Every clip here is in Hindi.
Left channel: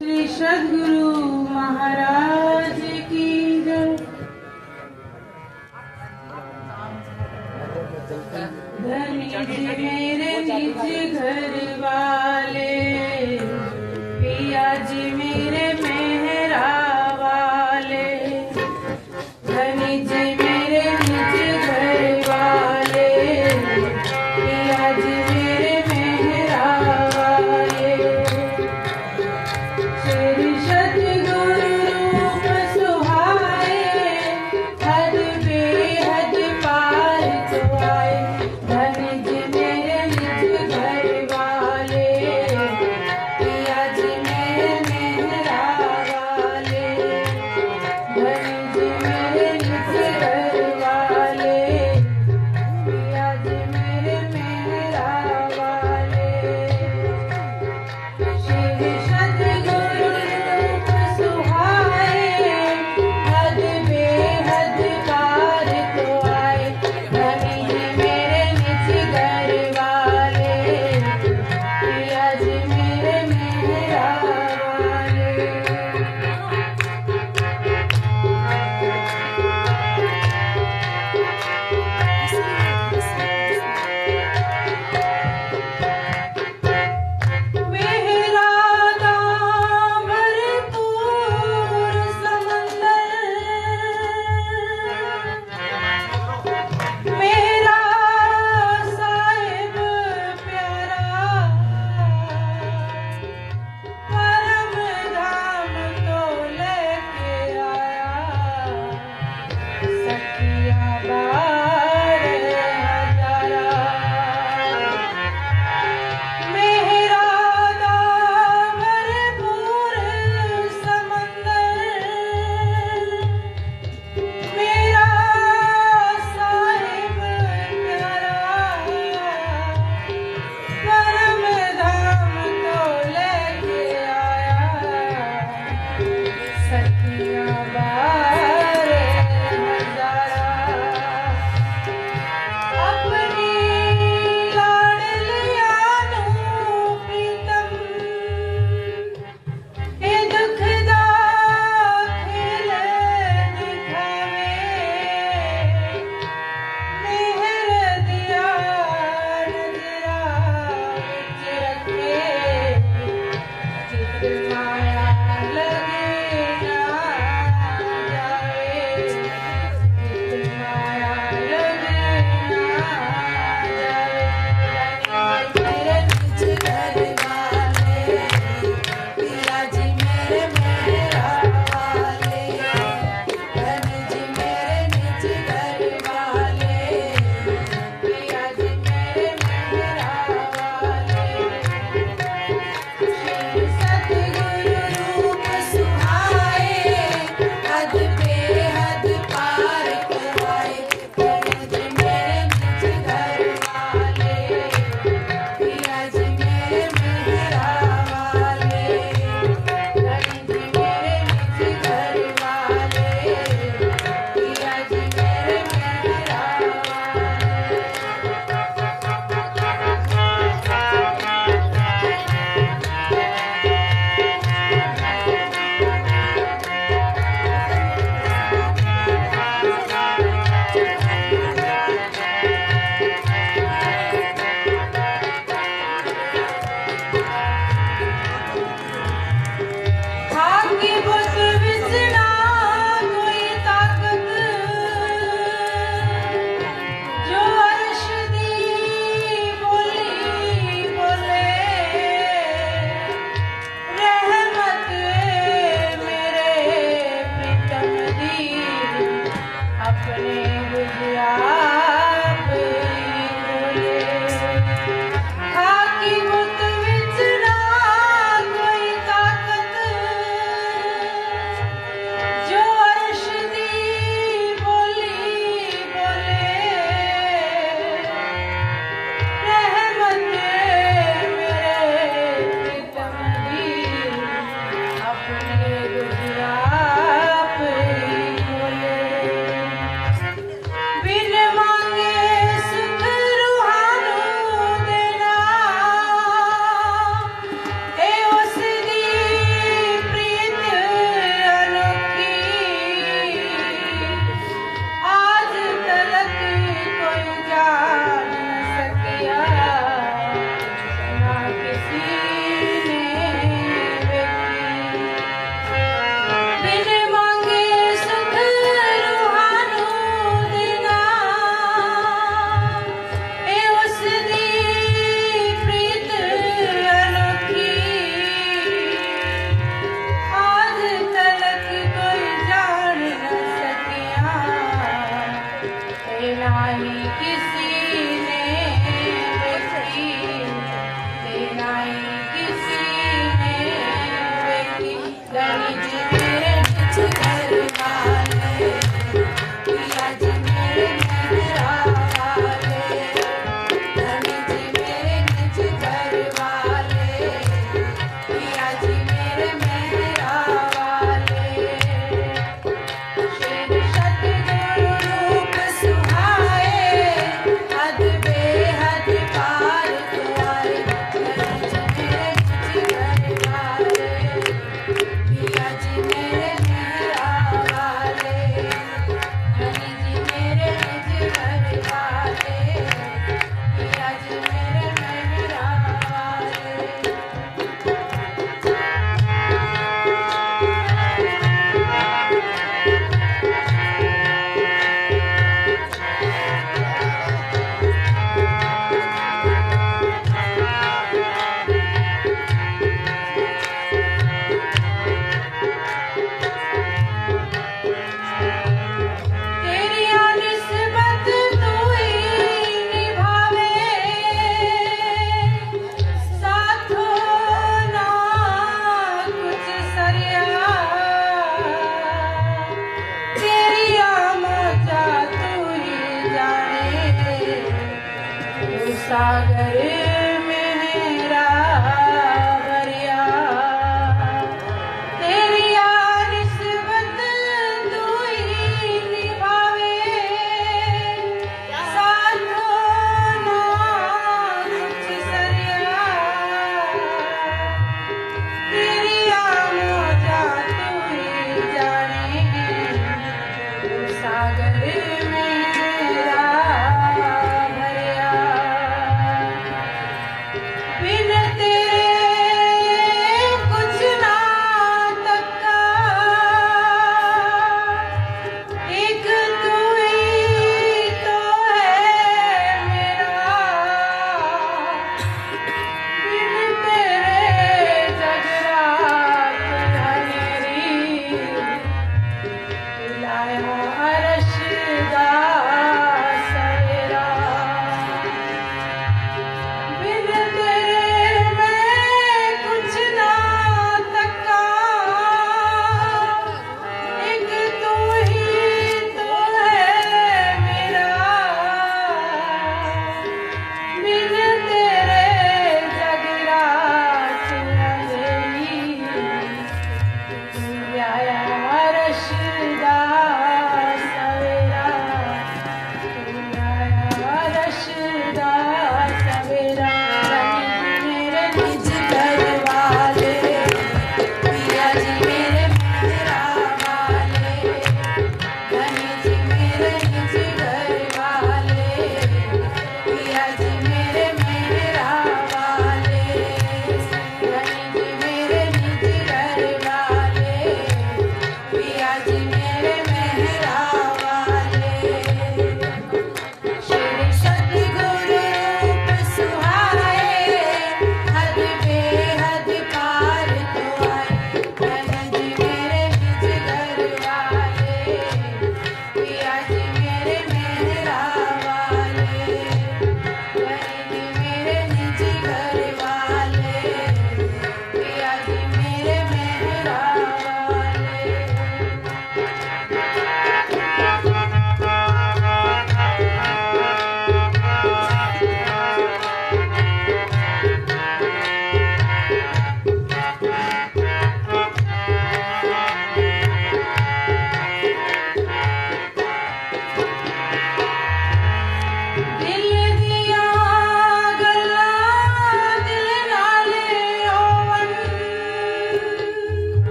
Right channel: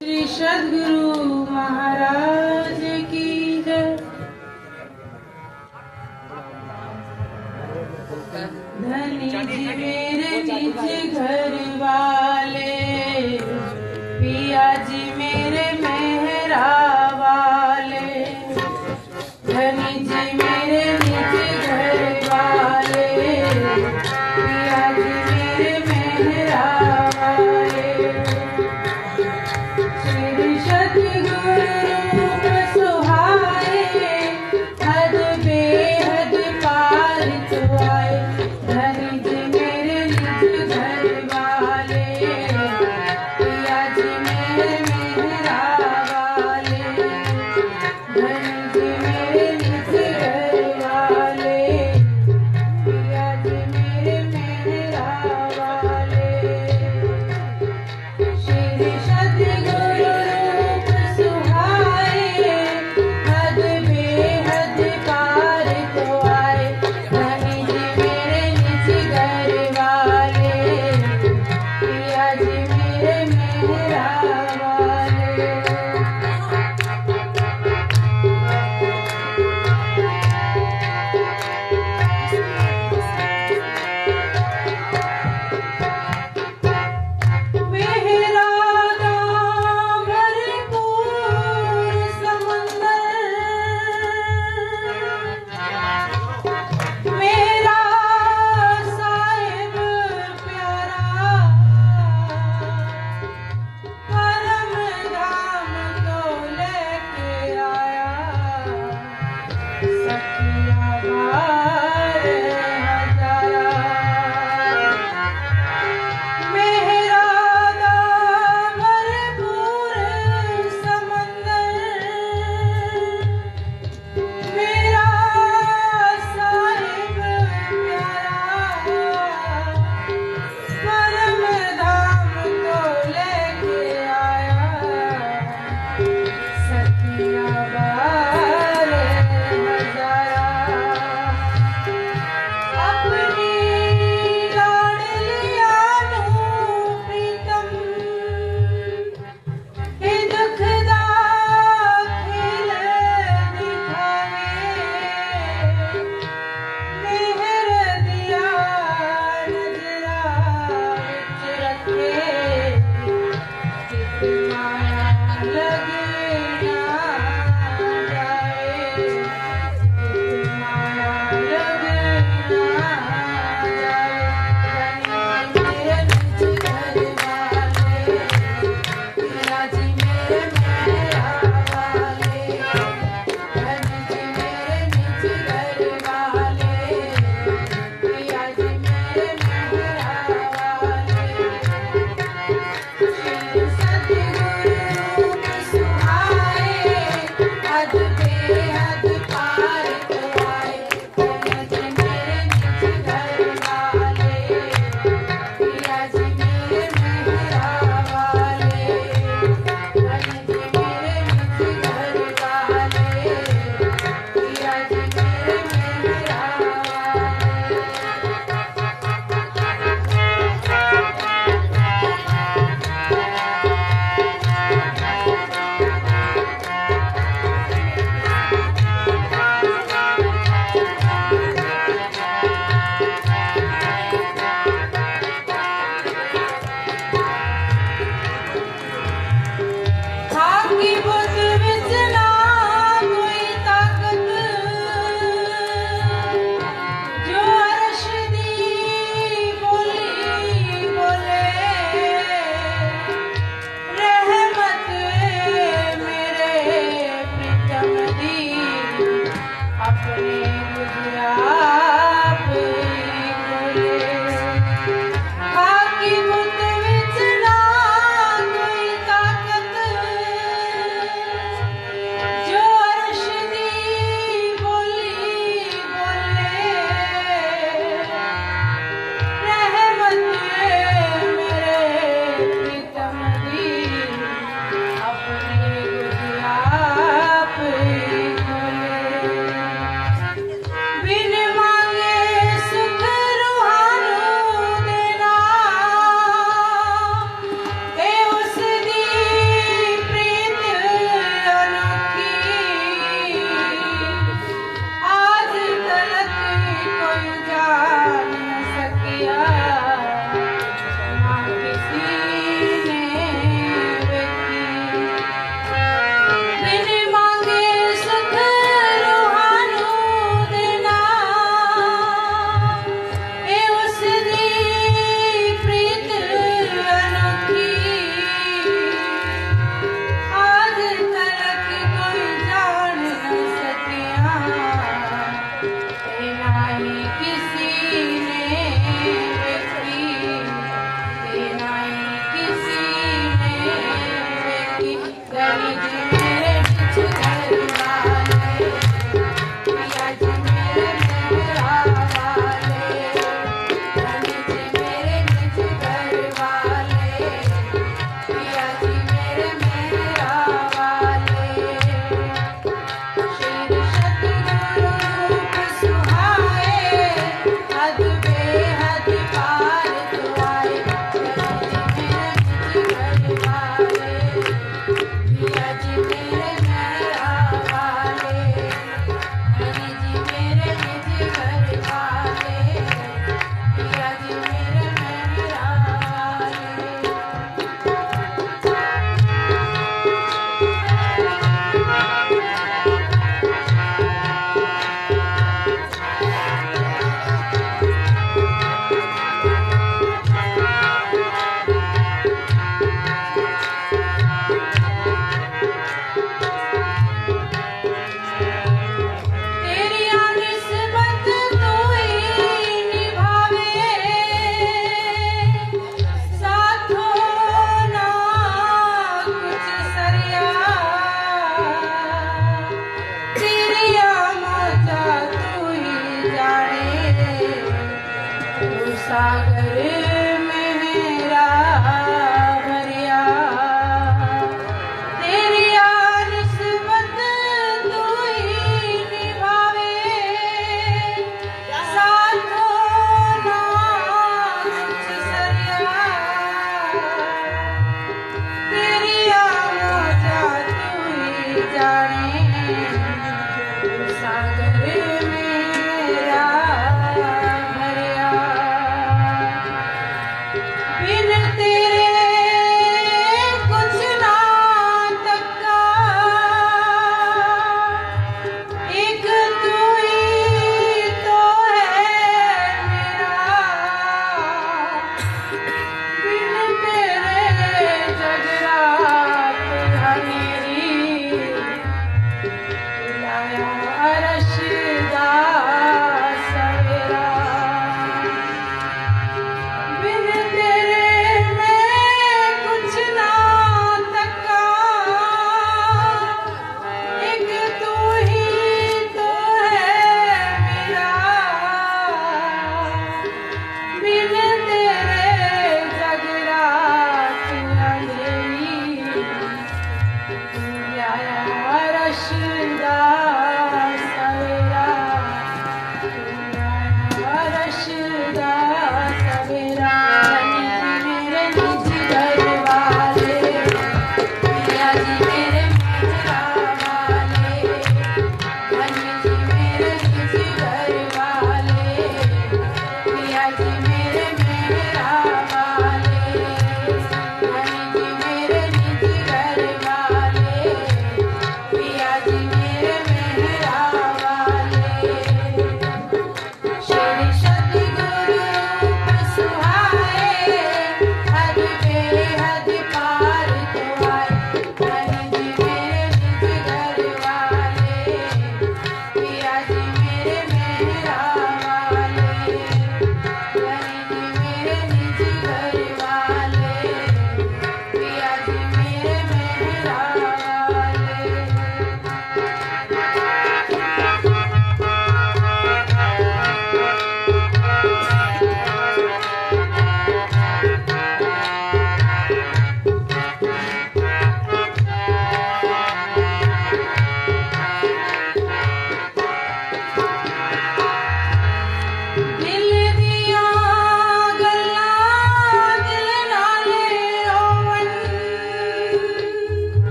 श्री सद्गुरु महाराज की जय। धनी जी मेरे निज घर वाले, पिया जी मेरे मेहरा वाले। धनी जी मेरे निज घर वाले, पिया जी मेरे मेहरा वाले। श्री सद्गुरु रूप सुहाए, हद बेहद पार तो आए। धनी जी मेरे निज घर वाले, पिया जी मेरे मेहरा वाले। धनी जी मेरे निज घर वाले, पिया जी मेरे मेहरा वाले। श्री सद्गुरु रूप सुहाए, हद बेहद पार तो आए। धनी जी मेरे निज घर वाले, पिया जी मेरे मेहरा वाले। मेहरा का भरपूर समंदर, मेरा साहिब प्यारा, परम धाम तो लेके आया। सखिया बार हजारा, मेहरा दा भरपूर समंदर, मेरा साहिब प्यारा, परम धाम तो लेके आया। सखिया बार हजारा, अपनी लाडलिया नू प्रीतम, हे दुख दा खेल दिखावे। मेहर दिया नजरा विच रखे, चित माया लगे ना जाए। चित माया लगे ना जाए। मेरे निज घर वाले, पिया जी मेरे मेहरा वाले। धनी जी मेरे निज घर वाले, पिया जी मेरे मेहरा वाले। श्री सद्गुरु रूप सुहाए, हद बेहद पार तो आए। धनी जी मेरे निज घर वाले, पिया जी मेरे मेहरा वाले। धनी जी मेरे निज घर वाले, पिया जी मेरे मेहरा हाकी बुत विच ना कोई ताकत, जो अर्श दी बोली बोले। रहमत मेरे प्रीतम दी, अपने बुझिया आप ही बोले। हाकी बुत विच ना कोई ताकत,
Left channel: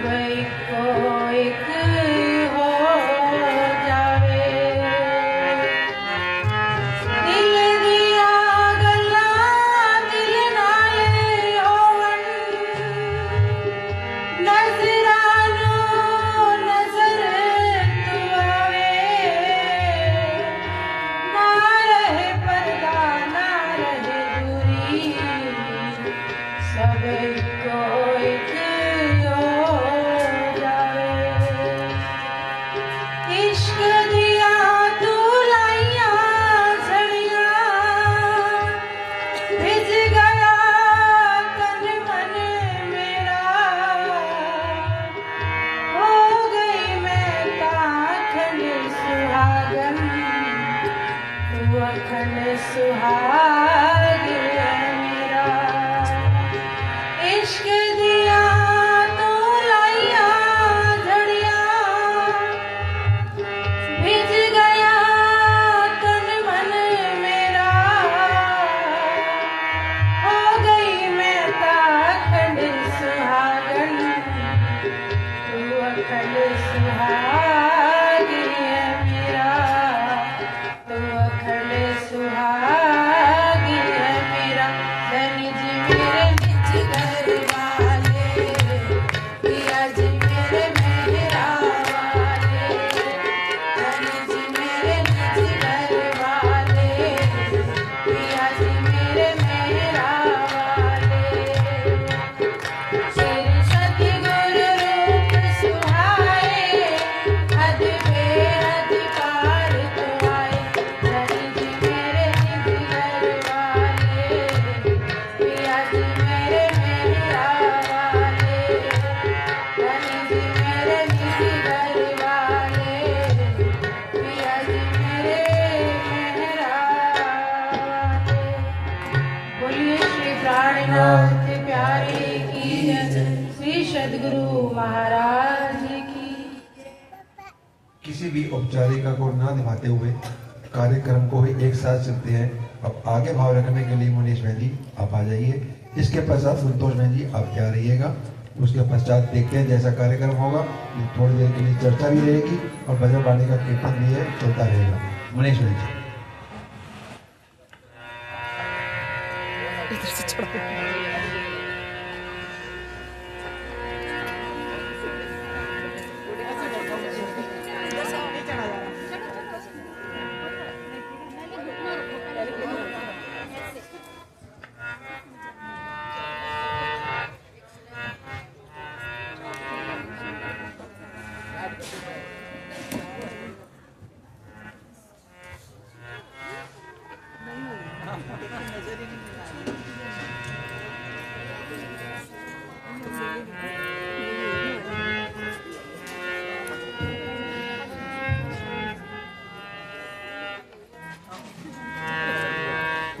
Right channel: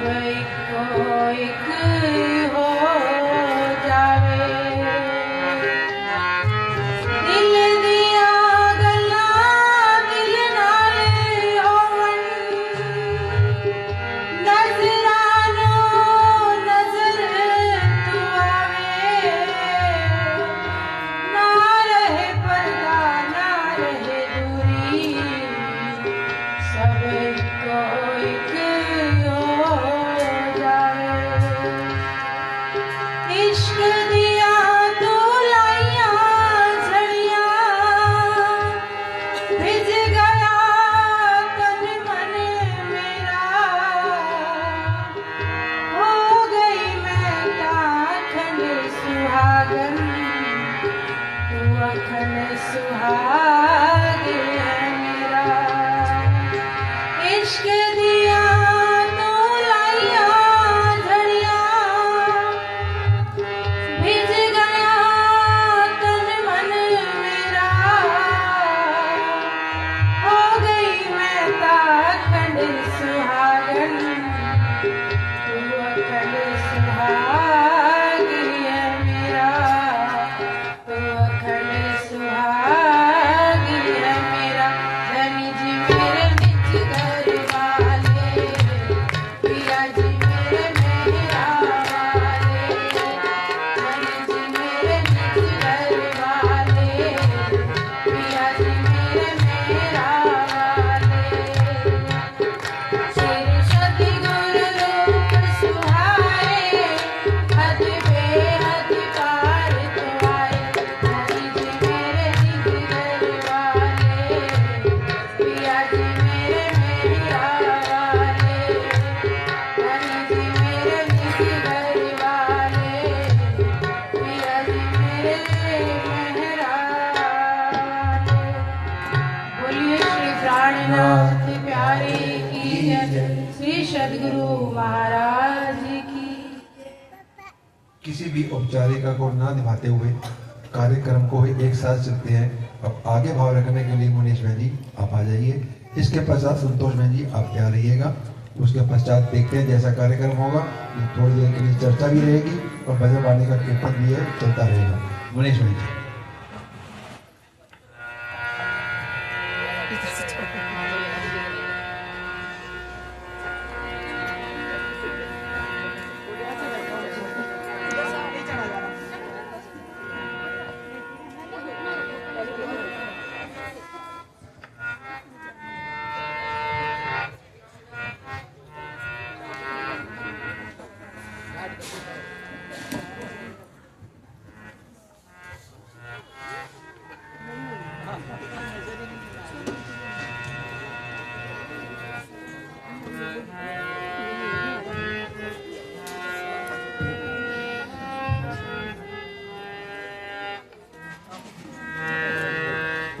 सब इको एक हो जावे। दिल दिया गल्ला दिल नाल होवन, नजरानो नजर तू आवे। ना रहे पर्दा ना रहे दूरी, सब इको एक हो जावे। इश्क दिया तू लाइया झड़ियां, भिज गया तन मन मेरा। हो गई मैं ताखन सुहागन, तू अखन सुहाग है मेरा। इश्क दिया तू लाइया झड़ियां, भिज गया तन मन मेरा। हो गई मैं ताखंड सुहागन, तू अखंड सुहाग है मेरा। तू अखंड सुहाग है मेरा। धनी जी मेरे निज घर वाले, पिया जी मेरे मेहरा वाले। धनी जी मेरे निज घर वाले, पिया जी मेरे मेहरा वाले। श्री सतगुरु रूप सुहाए, हद बेहद पार तो आए। धनी जी मेरे निज घर वाले, पिया जी मेरे मेहरा वाले। धनी जी मेरे निज घर वाले, पिया जी मेरे मेहरा वाले। बोलिए श्री प्राणनाथ प्यारे की जय, श्री सद्गुरु महाराज की। किसी भी औपचारिकता को न निभाते हुए कार्यक्रम को ही एक साथ चलते हैं। अब आगे भाव रखने के लिए मुनीश बहन जी आप आ जाइए। इसके पश्चात संतोष बहन जी आप तैयार रहिएगा। उसके पश्चात देखते हैं जैसा कार्यक्रम होगा, थोड़ी देर के लिए चर्चा भी रहेगी और भजन वाणी का कीर्तन भी है चलता रहेगा। मुनीश बहन जी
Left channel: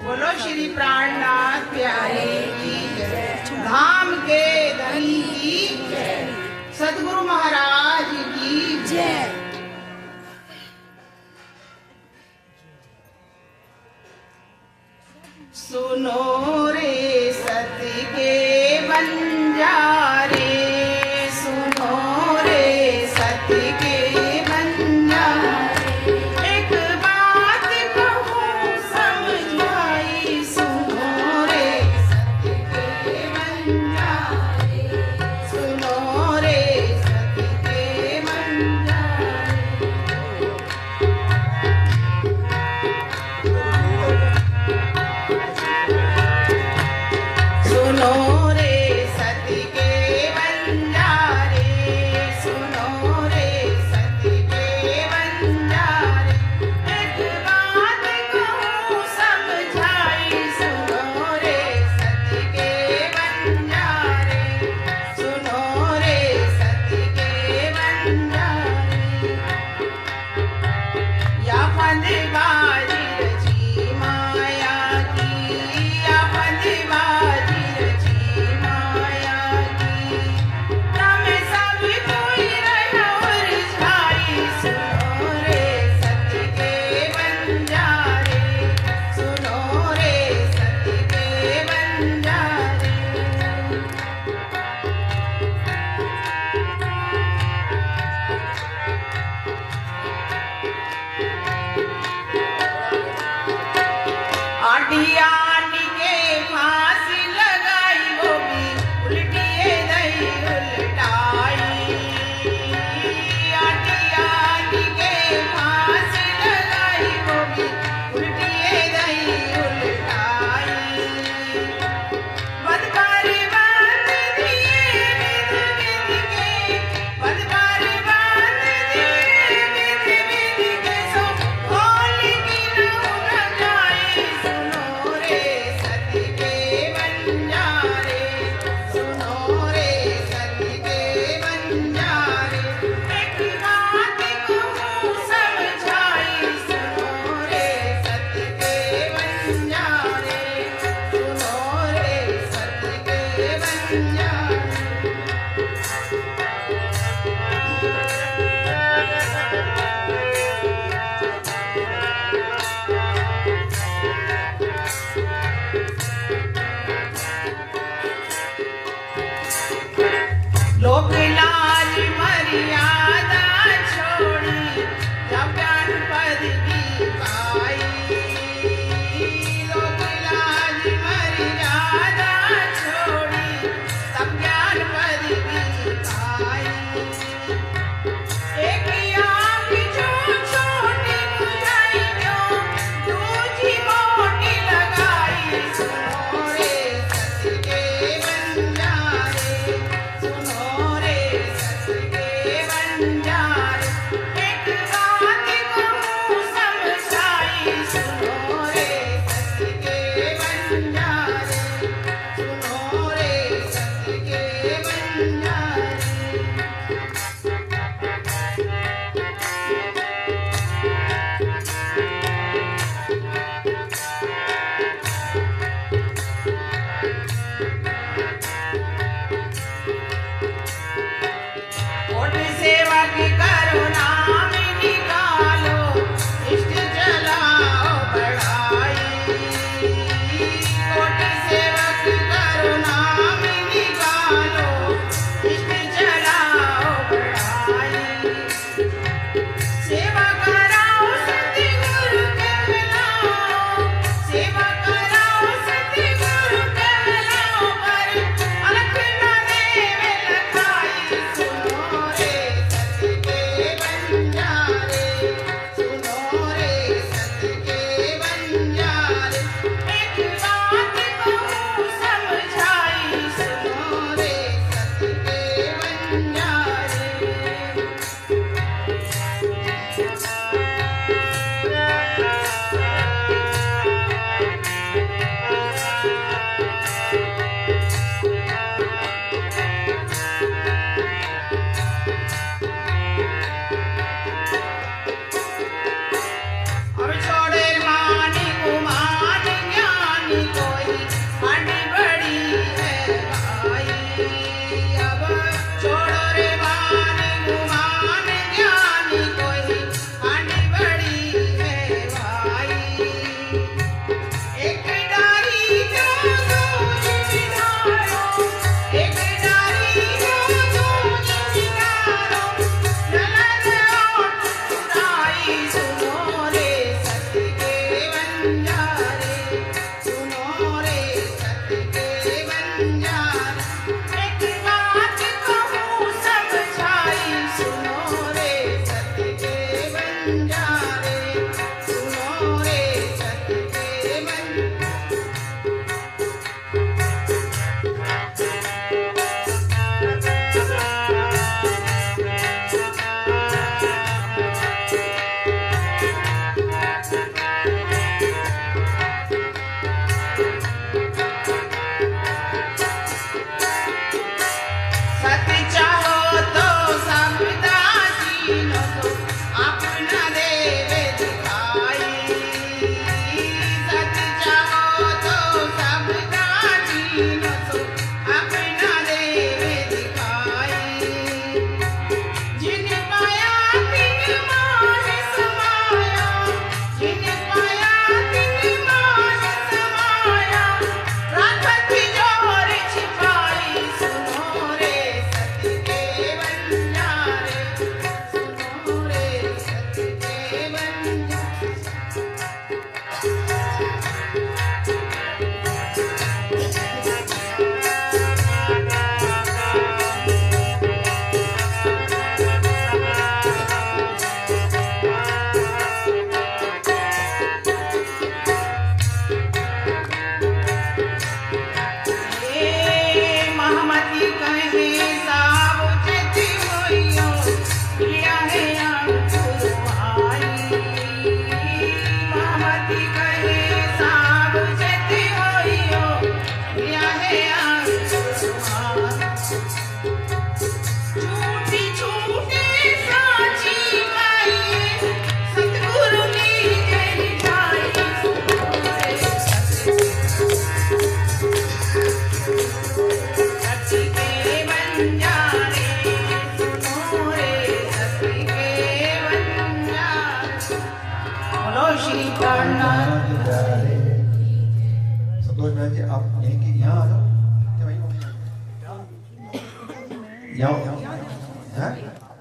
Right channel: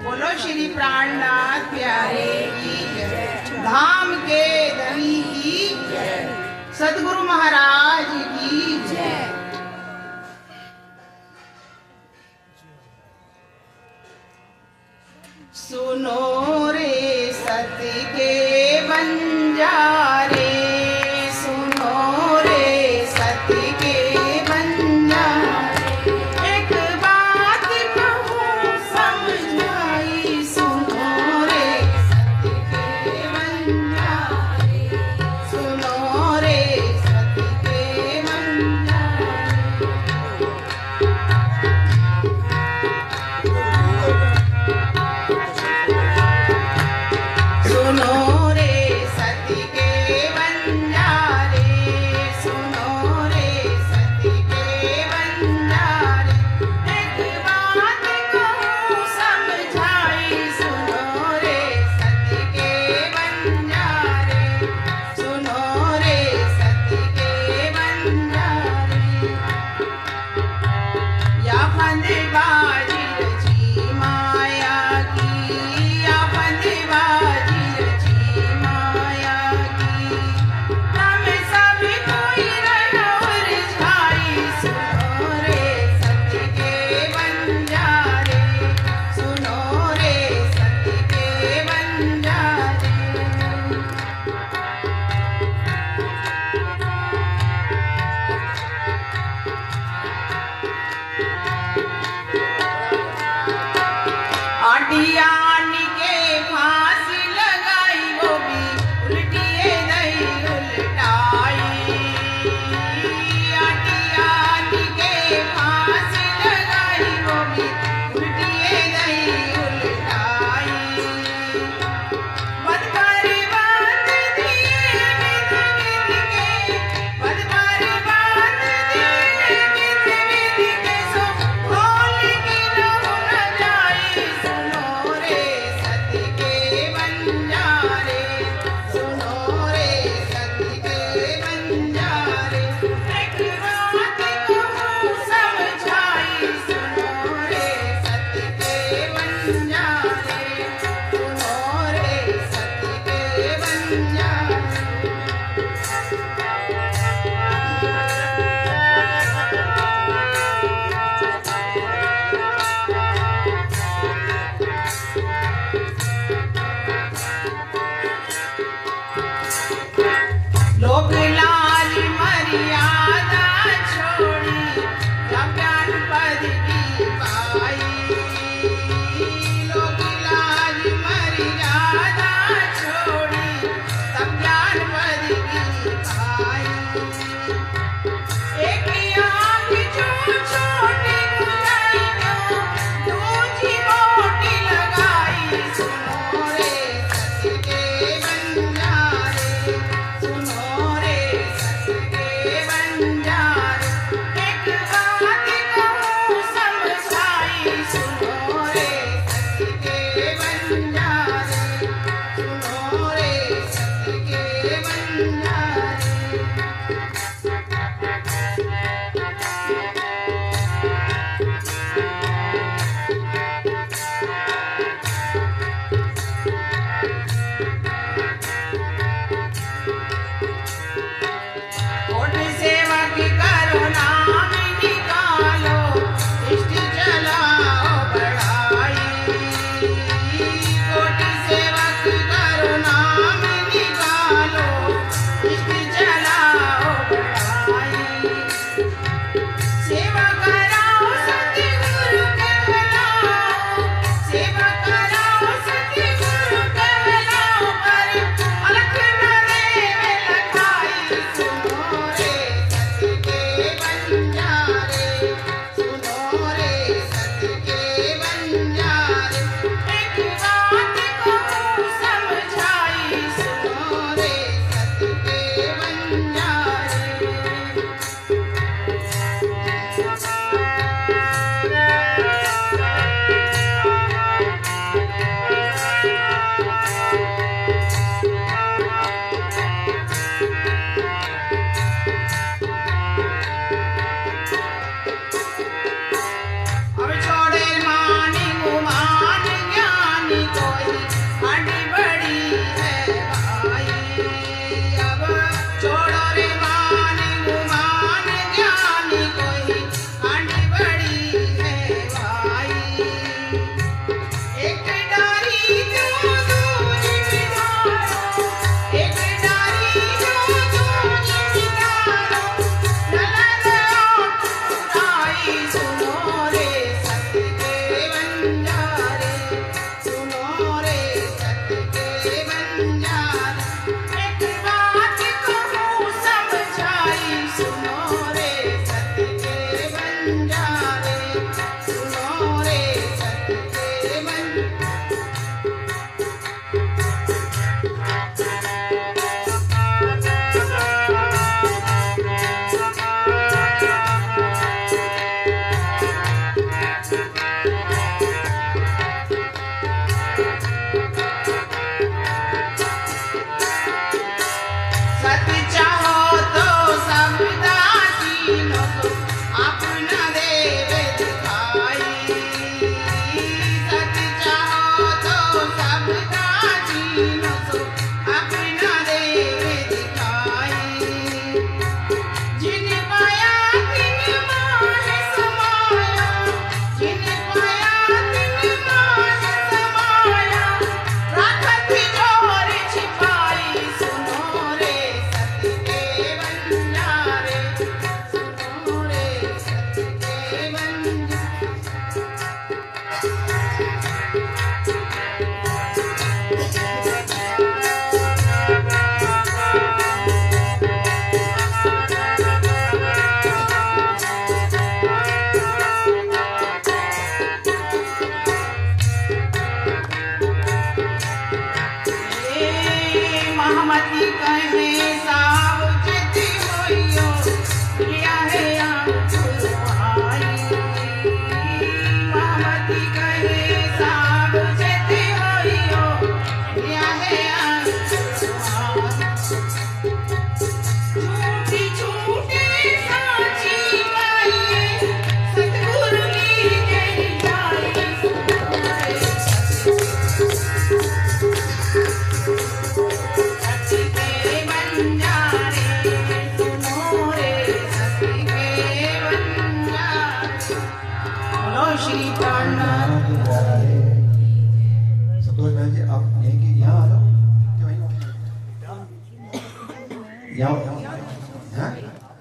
बोलो श्री प्राणनाथ प्यारे की जय, धाम के धनी की जय, सद्गुरु महाराज की जय। सुनो रे सती के बंजारे, सुनो रे सती के बंजारे। एक बात कहूँ समझाई, सुनो रे सती के बंजारे। सुनो रे सती के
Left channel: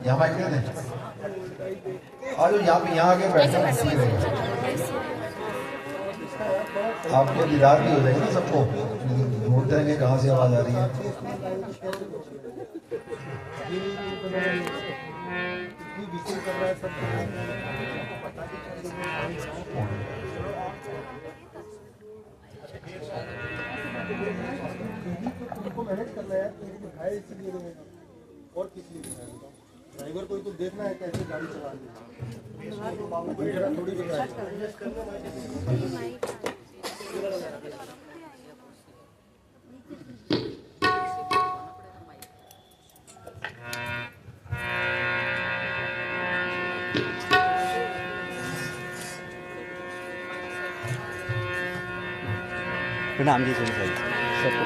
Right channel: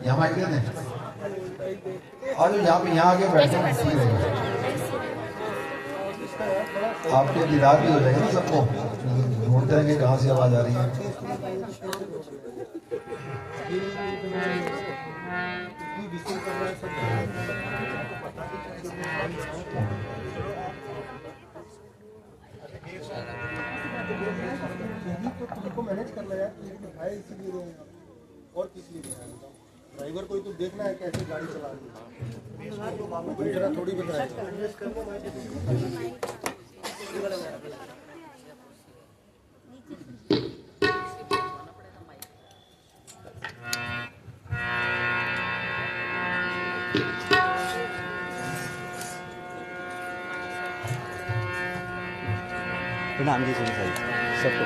यहाँ माइक दे दें। और यहाँ आके बैठना ठीक रहेगा, आपके दीदार भी हो जाएगा ना सबको, ढूंढते रहेंगे कहाँ से आवाज आ रही है। मैनेज करना है इसीलिए और किस लिए ड्राइवर को तो देखना है कैसे गाड़ी चलानी है, थोड़ी नाम की कौन सा सबको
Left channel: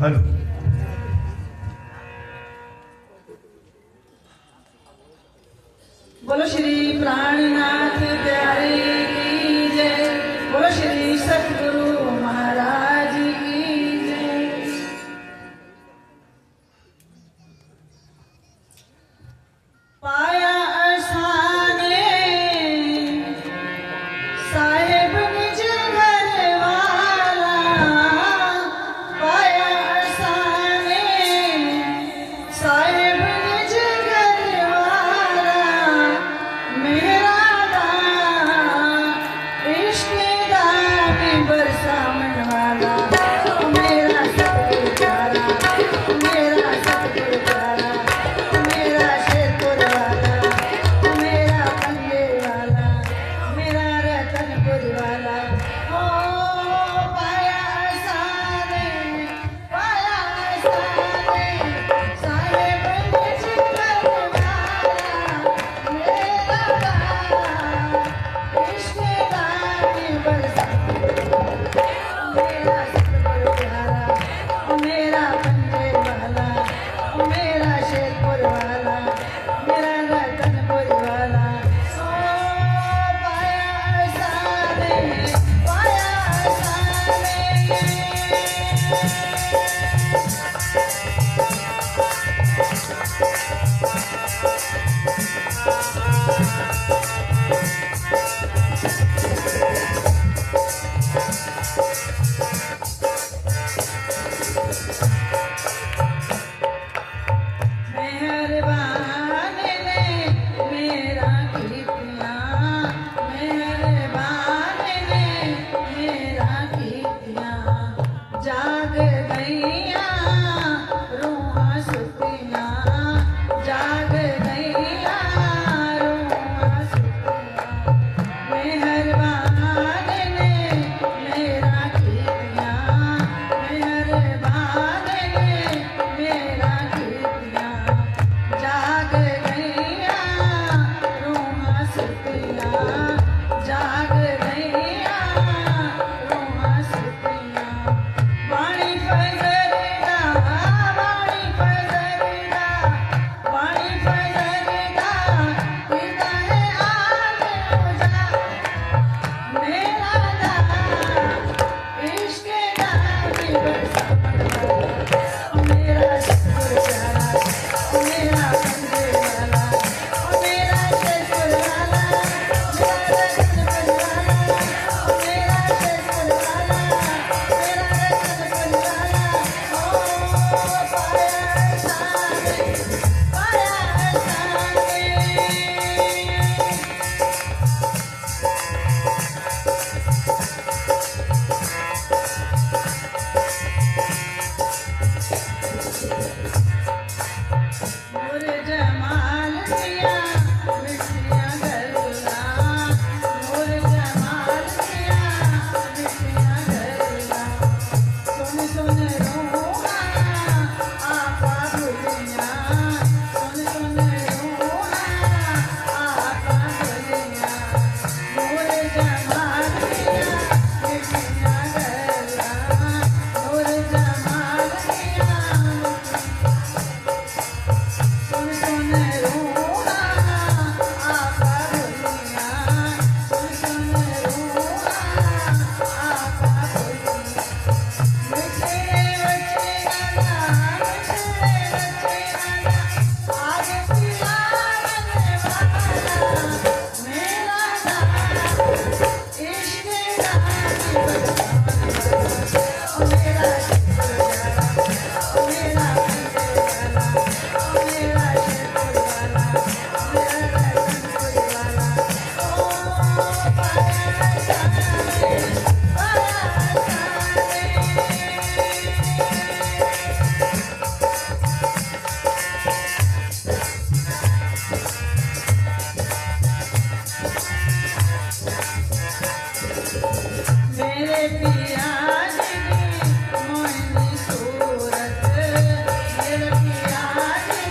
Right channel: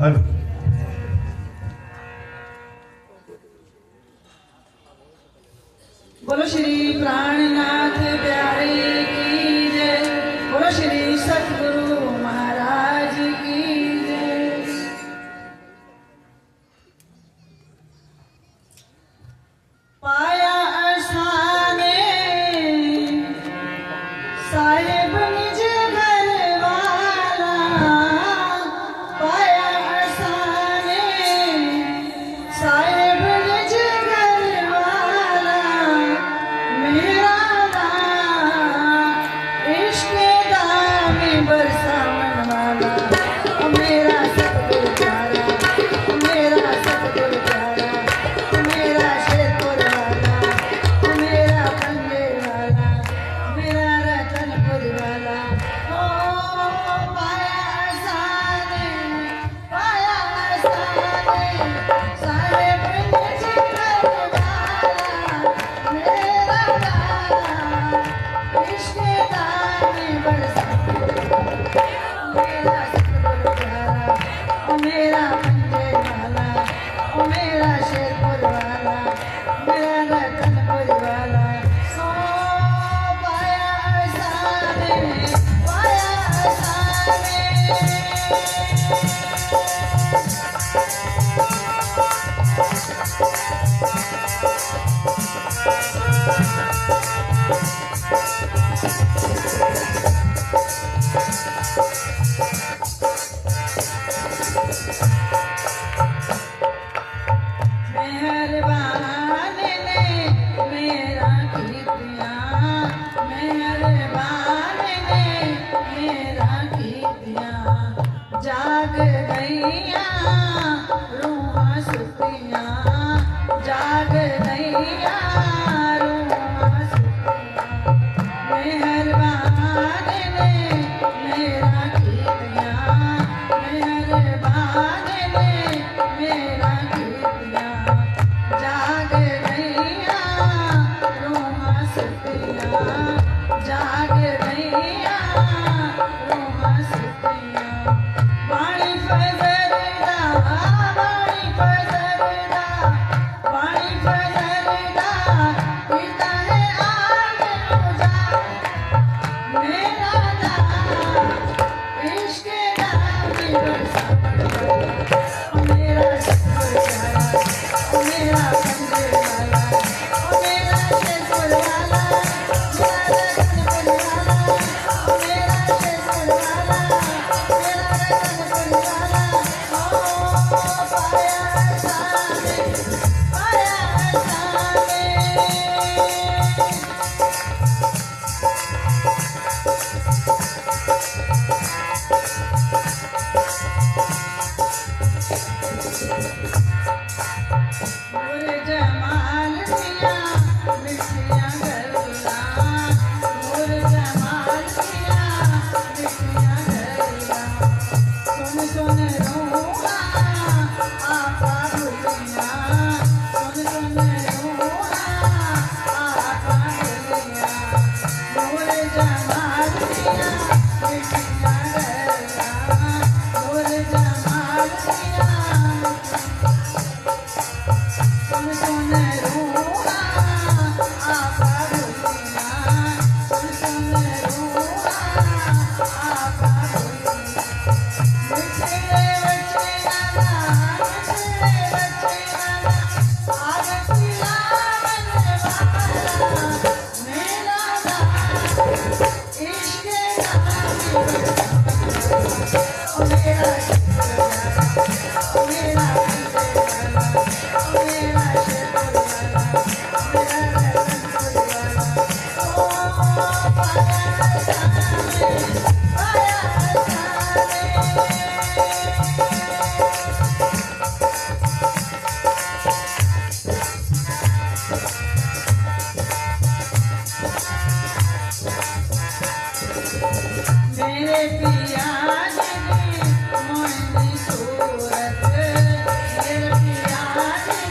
हेलो बोलो श्री प्राणनाथ प्यारे की जय, बोलो श्री सतगुरु महाराज की जय। पाया असाने साहेब निज घर वाला, पाया असाने साहेब निज घर वाला, मेरा दास पिया जी मोहनी सूरत मेरे पिया जी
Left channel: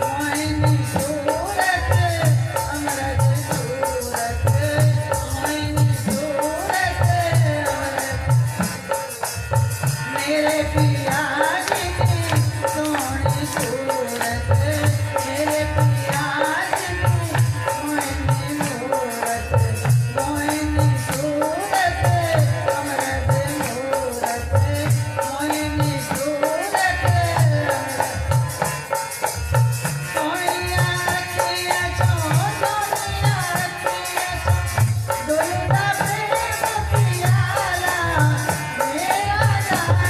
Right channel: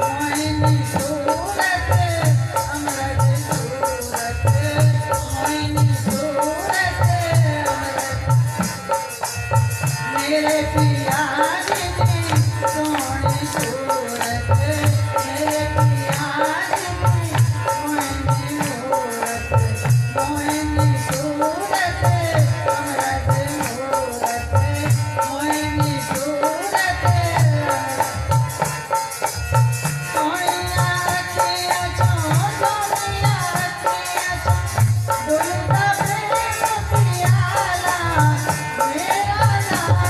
मोहनी सूरत अमृत सूरत मोहनी सूरत मेरे पिया जी सोहनी सूरत मेरे पिया जी मोहनी सूरत मोहनी सूरत अमृत सूरत मोहनी सूरत सोनिया रखिया छो सोनिया रखिया छो दुर्गा प्रेम पियाला मेरा नाम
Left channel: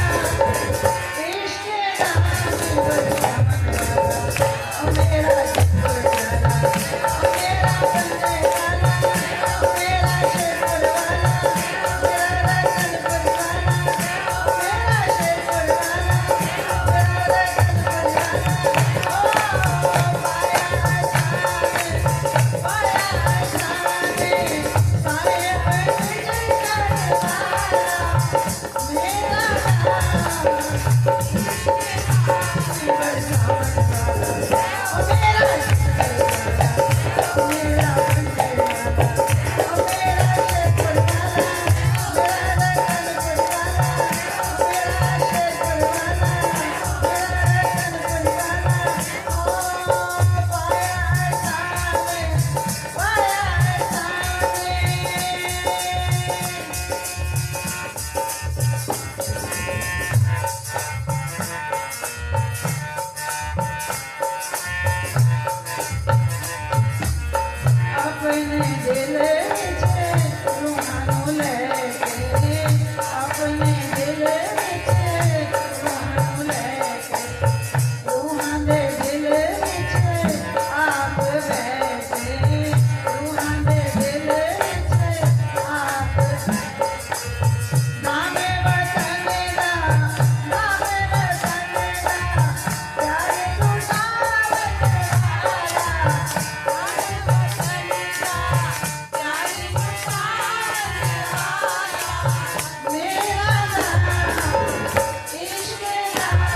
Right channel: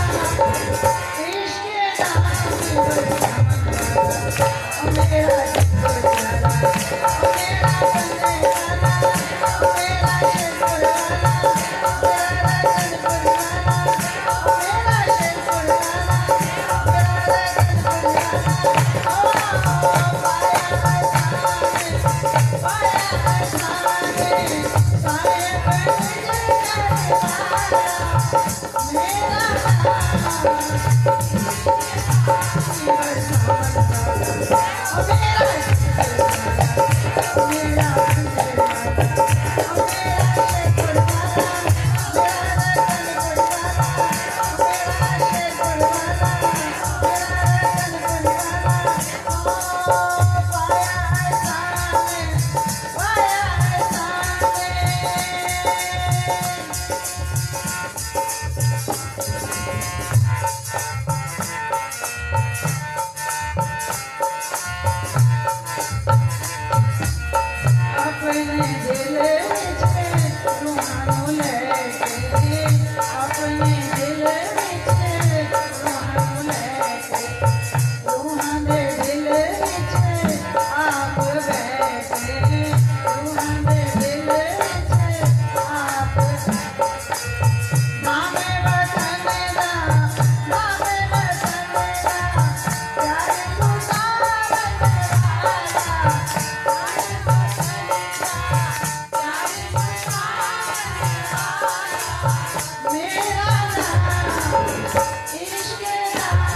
इश्क नाम मेरा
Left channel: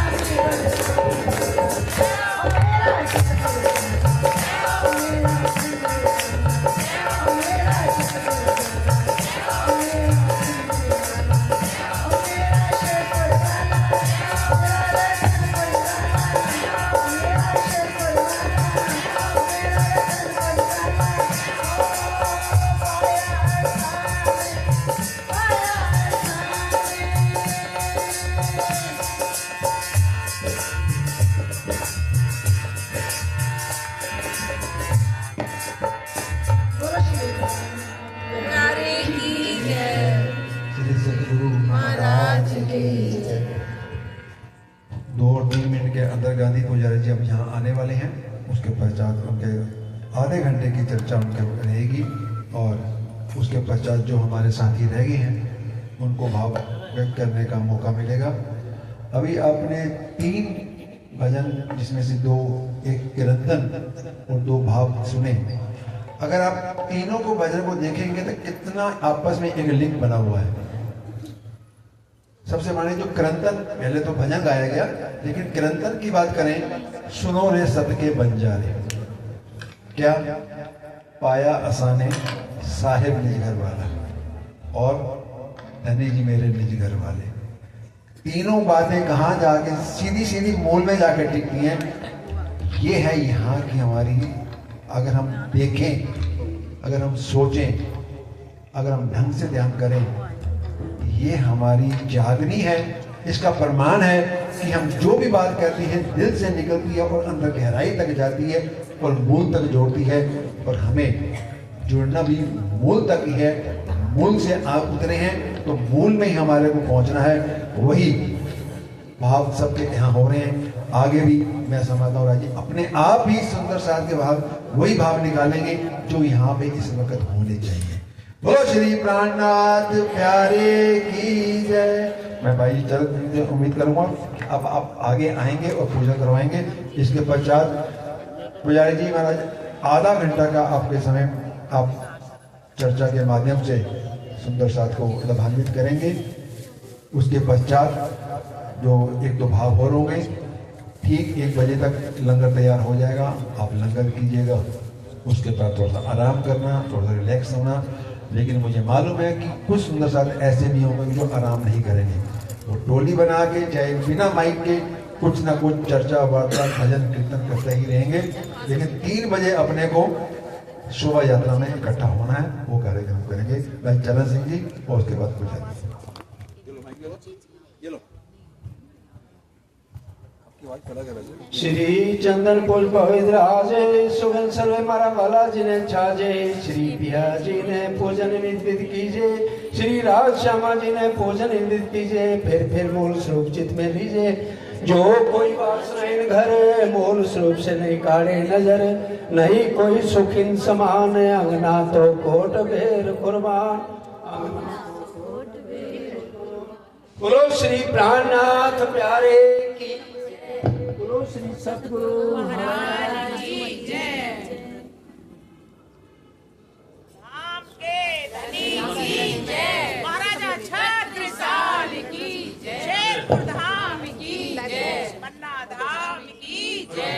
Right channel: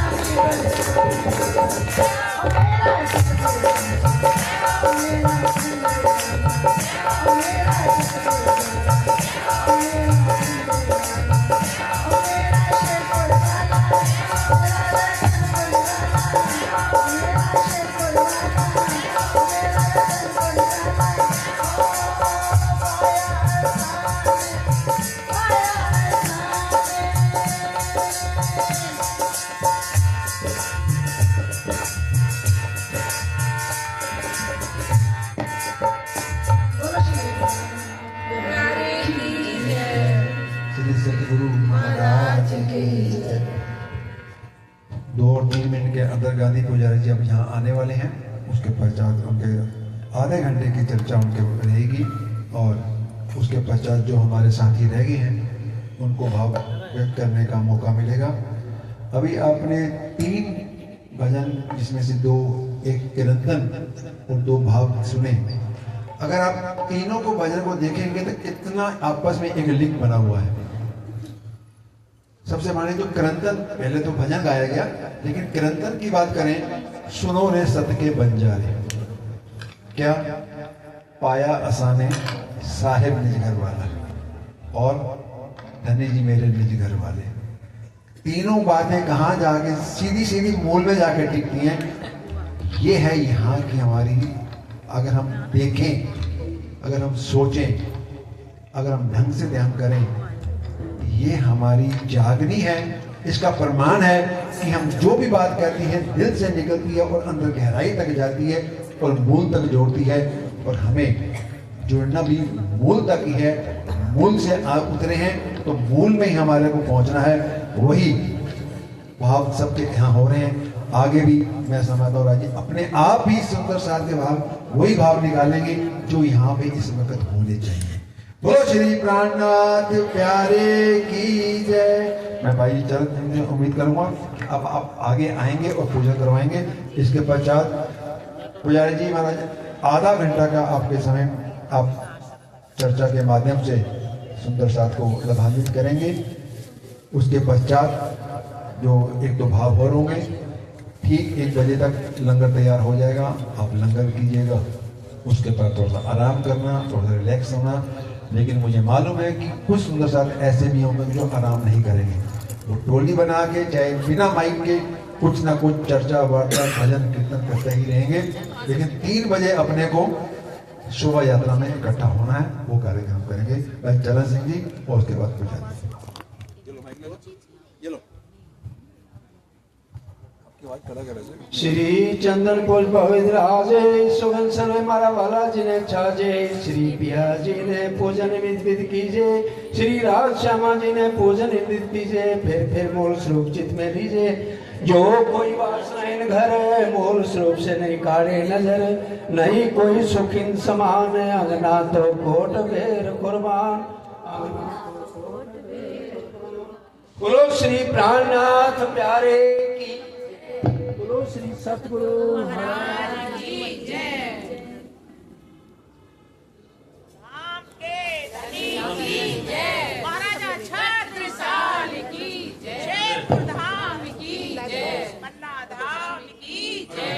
श्री सतगुरु महाराज की जय। 2 और 3 मिनट के अंदर गांधी पुजारी जी अब यहाँ आने वाले हैं। उसके पश्चात उनके आधे घंटे की चर्चा उनके रहेगी और उसके पश्चात जो हमारे साथी रह गए हैं उनको भाव व्यक्त करने का मौका मिलेगा। अभी आपने 3 भजन जिसमें से 2 एक कीर्तन और 2 भाव सुने। अगर आप तीनों को भजन को देखेंगे तो कितना आपस में एक लिंक बना हुआ है। सबसे माने जो कीर्तन, पहले तो भजन गाया गया, लेकिन कीर्तन की बात करें, सुनो रे सत के बंजारे, क्या पाया असाने साहेब निज घर वाला और धनी जी मेरे निज घर वाले। तीनों बातें कहाँ जाके सीधी सीधी मूल में जाके टिकती हैं। ये है यहाँ की हमारी, अगर हम देखें, अगर हम सोचें, अगर हम ढंग से ध्यान करें, ये हमारी जागनी है। इसका प्रमाण है कि हम जो भी बात कहती हैं दिल से निकलती है और अंदर गहराई तक जाती है और मूल तक जोड़ती है। और हमें जुड़ना भी मूल तक ही है। मूल से आप उतरे हैं तो मूल में ही हमारे को पहुंचना है। वही भाव सबके यहाँ हो रहे हैं। आगे भी मैं समझता हूँ राजी अपने आप ही सुंदर सार के भाव वही भाव निकालेंगे जो यहाँ पे इस वक्त होने चाहिए। बोलो श्री प्राणनाथ प्यारे की जय। मैं भाई चरण उम्मीद करूंगा अब आप आगे आएंगे और पूजा करवाएंगे। इसके पश्चात पुजारी जी महाराज आधा घंटा का आपके समय आप चर्चा के माध्यम से सुंदर साथ को लाभान्वित करेंगे। उसके पश्चात जो 1-2 भाव और होंगे, ठीक 1 बजे तक लंगर तैयार हो जाएगा। आप लंगर कीजिएगा, उसके बाद थोड़ा सा आराम करना, थोड़ा सा रिलैक्स होना। लेकिन मुझे मालूम है कि कुछ सुंदर साथ ऐसे भी होंगे जो आराम नहीं करेंगे। वो टोली बना के चाहे बिना माइक के कुछ ना कुछ चर्चा वार्ता भजन कीर्तन करते ही रहेंगे। लेकिन 3 बजे अपने को शोभा यात्रा में इकट्ठा होना है, वो कार्यक्रम करेंगे भाई चरण सिंह जी और उसके बाद पूजा। श्री चंदन पुष्प विराजे सुगंध सर्वे मारा वाला जिन्हें छाजे। श्री पिया जी ने पूजन विद कीजे, श्री राज श्यामा जी ने पूजन विद कीजे। फिर मूल स्वरूप चित में लीजिए, जो कोई वासनाएं घर मूल स्वरूप से नहीं काढ़े नजर। नहीं कोई सुखिन समान अंगना तो कोट बेर कुर्बान। बोलो श्री प्राणनाथ प्यारे की, बोलो श्री सतगुरु महाराज की जय। आपके धनी की जय, महाराजा छत्रसाल की जय, धाम की जय, पन्ना धाम की जय।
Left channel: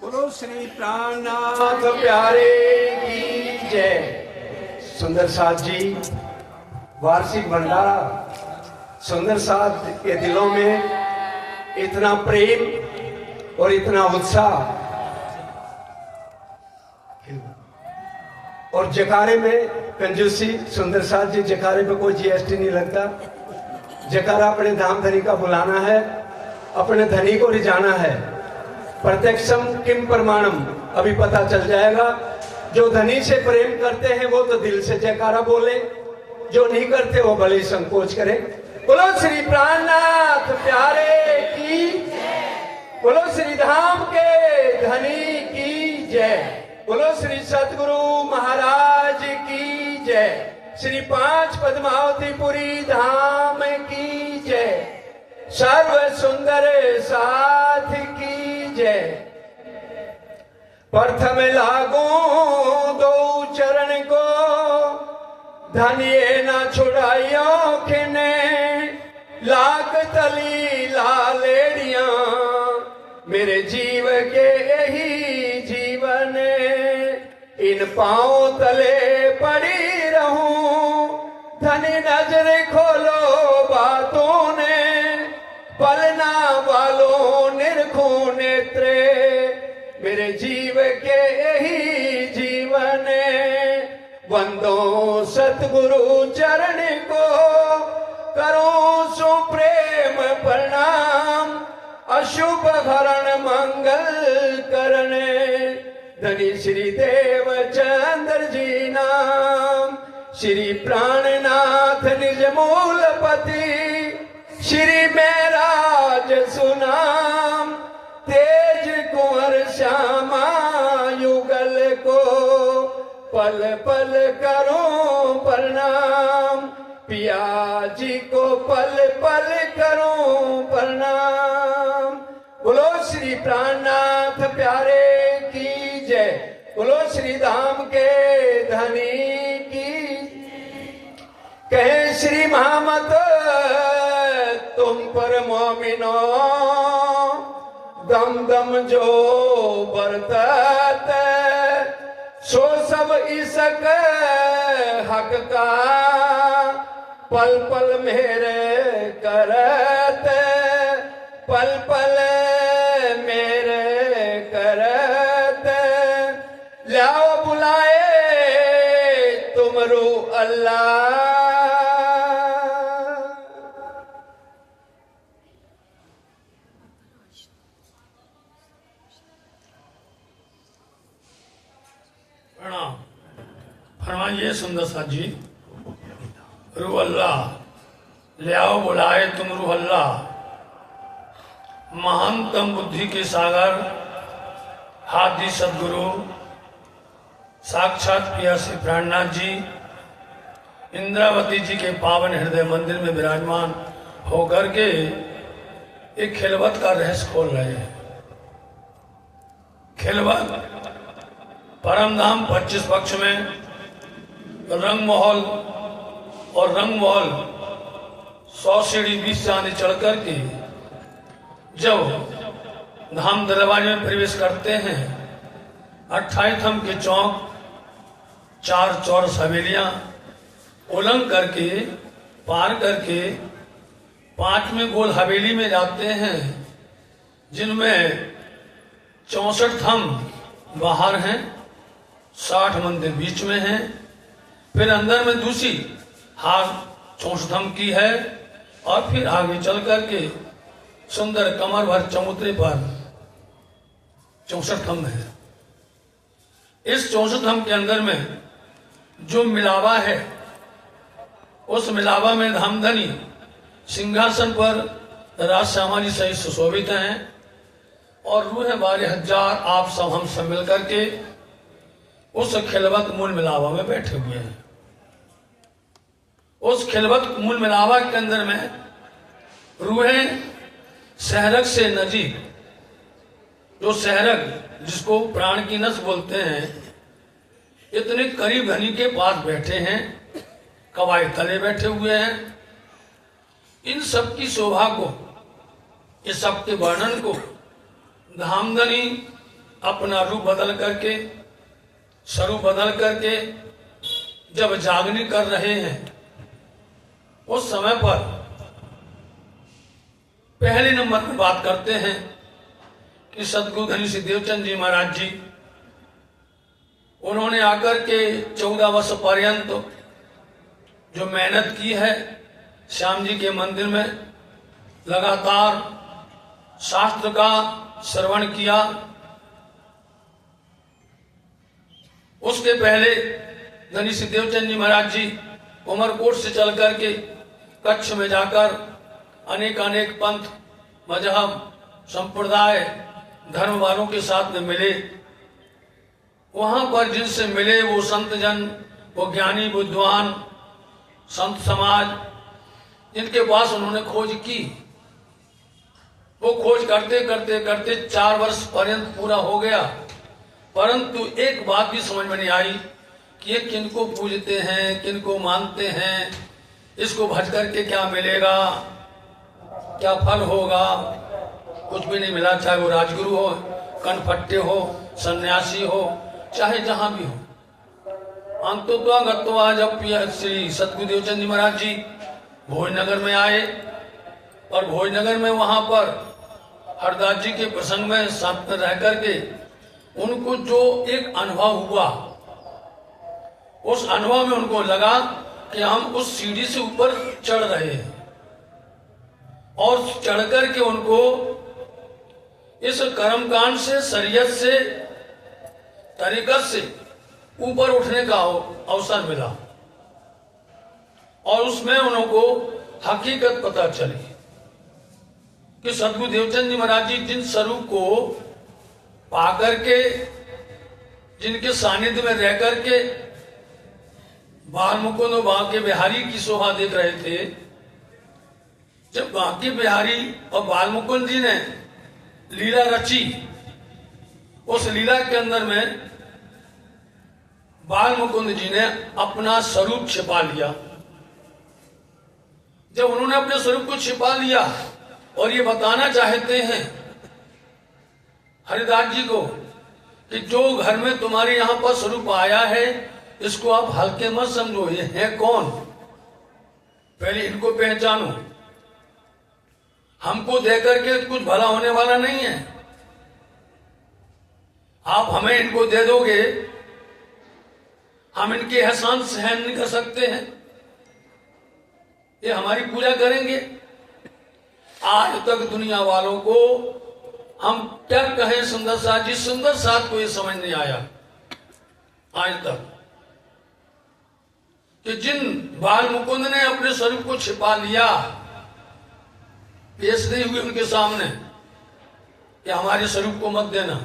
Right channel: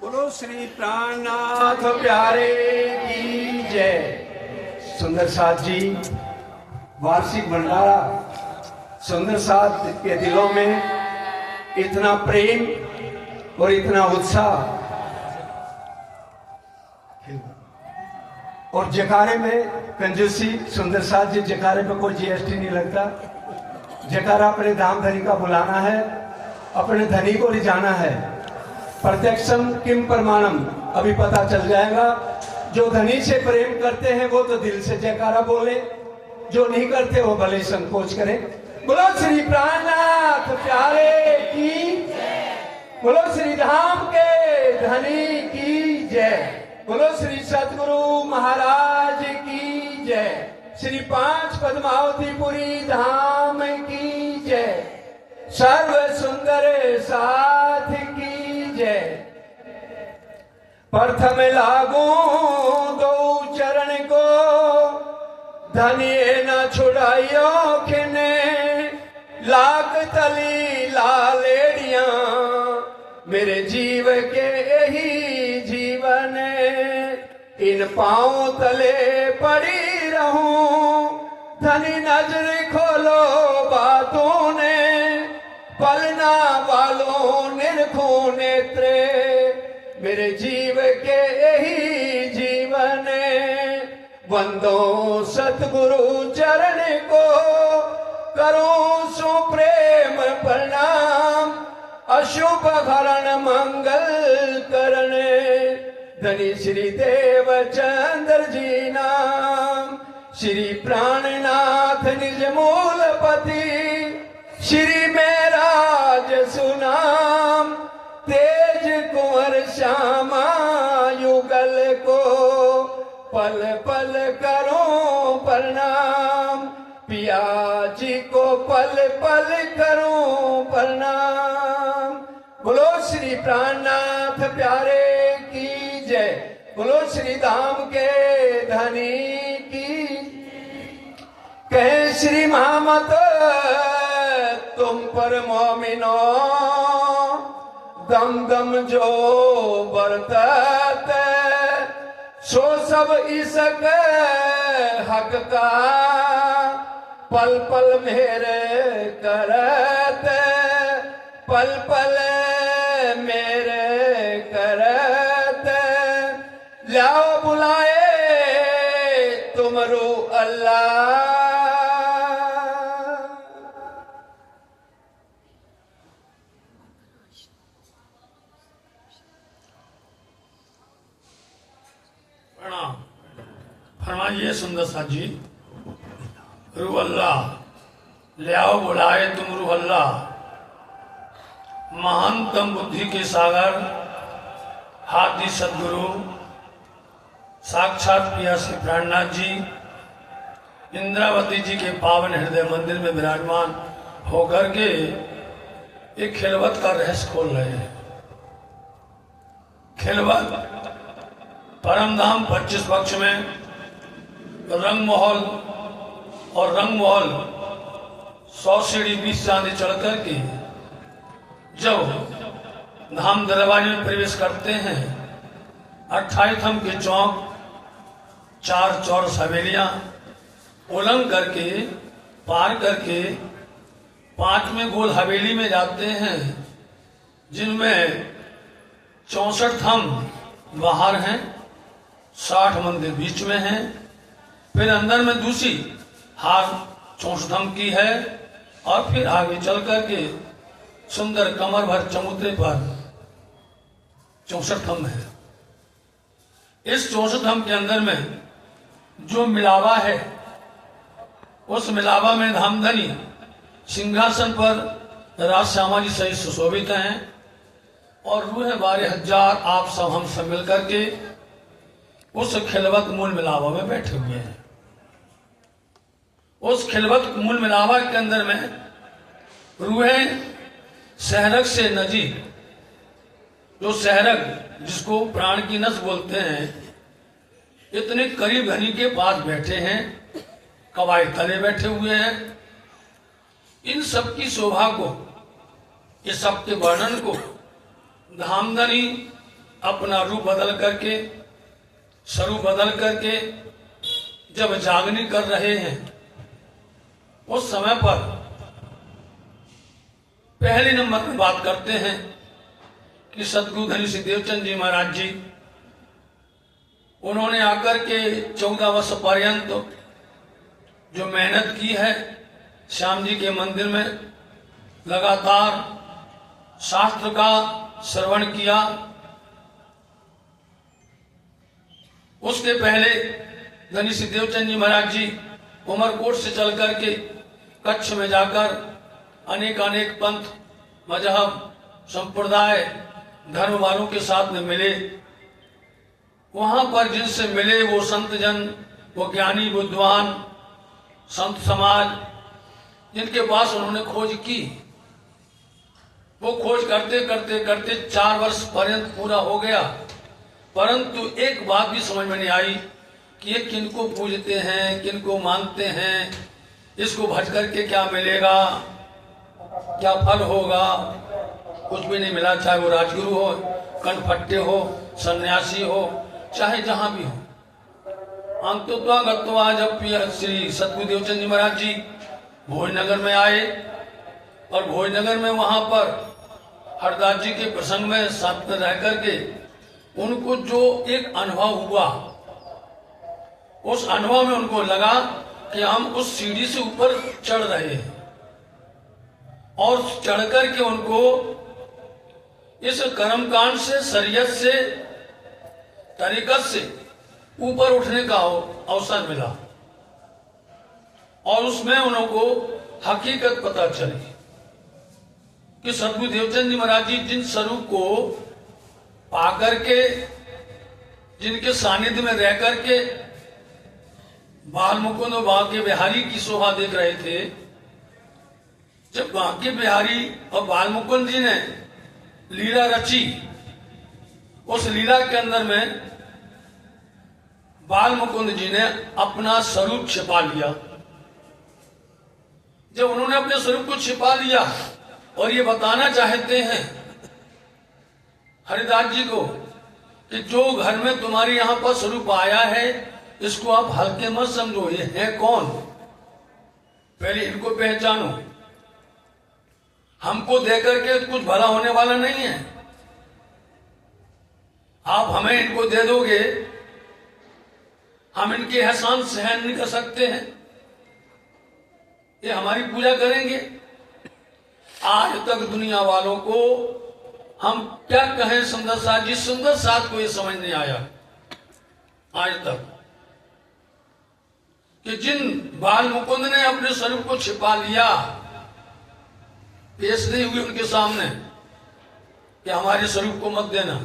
बोलो श्री प्राणनाथ प्यारे की जय। सुंदर साथ जी वार्षिक भंडारा, सुंदर साथ के दिलों में इतना प्रेम और इतना उत्साह, और जकारे में कंजूसी। सुंदर साथ जी जकारे पे कोई जीएसटी नहीं लगता। जकारा अपने धाम धनी का बुलाना है, अपने धनी को रिझाना है। प्रत्यक्षम किम प्रमाणम, अभी पता चल जाएगा। जो धनी से प्रेम करते हैं वो तो दिल से जयकारा बोले, जो नहीं करते वो भले संकोच करें। बोलो श्री प्राणनाथ प्यारे की, बोलो श्री धाम के धनी की जय। बोलो श्री सतगुरु महाराज की जय। श्री 5 पद्मावतीपुरी धाम की जय। सर्व सुंदर साथ की जय। प्रथम लागू 2 चरण को, धनिए न छुड़ाइयो खिने। लाख तली लालेड़िया, मेरे जीव के यही जीवन। इन पांव तले पड़ी रहूं, धनी नजर खोलो बातों ने। पलना वालों निरखो नेत्रे, मेरे जीव के यही जीवन। वंदो सतगुरु चरण को, करूं सुप्रेम प्रणाम। अशुभ हरण मंगल करने, धनी श्री देव चंद्र जी नाम। श्री प्राणनाथ निज मूलपति, श्री मेराज सुनाम। तेज कुंवर श्यामा युगल को, पल पल करूं प्रणाम। पिया जी को पल पल करूं प्रणाम। बोलो श्री प्राणनाथ प्यारे की जय। बोलो श्री धाम के धनी की, कहे श्री महामत तुम पर मोमिनो, दम दम जो बरतत सो सब इसक हक का, पल पल मेरे करत, पल पल मेरे करत, लाओ बुलाए तुमरू अल्लाह। प्रणाम। फरमाइए सुंदर साथ जी। रूह अल्लाह, ले आओ बुलाए तुम रूह अल्लाह। महानतम बुद्धि के सागर हाथी सदगुरु साक्षात पिया श्री प्राणनाथ जी इंद्रावती जी के पावन हृदय मंदिर में विराजमान होकर के एक खिलवत का रहस्य खोल रहे हैं। खिलवत परमधाम 25 पक्ष में रंग महल और रंग महल 100 सीढ़ी 20 चांदी चढ़ करके जब धाम दरवाजे में प्रवेश करते हैं, 28 थम के चौक, 4 चौरस हवेलियां उलंग करके पार करके 5वें गोल हवेली में जाते हैं, जिनमें 64 थम बाहर हैं, 60 मंदिर बीच में हैं। फिर अंदर में दूसरी हार 64 थम की है और फिर आगे चल करके सुंदर कमर भर चबूतरे पर 64 थम है। इस 64 थम के अंदर में जो मिलावा है, उस मिलावा में धामधनी सिंहासन पर राज श्यामा जी सहित सुशोभित हैं और रूह 12,000 आप सब हम सब मिल करके उस खिलवत मूल मिलावा में बैठे हुए हैं। उस खिलवत मूल मिलावा के अंदर में रूहें सहरग से नजीक, जो सहरग जिसको प्राण की नस बोलते हैं, इतने करीब घनी के पास बैठे हैं, कवायद तले बैठे हुए हैं। इन सब की शोभा को, इस सब के वर्णन को धामधनी अपना रूप बदल करके, स्वरूप बदल करके जब जागनी कर रहे हैं, उस समय पर पहले नंबर में बात करते हैं कि सदगुरु धनी श्री देवचंद जी महाराज जी, उन्होंने आकर के 14 वर्ष पर्यंत जो मेहनत की है, श्याम जी के मंदिर में लगातार शास्त्र का श्रवण किया। उसके पहले धनी श्री देवचंद जी महाराज जी उमरकोट से चल करके कच्छ में जाकर अनेक अनेक पंथ, मजहब, संप्रदाय, धर्म वालों के साथ में मिले। वहां पर जिनसे मिले वो संत जन, वो ज्ञानी बुद्धिमान संत समाज, जिनके पास उन्होंने खोज की, वो खोज करते करते करते 4 वर्ष पर्यंत पूरा हो गया। परंतु एक बात भी समझ में नहीं आई कि ये किनको पूजते हैं, किनको मानते हैं, इसको भज करके क्या मिलेगा, क्या फल होगा। कुछ भी नहीं मिला, चाहे वो राजगुरु हो, कनफट्टे हो, सन्यासी हो, चाहे जहां भी हो। अंतोत्वा जब श्री सतगुरु देवचंद जी महाराज जी भोजनगर में आए और भोजनगर में वहां पर हरदास जी के प्रसंग में साथ में रह करके उनको जो एक अनुभव हुआ, उस अनुभव में उनको लगा कि हम उस सीढ़ी से ऊपर चढ़ रहे हैं और चढ़ करके उनको इस कर्मकांड से, शरीयत से, तरीकत से ऊपर उठने का अवसर मिला और उसमें उनको हकीकत पता चली कि सदगुरु देवचंद जी महाराज जी जिन स्वरूप को पाकर के, जिनके सानिध्य में रह करके बाल मुकुंद और बांके बिहारी की शोभा देख रहे थे, जब बांके बिहारी और बाल मुकुंद जी ने लीला रची, उस लीला के अंदर में बाल मुकुंद जी ने अपना स्वरूप छिपा लिया। जब उन्होंने अपने स्वरूप को छिपा लिया और ये बताना चाहते हैं हरिदास जी को कि जो घर में तुम्हारे यहां पर स्वरूप आया है इसको आप हल्के मत समझो, ये है कौन, पहले इनको पहचानो। हमको देकर के कुछ भला होने वाला नहीं है। आप हमें इनको दे दोगे, हम इनके एहसान सहन नहीं कर सकते हैं, ये हमारी पूजा करेंगे। आज तक दुनिया वालों को हम क्या कहें, सुंदर साथ जी, सुंदर साथ को ये समझ नहीं आया आज तक कि जिन बाल मुकुंद ने अपने स्वरूप को छिपा लिया, पेश नहीं हुए उनके सामने कि हमारे स्वरूप को मत देना।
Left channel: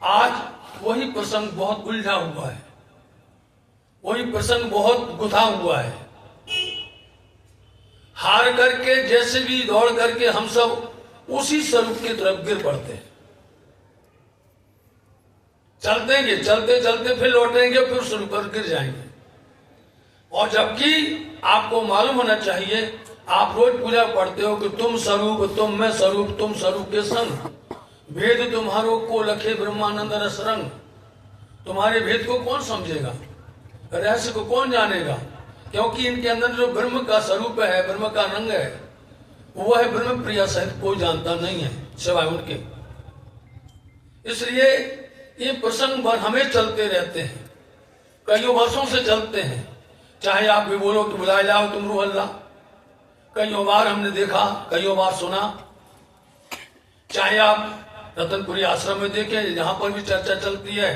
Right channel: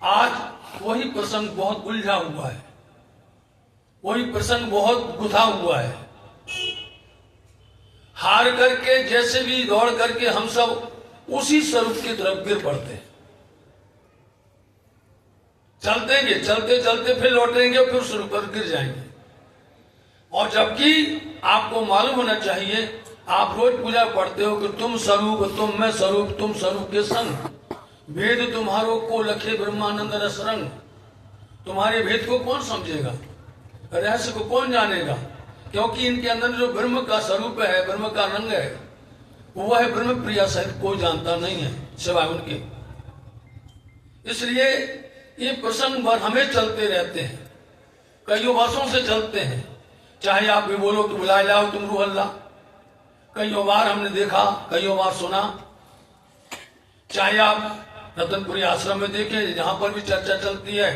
आज वही प्रसंग बहुत उलझा हुआ है, वही प्रसंग बहुत गुथा हुआ है। हार करके जैसे भी दौड़ करके हम सब उसी स्वरूप की तरफ गिर पड़ते हैं। चलतेंगे, चलते चलते फिर लौटेंगे, फिर स्वरूप पर गिर जाएंगे। और जबकि आपको मालूम होना चाहिए, आप रोज पूजा पढ़ते हो कि तुम स्वरूप, तुम मैं स्वरूप, तुम स्वरूप के संग, भेद तुम्हारो को लखे ब्रह्मानंद रसरंग। तुम्हारे भेद को कौन समझेगा, रहस्य को कौन जानेगा, क्योंकि इनके अंदर जो ब्रह्म का स्वरूप है, ब्रह्म का रंग है, वो है ब्रह्म प्रिया सहित कोई जानता नहीं है सिवाय उनके। इसलिए ये प्रसंग भर हमें चलते रहते हैं, कईयों वर्षों से चलते हैं। चाहे आप भी बोलो कि बुलाए लाओ तुम रूह अल्लाह, कईयों बार हमने देखा, कईयों बार सुना। चाहे आप रतनपुरी आश्रम में देखें, जहां पर भी चर्चा चलती है,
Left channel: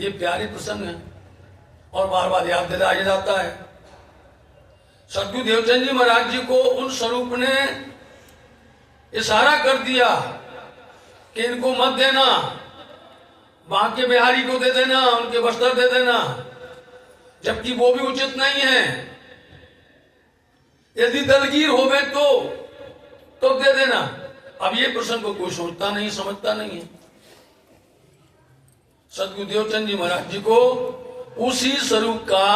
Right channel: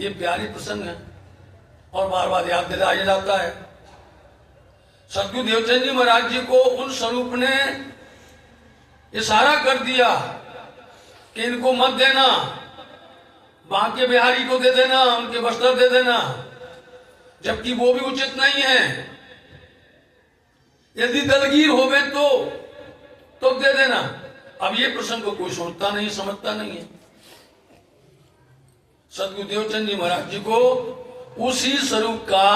ये प्यारी प्रसंग है और बार बार याद दिलाया जाता है। सदगुरु देवचंद जी महाराज जी को उन स्वरूप ने इशारा कर दिया कि इनको मत देना, बांके बिहारी को दे देना, उनके वस्त्र दे देना, जबकि वो भी उचित नहीं है। यदि दलगीर होवे तो दे देना। अब ये प्रसंग को कोई सोचता नहीं, समझता नहीं है। सदगुरु देवचंद जी महाराज जी को उसी स्वरूप का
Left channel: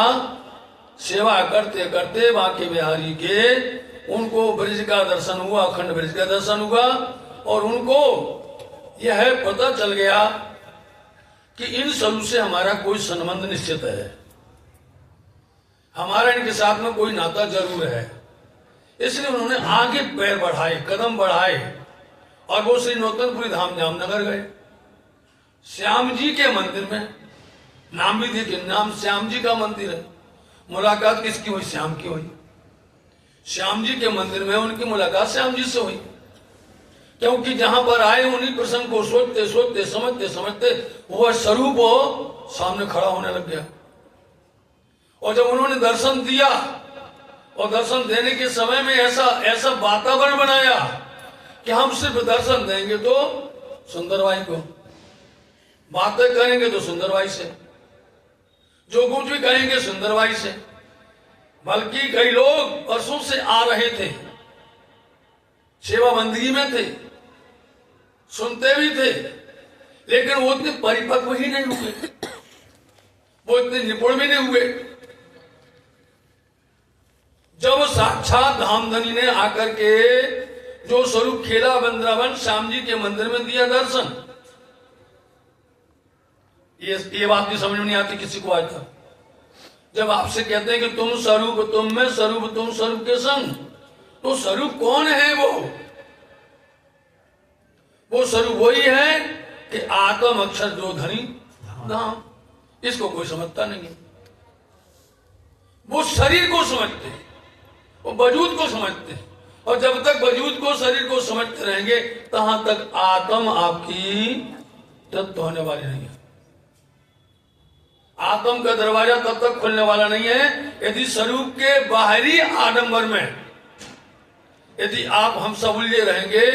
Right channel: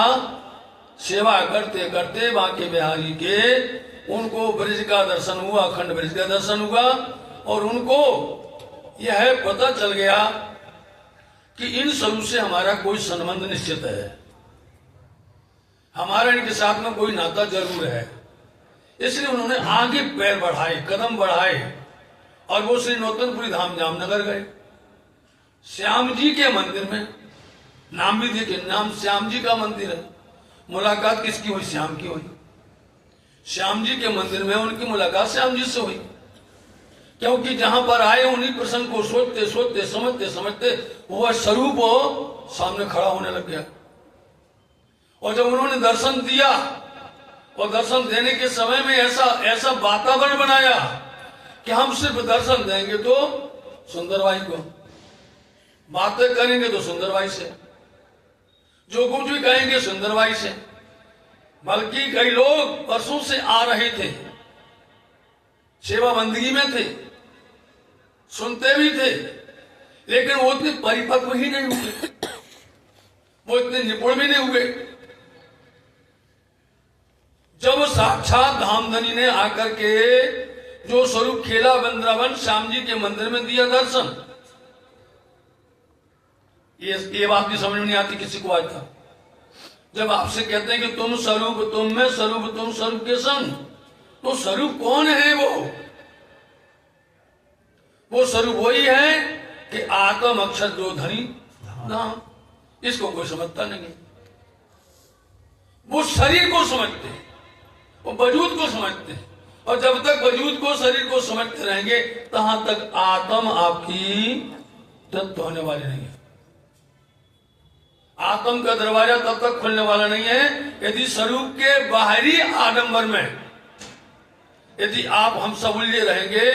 सेवा करते करते बांके बिहारी के उनको ब्रिज का दर्शन हुआ, अखंड ब्रिज का दर्शन हुआ, और उनको यह पता चल गया कि इन स्वरूप से हमारा कोई संबंध निश्चित है, हमारा इनके साथ में कोई नाता जरूर है। इसलिए उन्होंने आगे पैर बढ़ाए, कदम बढ़ाए, और वो श्री नौतनपुरी धाम जामनगर गए। श्याम जी के मंदिर में, नाम भी देखिए, नाम श्याम जी का मंदिर है। मुलाकात किसकी हुई? श्याम की हुई। श्याम जी के मंदिर में उनकी मुलाकात श्याम जी से हुई, क्योंकि जहां पर आए उन्हीं प्रसंग को सोचते सोचते, समझते समझते वह स्वरूप सामने खड़ा होने लग गया। और जब उन्होंने दर्शन दिया, और दर्शन देने के समय में ऐसा वातावरण बनाया कि हम सिर्फ दर्शन देंगे तो सुंदरबाई को, बातें करेंगे तो सुंदरबाई से, जो कुछ भी कहेंगे सुंदरबाई से। बल्कि कई लोग वर्षों से आ रहे थे, सेवा बंदगी में थे, सुनते भी थे, लेकिन वो इतने परिपक्व ही नहीं हुए, वो इतने निपुण भी नहीं हुए। जब साक्षात धामधनी ने आकर के जो स्वरूप खेला वृंदावन श्याम जी के मंदिर में दिया दर्शन, ये बात भी समझ में नहीं आती किसी को आज तक। जब आपसे कहते हैं कि तुम स्वरूप, तुम में स्वरूप, तुम स्वरूप के संग, तो स्वरूप कौन है? वो स्वरूप वही है कि आत्म अक्षर जो धनी नाम, इसको कोई समझता नहीं है। वो शरीर को समझते हैं, वो वजूद को समझते हैं, और जब तक वजूद को, शरीर को समझते रहेंगे, तहां तक आत्म आपकी तृप्त होने वाली नहीं है। आत्म का दरवाजा तब तक खुलने वाला नहीं है यदि स्वरूप के बाहरी आडंबर में यदि आप हम सब उलझे रहेंगे,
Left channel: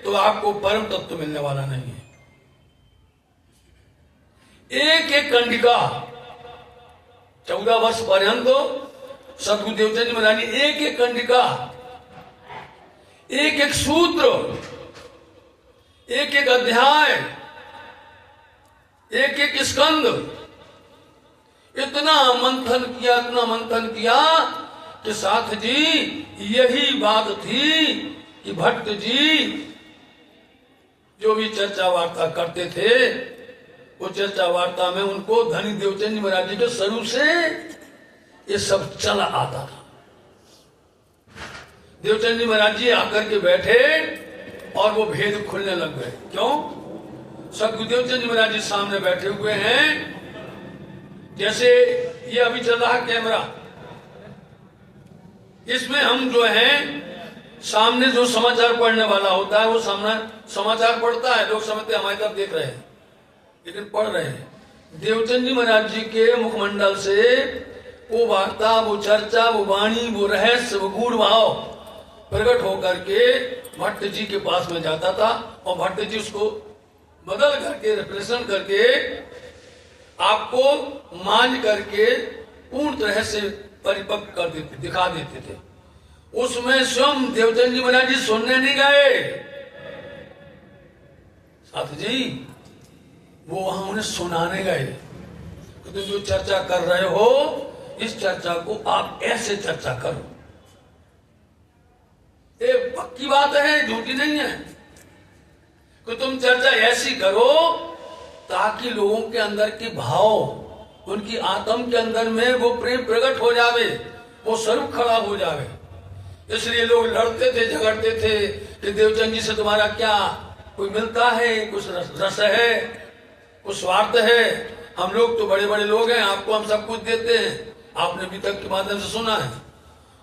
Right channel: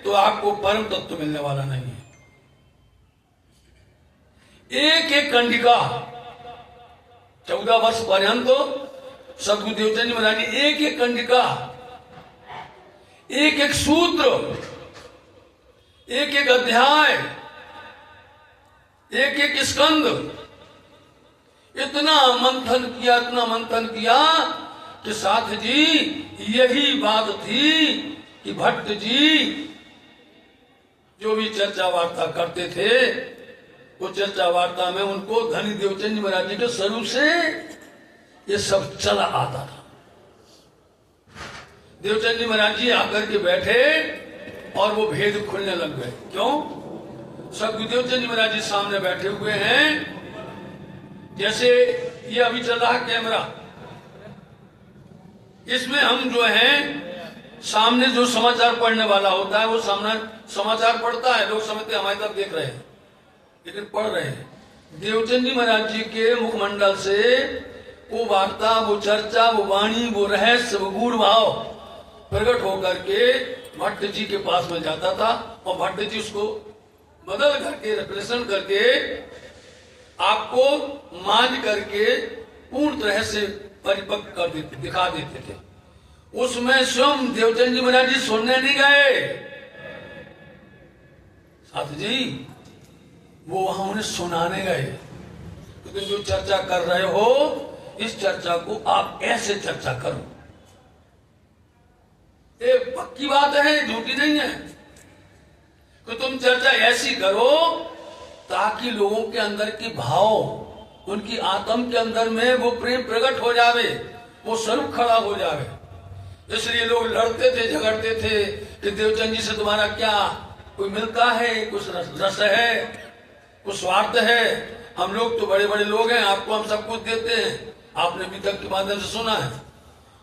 तो आपको परम तत्व मिलने वाला नहीं है। एक एक कंडिका 14 वर्ष पर्यंत सदगुरु देवचंद महाराज ने एक एक कंडिका, एक एक सूत्र, एक एक अध्याय, एक एक स्कंद, इतना मंथन किया कि साथ जी यही बात थी कि भट्ट जी जो भी चर्चा वार्ता करते थे, वो चर्चा वार्ता में उनको धनी देवचंद जी महाराज जी के स्वरूप से ये सब चला आता था। देवचंद जी महाराज जी आकर के बैठे और वो भेद खुलने लग गए। क्यों? सदगुरुदेव चंद जी महाराज जी सामने बैठे हुए हैं, जैसे ये अभी चल रहा कैमरा, इसमें हम जो है सामने जो समाचार पढ़ने वाला होता है वो सामने समाचार पढ़ता है, लोग समझते हमारी तरफ देख रहे हैं लेकिन पढ़ रहे हैं। देवचंद जी महाराज जी के मुखमंडल से वो वार्ता, वो चर्चा, वो वाणी, वो रहस्य, वो गूढ़ भाव प्रकट होकर के भट्ट जी के पास में जाता था और भट्ट जी उसको बदल करके, रिप्रेजेंट करके, आपको मान करके पूर्ण तरह से परिपक्व कर देते, दिखा देते थे। उसमें स्वयं देवचंद जी महाराज जी सुनने नहीं गए साथ जी, वो वहां उन्हें सुनाने गए। तो तुम जो चर्चा कर रहे हो, इस चर्चा को आप ऐसे चर्चा करो। ये पक्की बात है, झूठी नहीं है। तो तुम चर्चा ऐसी करो ताकि लोगों के अंदर के भाव, उनकी आत्म के अंदर में वो प्रेम प्रकट हो जावे, वो स्वरूप खड़ा हो जावे। इसलिए लोग लड़ते थे, झगड़ते थे कि देवचंद जी से तुम्हारा क्या कोई मिलता है, कुछ रस है, कुछ स्वार्थ है। हम लोग तो बड़े बड़े लोग हैं, आपको हम सब कुछ देते हैं, आपने अभी तक के माध्यम से सुना है।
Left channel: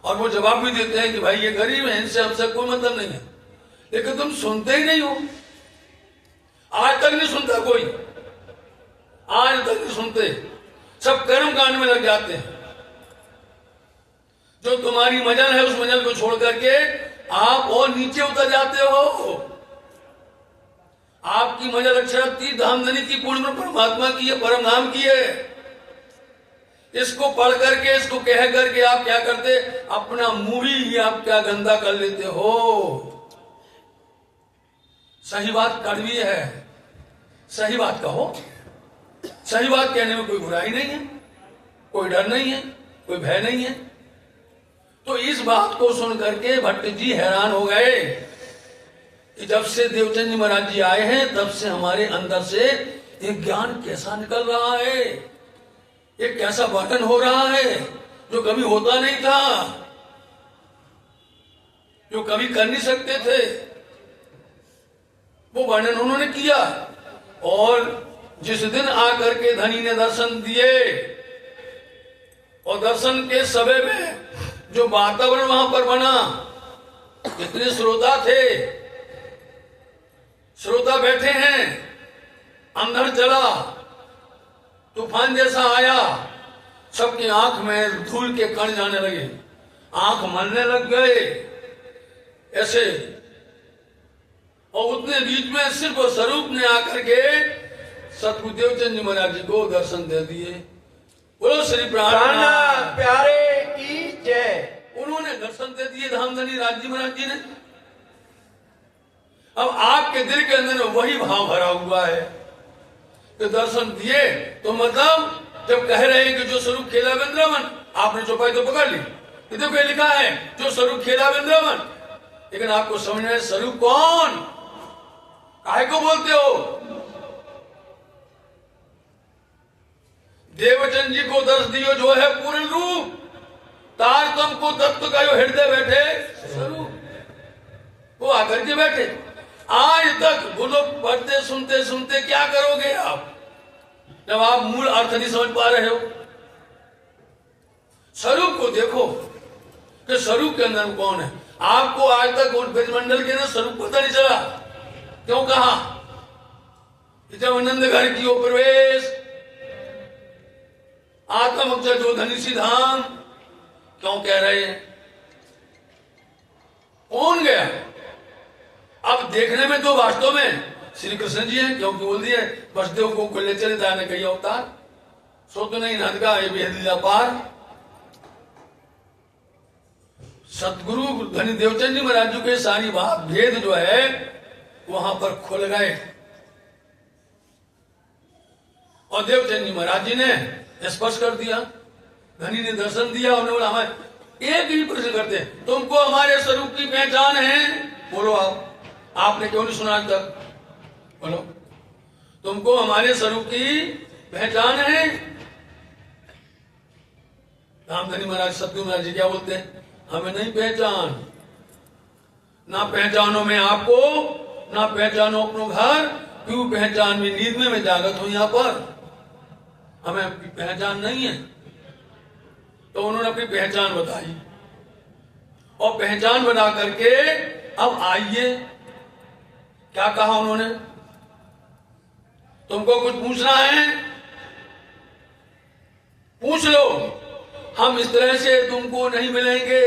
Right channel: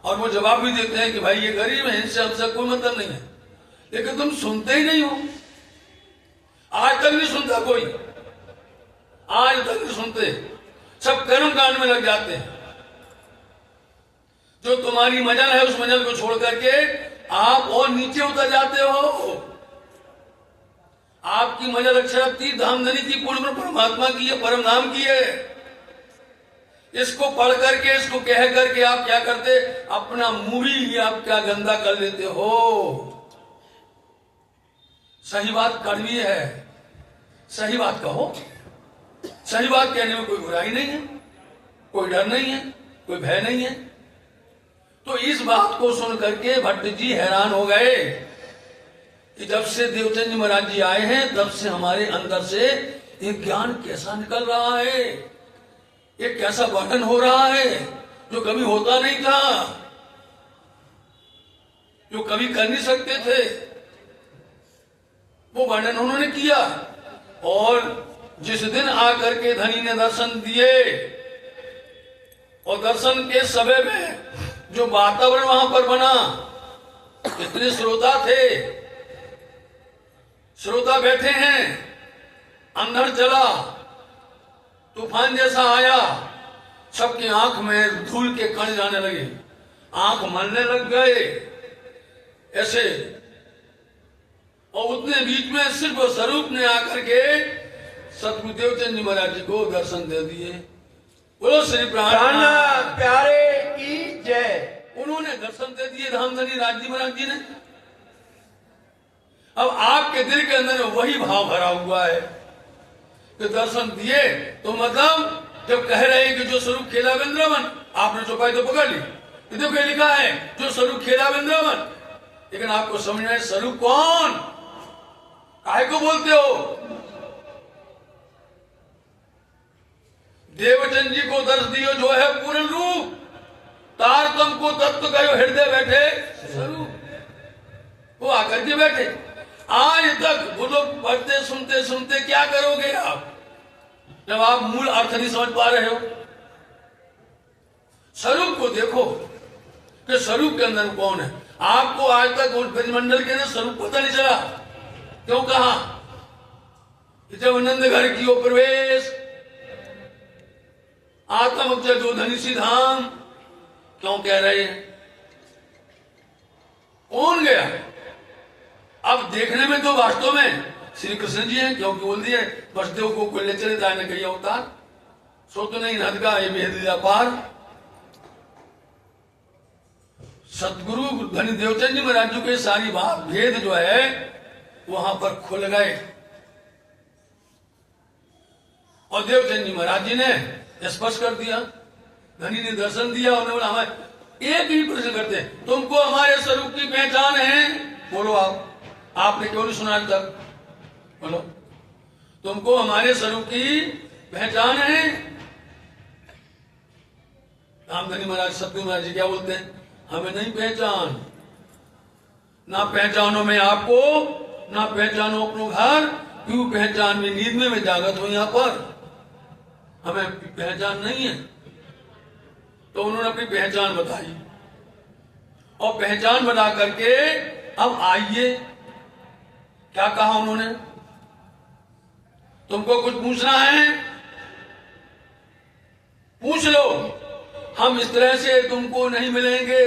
और वो जवाब भी देते हैं कि भाई ये गरीब है, इनसे हमसे कोई मतलब नहीं है। लेकिन तुम सुनते ही नहीं हो, आज तक नहीं सुनता कोई, आज तक नहीं सुनते, सब कर्म कांड में लग जाते हैं। जो तुम्हारी मजल है उस मजल को छोड़ करके आप और नीचे उतर जाते हो। आपकी मजल अक्षरप्ति धामधनी की, पूर्ण परमात्मा की है, परम नाम की है। इसको पढ़ करके, इसको कह करके आप क्या करते, अपना मुंह ही आप क्या गंदा कर लेते हो। सही बात कड़वी है, सही बात कहो। सही बात कहने में कोई बुराई नहीं है, कोई डर नहीं है, कोई भय नहीं है। तो इस बात को सुन करके भट्ट जी हैरान हो गए कि जब से देवचंद जी महाराज जी आए हैं तब से हमारे अंदर से एक ज्ञान कैसा निकल रहा है, एक कैसा वर्णन हो रहा है जो कभी होता नहीं था, जो कभी कर नहीं सकते थे। वो वर्णन उन्होंने किया। और जिस दिन आकर के धनी ने दर्शन दिए और दर्शन के समय में जो वातावरण वहां पर बना, इतने श्रोता थे, श्रोता बैठे हैं, अंधड़ चला, तूफान जैसा आया, सबकी आंख में धूल के कण जाने लगे, आंख मलने लग गए ऐसे। और उतने बीच में सिर्फ स्वरूप ने आकर के सदगुरुदेव चंद जी महाराज जी को दर्शन दे दिए। बोलो श्री प्राणनाथ प्यारे की जय। उन्होंने दर्शन दे दिए धामधनी राज जी महाराज जी ने। अब आपके दिल के अंदर वही भाव भरा हुआ है तो दर्शन दिए, तो मतलब जब कह रहे हैं कि जो स्वरूप खेला वृंदावन, आपने चौपाई तो पकड़ ली, इधर क्या लिखा है, जो स्वरूप खेला वृंदावन। लेकिन आपको समझना है स्वरूप कौन, काहे को बोलते हो। देवचंद जी को दर्श दियो जो है पूर्ण रूप, तारतम को तत्व करो हृदय बैठे स्वरूप। वो आकर के बैठे। आज तक वो लोग पढ़ते सुनते सुनते क्या करोगे आप जब आप मूल अर्थ नहीं समझ पा रहे हो। स्वरूप को देखो कि स्वरूप के अंदर कौन है। आपको आज तक उस ब्रजमंडल के अंदर स्वरूप पता नहीं चला। क्यों कहा कि जब आनंद घर की ओर प्रवेश, आत्म अक्षर जो धनी सी धाम, क्यों कह रहे हैं, कौन गया। अब देखने में तो वास्तव में श्री कृष्ण जी हैं, क्योंकि बोल दिए वसुदेव को ले चले जाने कही अवतार, सो तो नहीं नद का ये भेद पार। सतगुरु धनी देवचंद जी महाराज जी के सारी बात भेद जो है वहां पर खुल गए। और देवचंद जी महाराज जी ने स्पष्ट कर दिया। धनी ने दर्शन दिया, उन्होंने बोला हमें एक ही प्रश्न करते हैं, तुमको हमारे स्वरूप की पहचान है? बोलो आपने क्यों नहीं सुना आज तक? बोलो, तुमको हमारे स्वरूप की पहचान है? रामधनी महाराज, सतगुरु महाराज जी क्या बोलते हैं? हमें नहीं पहचान, ना पहचानो मैं आपको, ना पहचानो अपनो घर, क्यों पहचान भी नींद में मैं जागृत हूं यहाँ पर, हमें पहचान नहीं है। तो उन्होंने अपनी पहचान बताई और पहचान बना करके अब आइए, क्या कहा उन्होंने? तुमको कुछ पूछना है पूछ लो, हम इस तरह से तुमको नहीं मिलेंगे,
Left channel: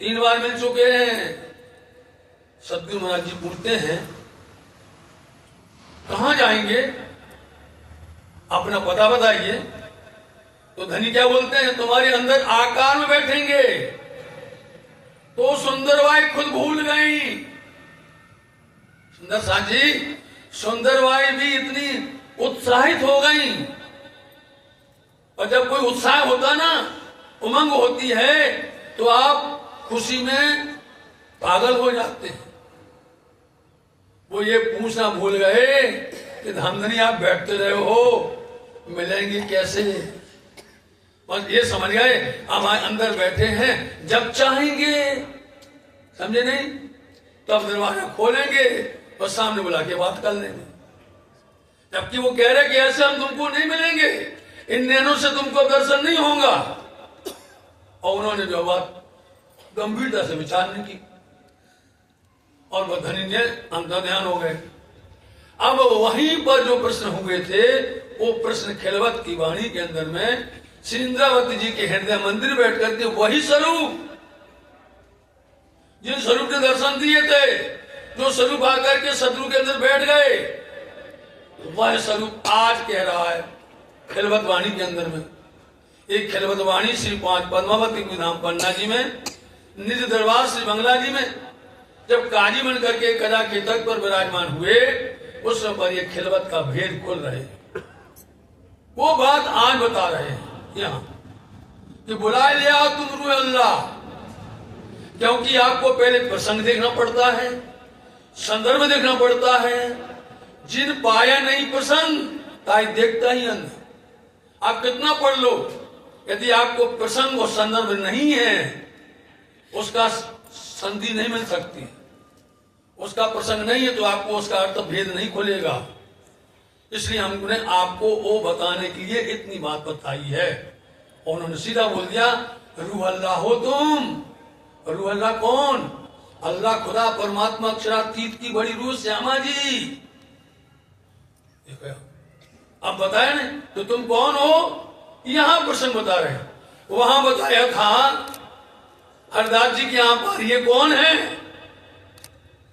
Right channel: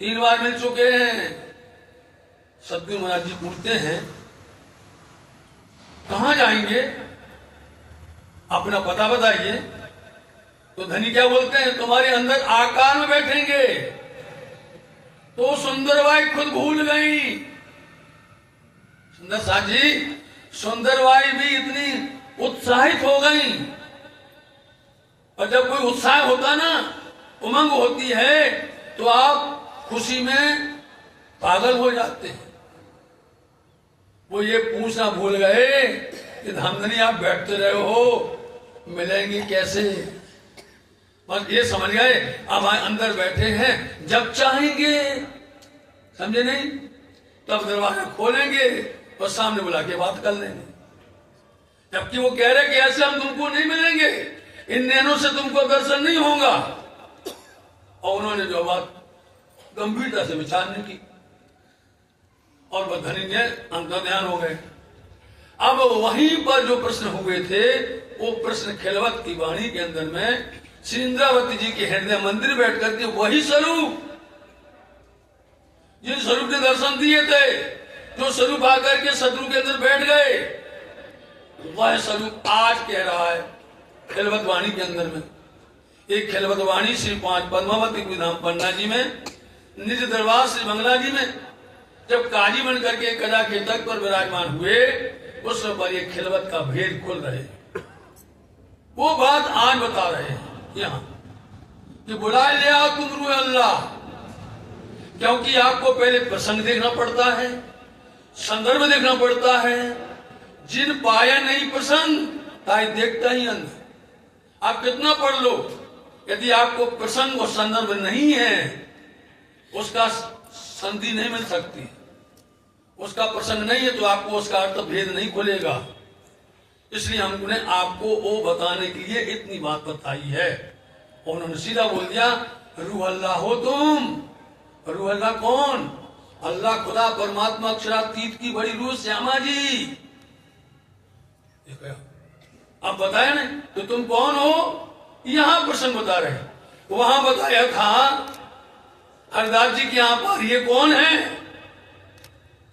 3 बार मिल चुके हैं। सतगुरु महाराज जी पूछते हैं कहां जाएंगे, अपना पता बताइए। तो धनी क्या बोलते हैं? तुम्हारे अंदर आकार में बैठेंगे। तो सुंदरबाई खुद भूल गई। सुंदर साथ जी, सुंदरबाई भी इतनी उत्साहित हो गई, और जब कोई उत्साह होता ना, उमंग होती है, तो आप खुशी में पागल हो जाते हैं। वो ये पूछना भूल गए कि धामधनी आप बैठते रहे हो, मिलेंगे कैसे? बस ये समझ गए अब अंदर बैठे हैं, जब चाहेंगे, समझे नहीं, तब दरवाजा खोलेंगे और सामने बुला के बात कर लेंगे। जबकि वो कह रहे कि ऐसे हम तुमको नहीं मिलेंगे, इन नैनों से तुमको दर्शन नहीं होगा। और उन्होंने जो बात गंभीरता से विचार नहीं की और वह धनी ने अंतर्ध्यान हो गए। अब वहीं पर जो प्रश्न हुए थे, वो प्रश्न खिलवत की वाणी के अंदर में श्री इंद्रावती जी के हृदय मंदिर बैठ करके वही स्वरूप, जिन स्वरूप के दर्शन दिए थे, जो स्वरूप आकर के सदगुरु के अंदर बैठ गए, वह स्वरूप आज कह रहा है खिलवत वाणी के अंदर में। एक खिलवत वाणी श्री 5 पद्मावती विधाम पन्ना जी में, निज दरबार श्री बंगला जी में, जब काजी बन करके कदा के तक पर विराजमान हुए, उस पर ये खिलवत का भेद खोल रहे, वो बात आज बता रहे हैं यहाँ कि बुला ले आओ तुम रूह अल्लाह। क्योंकि आपको पहले प्रसंग देखना पड़ता है, संदर्भ देखना पड़ता है। जिन पाया नहीं प्रसंग, ताई देखता ही अंध। आप कितना पढ़ लो, यदि आपको प्रसंग और संदर्भ नहीं है, उसका संधि नहीं मिल सकती, उसका प्रसंग नहीं है, तो आपको उसका अर्थ भेद नहीं खुलेगा। इसलिए हमने आपको वो बताने के लिए इतनी बात बताई है। और उन्होंने सीधा बोल दिया, रूह अल्लाह हो तुम। रूह अल्लाह कौन? अल्लाह खुदा परमात्मा अक्षरातीत की बड़ी रूह श्यामा जी। अब बताया ना, तो तुम कौन हो? यहां प्रसंग बता रहे हैं, वहां बताया था हरदास जी के यहां पर ये कौन है,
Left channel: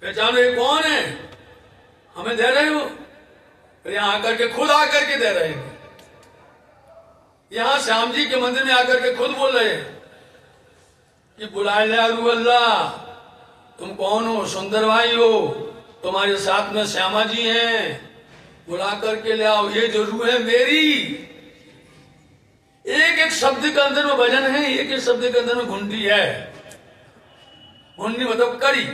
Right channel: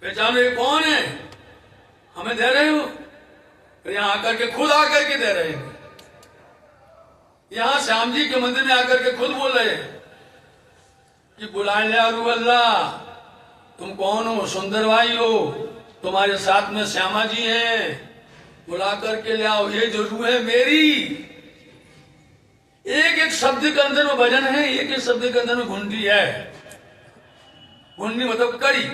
पहचानो ये कौन है, हमें दे रहे हो? यहां आकर के खुद आकर के दे रहे हैं। यहां श्याम जी के मंदिर में आकर के खुद बोल रहे हैं कि बुलाए ले रूह अल्लाह, तुम कौन हो? सुंदरबाई हो, तुम्हारे साथ में श्यामा जी हैं, बुला करके ले आओ। ये जो रूह है मेरी, एक एक शब्द के अंदर में वजन है, एक एक शब्द के अंदर में घुंडी है। घुंडी मतलब कड़ी।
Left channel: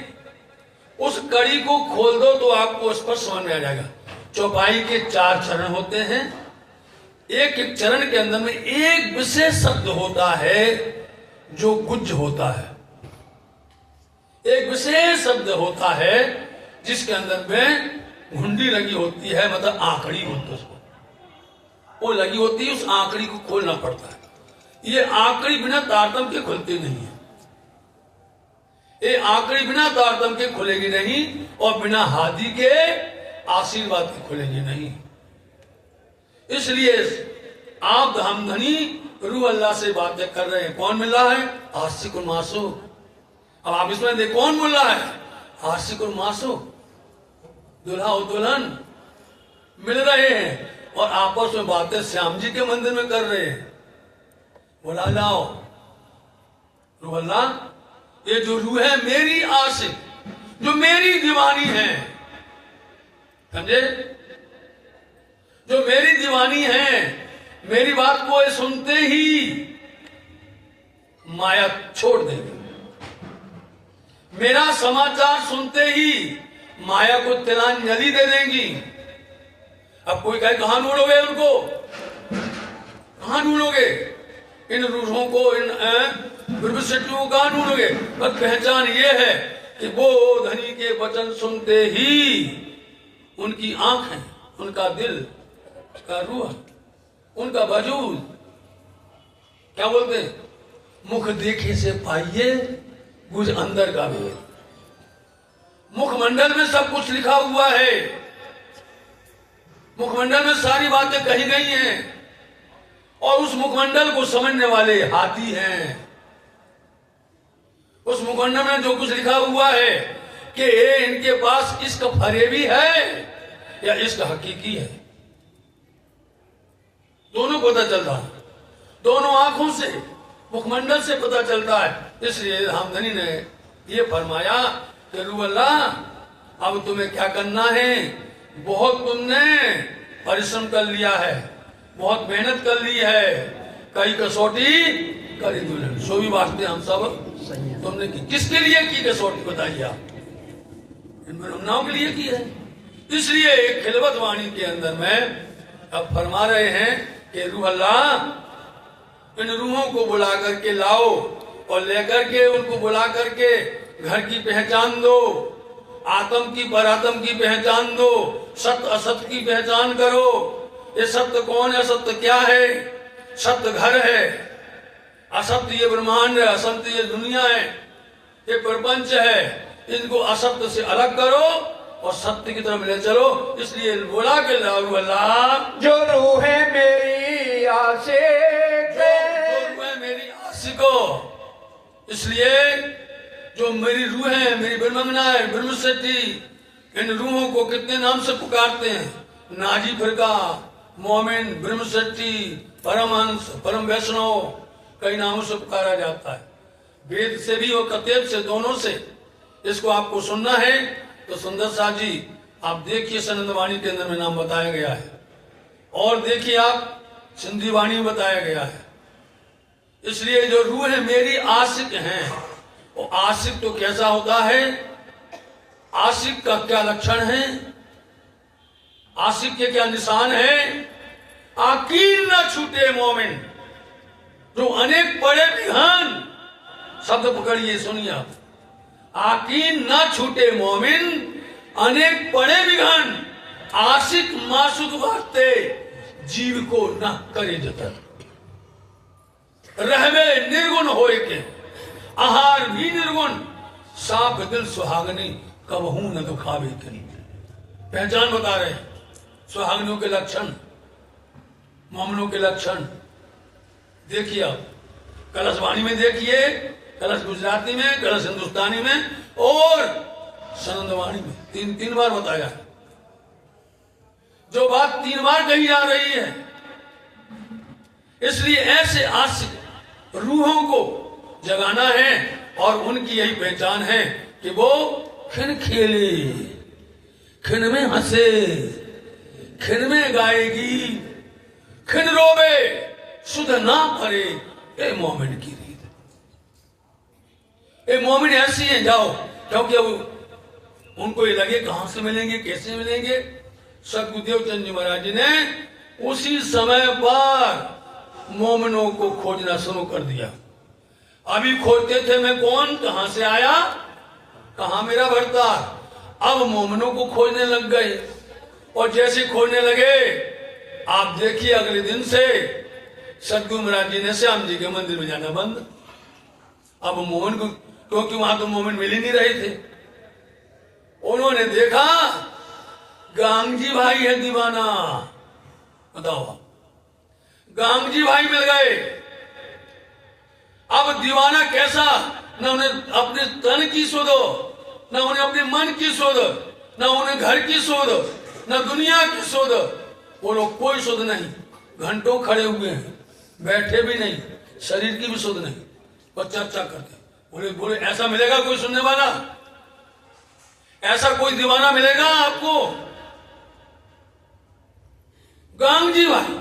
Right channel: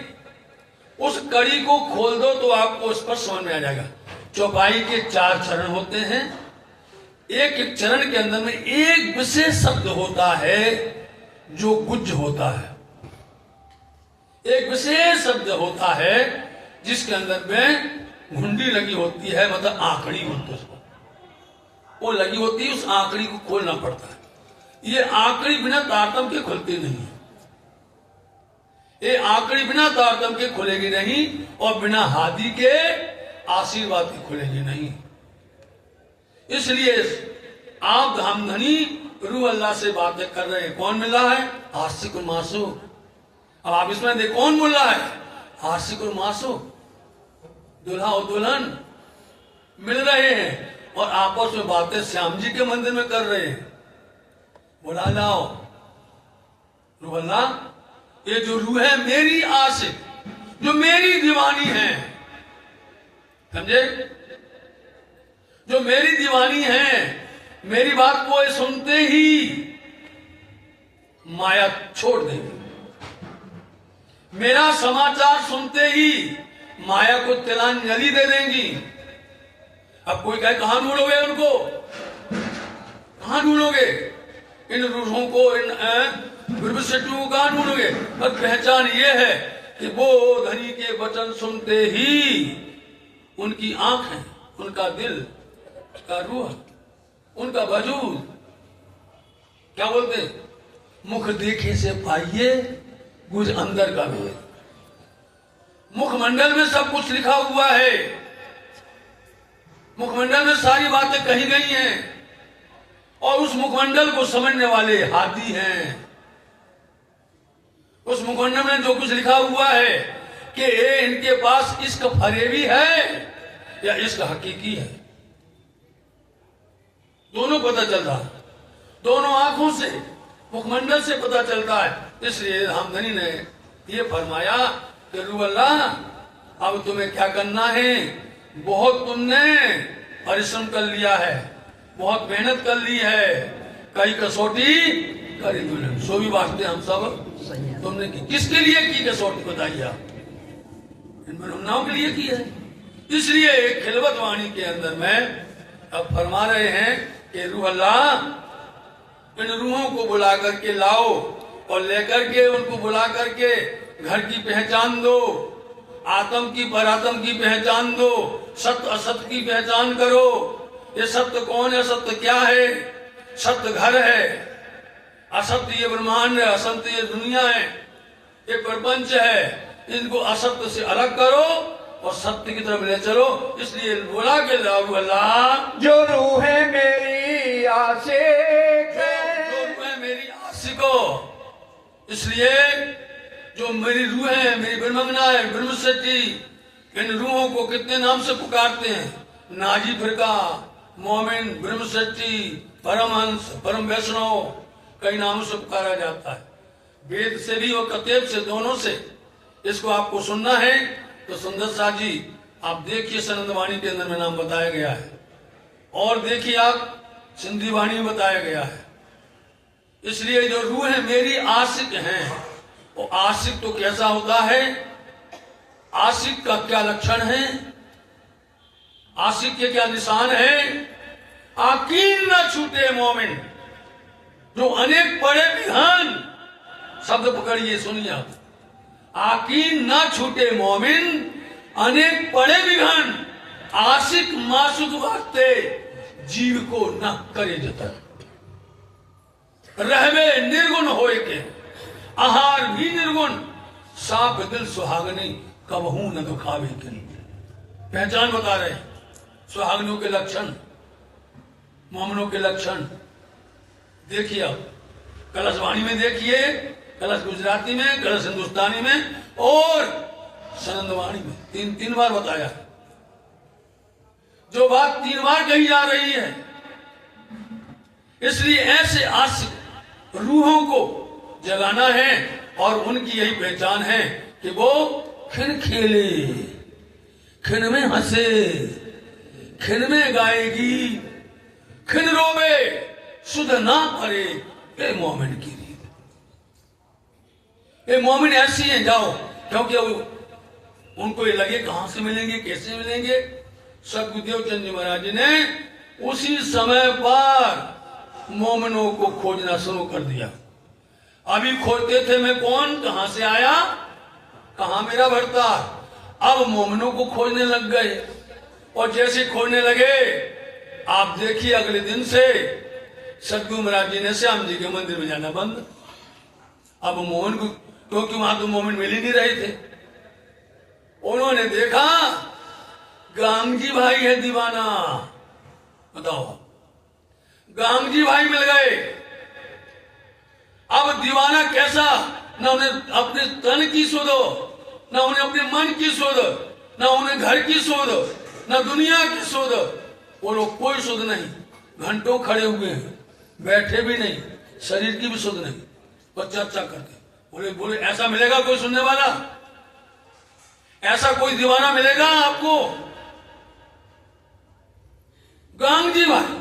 उस कड़ी को खोल दो तो आपको स्पष्ट समझ में आ जाएगा। चौपाई के 4 चरण होते हैं, एक एक चरण के अंदर में एक विशेष शब्द होता है जो गुज्ज होता है। एक विशेष शब्द होता है जिसके अंदर में घुंडी लगी होती है, मतलब आंकड़ी होती है, वो लगी होती है, उस आंकड़ी को खोलना पड़ता है। ये आंकड़ी बिना तारतम के खुलती नहीं है। ये आंकड़ी बिना तारतम के खुलेगी नहीं, और बिना हाथी के आशीर्वाद की खुलेगी नहीं। इसलिए आप धामधनी रूह अल्लाह से बातें कर रहे हैं। कौन मिल रहा है? आशिक और मासू। अब आप इसमें देख कौन मिल रहा है? आशिक और मासू, दुल्हा और दुल्हन मिल रहे हैं और आपस में बातें श्याम जी के मंदिर में कर रहे हैं। बुला लाओ रूह अल्लाह, ये जो रूह है मेरी आशिक, जो मेरी दीवानी है, समझे, जो मेरी दीवानी है, मेरी बात को ये सुनते ही माया छोड़ देंगे, मेरा समाचार सुनते ही माया को तिलांजलि दे देंगी। अब कोई कहे कहां ढूंढोगे उनको, कहां ढूंढोगे इन रूहों को, इन विभूषियों को कहां ढूंढोगे? बस पहचान ये है कि वो धनी के वचन सुनते ही उनकी आंखें, उनका दिल, का रूह, उनका वजूद, क्या बोलते, मुख देखे से पाइए कुछ अंदर का भी। मुखमंडल में सब कुछ लिखा हुआ है, मुखमंडल में सारी बातें कही गई हैं, और उस मुखमंडल को समझने वाले हाथी हैं। उस मुखमंडल में जो कुछ लिखा हुआ है कि इनके पास इश्क फरेबी है या इश्क हकीकी है, दोनों पता चलता है, दोनों आंखों से, मुखमंडल से पता चलता है। इसलिए रामधनी ने ये फरमाया कि रू अल्लाह, अब तुम्हें क्या करना है, बहुत तुमने परिश्रम कर लिया है, बहुत मेहनत कर ली है, कई कसौटी करी दुल्हन, सो भी वास्ते हम सब तुमने की। किसके लिए की कसौटी बताइए आप? इन ब्रह्मणाओं के लिए की है। इसलिए एक खिलवत वाणी के अंदर में अब फरमा रहे हैं कि रूह अल्लाह, इन रूहों को बुला करके लाओ और लेकर के उनको बुला करके घर की पहचान दो, आत्म की परात्म की पहचान दो, सत्य असत्य की पहचान करो। ये सत्य कौन है, सत्य क्या है? सत्य घर है, असत्य ये ब्रह्मांड है, असत्य ये दुनिया है, ये प्रपंच है। इनको असत्य से अलग करो और सत्य की तरफ ले चलो। इसलिए बोला के लाओ अल्लाह, जो रूह है मेरी आशिक, जो रूह है मेरी आशिको। इसलिए जो मेरी रूह है, मेरी ब्रह्मंगना है, ब्रह्मशक्ति, इन रूहों को कितने नाम से पुकारते हैं? नाजी फिरका, मोमिन, ब्रह्मशक्ति, परमहंस, परम वैष्णव, कई नामों से पुकारा जाता है। वेद से भी और कतेब से, दोनों से। इसको आपको सुनना है तो सुंदर साह जी आप देखिए, सनंद वाणी के अंदर में नाम बताया गया है, और देखिए आप सिंधी वाणी में बताया गया है। इसलिए जो रूह है मेरी आशिक हैं, वो आशिक तो कैसा होता है, आशिक का क्या लक्षण है, आशिक के क्या निशान है? आकीन न छूटे मोमिन, जो अनेक पढ़े विहान, शब्द पकड़िए सुनिए आप, आकीन न छूटे मोमिन, अनेक पढ़े विघन, आशिक मासुक वास्ते जीव को न करे जतन, रहवे निर्गुण होए के, आहार भी निर्गुण, साफ दिल सुहागनी, कबहू न दुखावे के। पहचान बता रहे सुहागनों के लक्षण, मोमनों के लक्षण। देखिए आप कलशवाणी में देखिए, कलश गुजराती में, कलश हिंदुस्तानी में और सनंदवाणी में, तीन बार बताया। जो बात 3 बार कही जा रही है, इसलिए ऐसे आशिक रूहों को जगाना है, और उनकी यही पहचान है कि वो खिन खेले, खिन में हंसे, खिन में गाएगी, खिन रोवे, सुध ना पड़े, ए मोमिन की रीत। ए मोमिन ऐसी है, जाओ, क्योंकि उनको ये लगे कहां से मिलेंगे, कैसे मिलेंगे। सदगुरुदेव चंद जी महाराज जी ने उसी समय पर मोमिनों को खोजना शुरू कर दिया। अभी खोजते थे मैं कौन, कहां से आया, कहां मेरा भरता। अब मोमिनों को खोजने लग गए, और जैसे खोजने लगे आप देखिए अगले दिन से सदगुरु महाराज जी ने श्याम जी के मंदिर में जाना बंद। अब मोमिन को, क्योंकि वहां तो मोमिन मिल ही नहीं रहे थे। उन्होंने देखा गांगजी भाई है दीवाना, बताओ, गांगजी भाई मिल गए। अब दीवाना कैसा, न उन्हें अपने तन की सुध, न उन्हें अपने मन की सुध, न उन्हें घर की सुध, न दुनिया की सुध। वो लोग कोई सुध नहीं, घंटों खड़े हुए हैं, बैठे भी नहीं, शरीर की भी सुध नहीं, और चर्चा करते। बोले ऐसा मिलेगा कोई सुनने वाला, ऐसा कोई दीवाना मिलेगा आपको? गांगजी भाई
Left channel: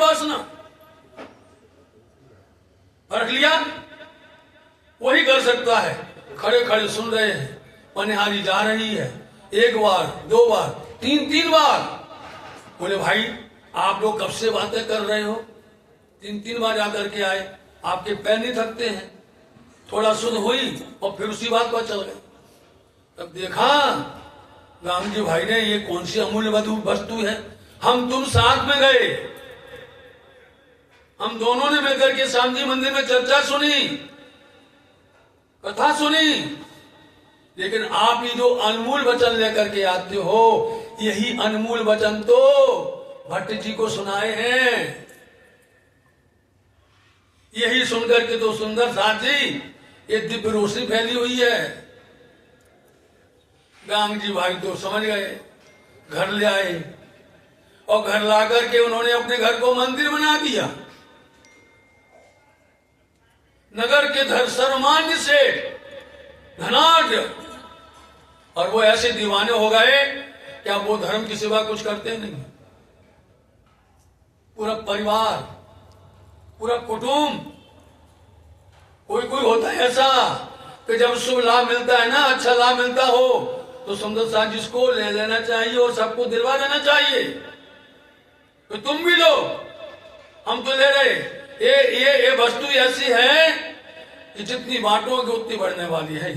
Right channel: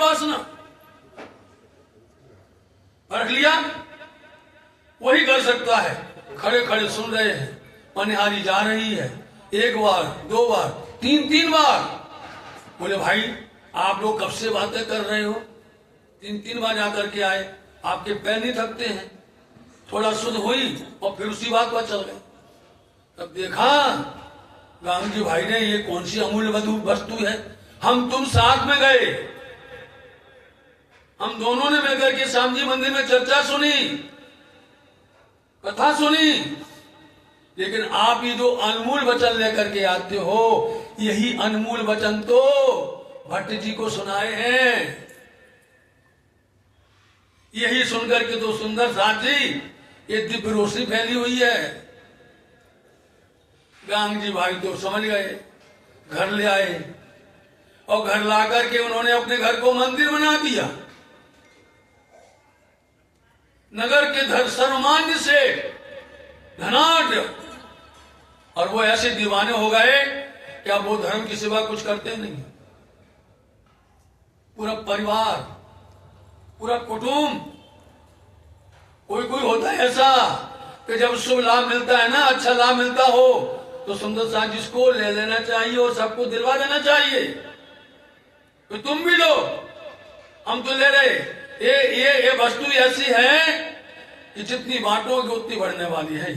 वासना रख लिया, वही कर सकता है। खड़े खड़े सुन रहे हैं, पनिहारी जा रही है, 1 बार 2 बार 3 बार। बोले भाई आप लोग कब से बातें कर रहे हो, 3 बार जाकर के आए, आपके पैर नहीं थकते हैं? थोड़ा सुध हुई और फिर उसी बात पर चल गए। तब देखा राम जी भाई ने, ये कौन सी अमूल्य वस्तु है। हम तुम साथ में गए, हम दोनों ने मिलकर के श्याम जी मंदिर में चर्चा सुनी, कथा सुनी, लेकिन आप ही जो अनमोल वचन लेकर के आते हो, यही अनमोल वचन तो भट्ट जी को सुनाए हैं। यही सुनकर के तो सुंदर साथी ये दिव्य रोशनी फैली हुई है। गांग जी भाई तो समझ गए, घर ले आए और घर ला करके उन्होंने अपने घर को मंदिर बना दिया। नगर के धर सर्वमान्य से धनाढ्य, और वो ऐसे दीवाने हो गए कि अब वो धर्म की सेवा कुछ करते नहीं। पूरा परिवार, पूरा कुटुंब, कोई होता है ऐसा कि जब शुभ लाभ मिलता है ना, अच्छा लाभ मिलता हो, तो सुंदर साथ जिसको ले लेना चाहिए और सबको दिलवा देना चाहिए। तो तुम भी लो, हम तो ले रहे। ये वस्तु ऐसी है कि जितनी बांटोगे उतनी बढ़ने वाली है,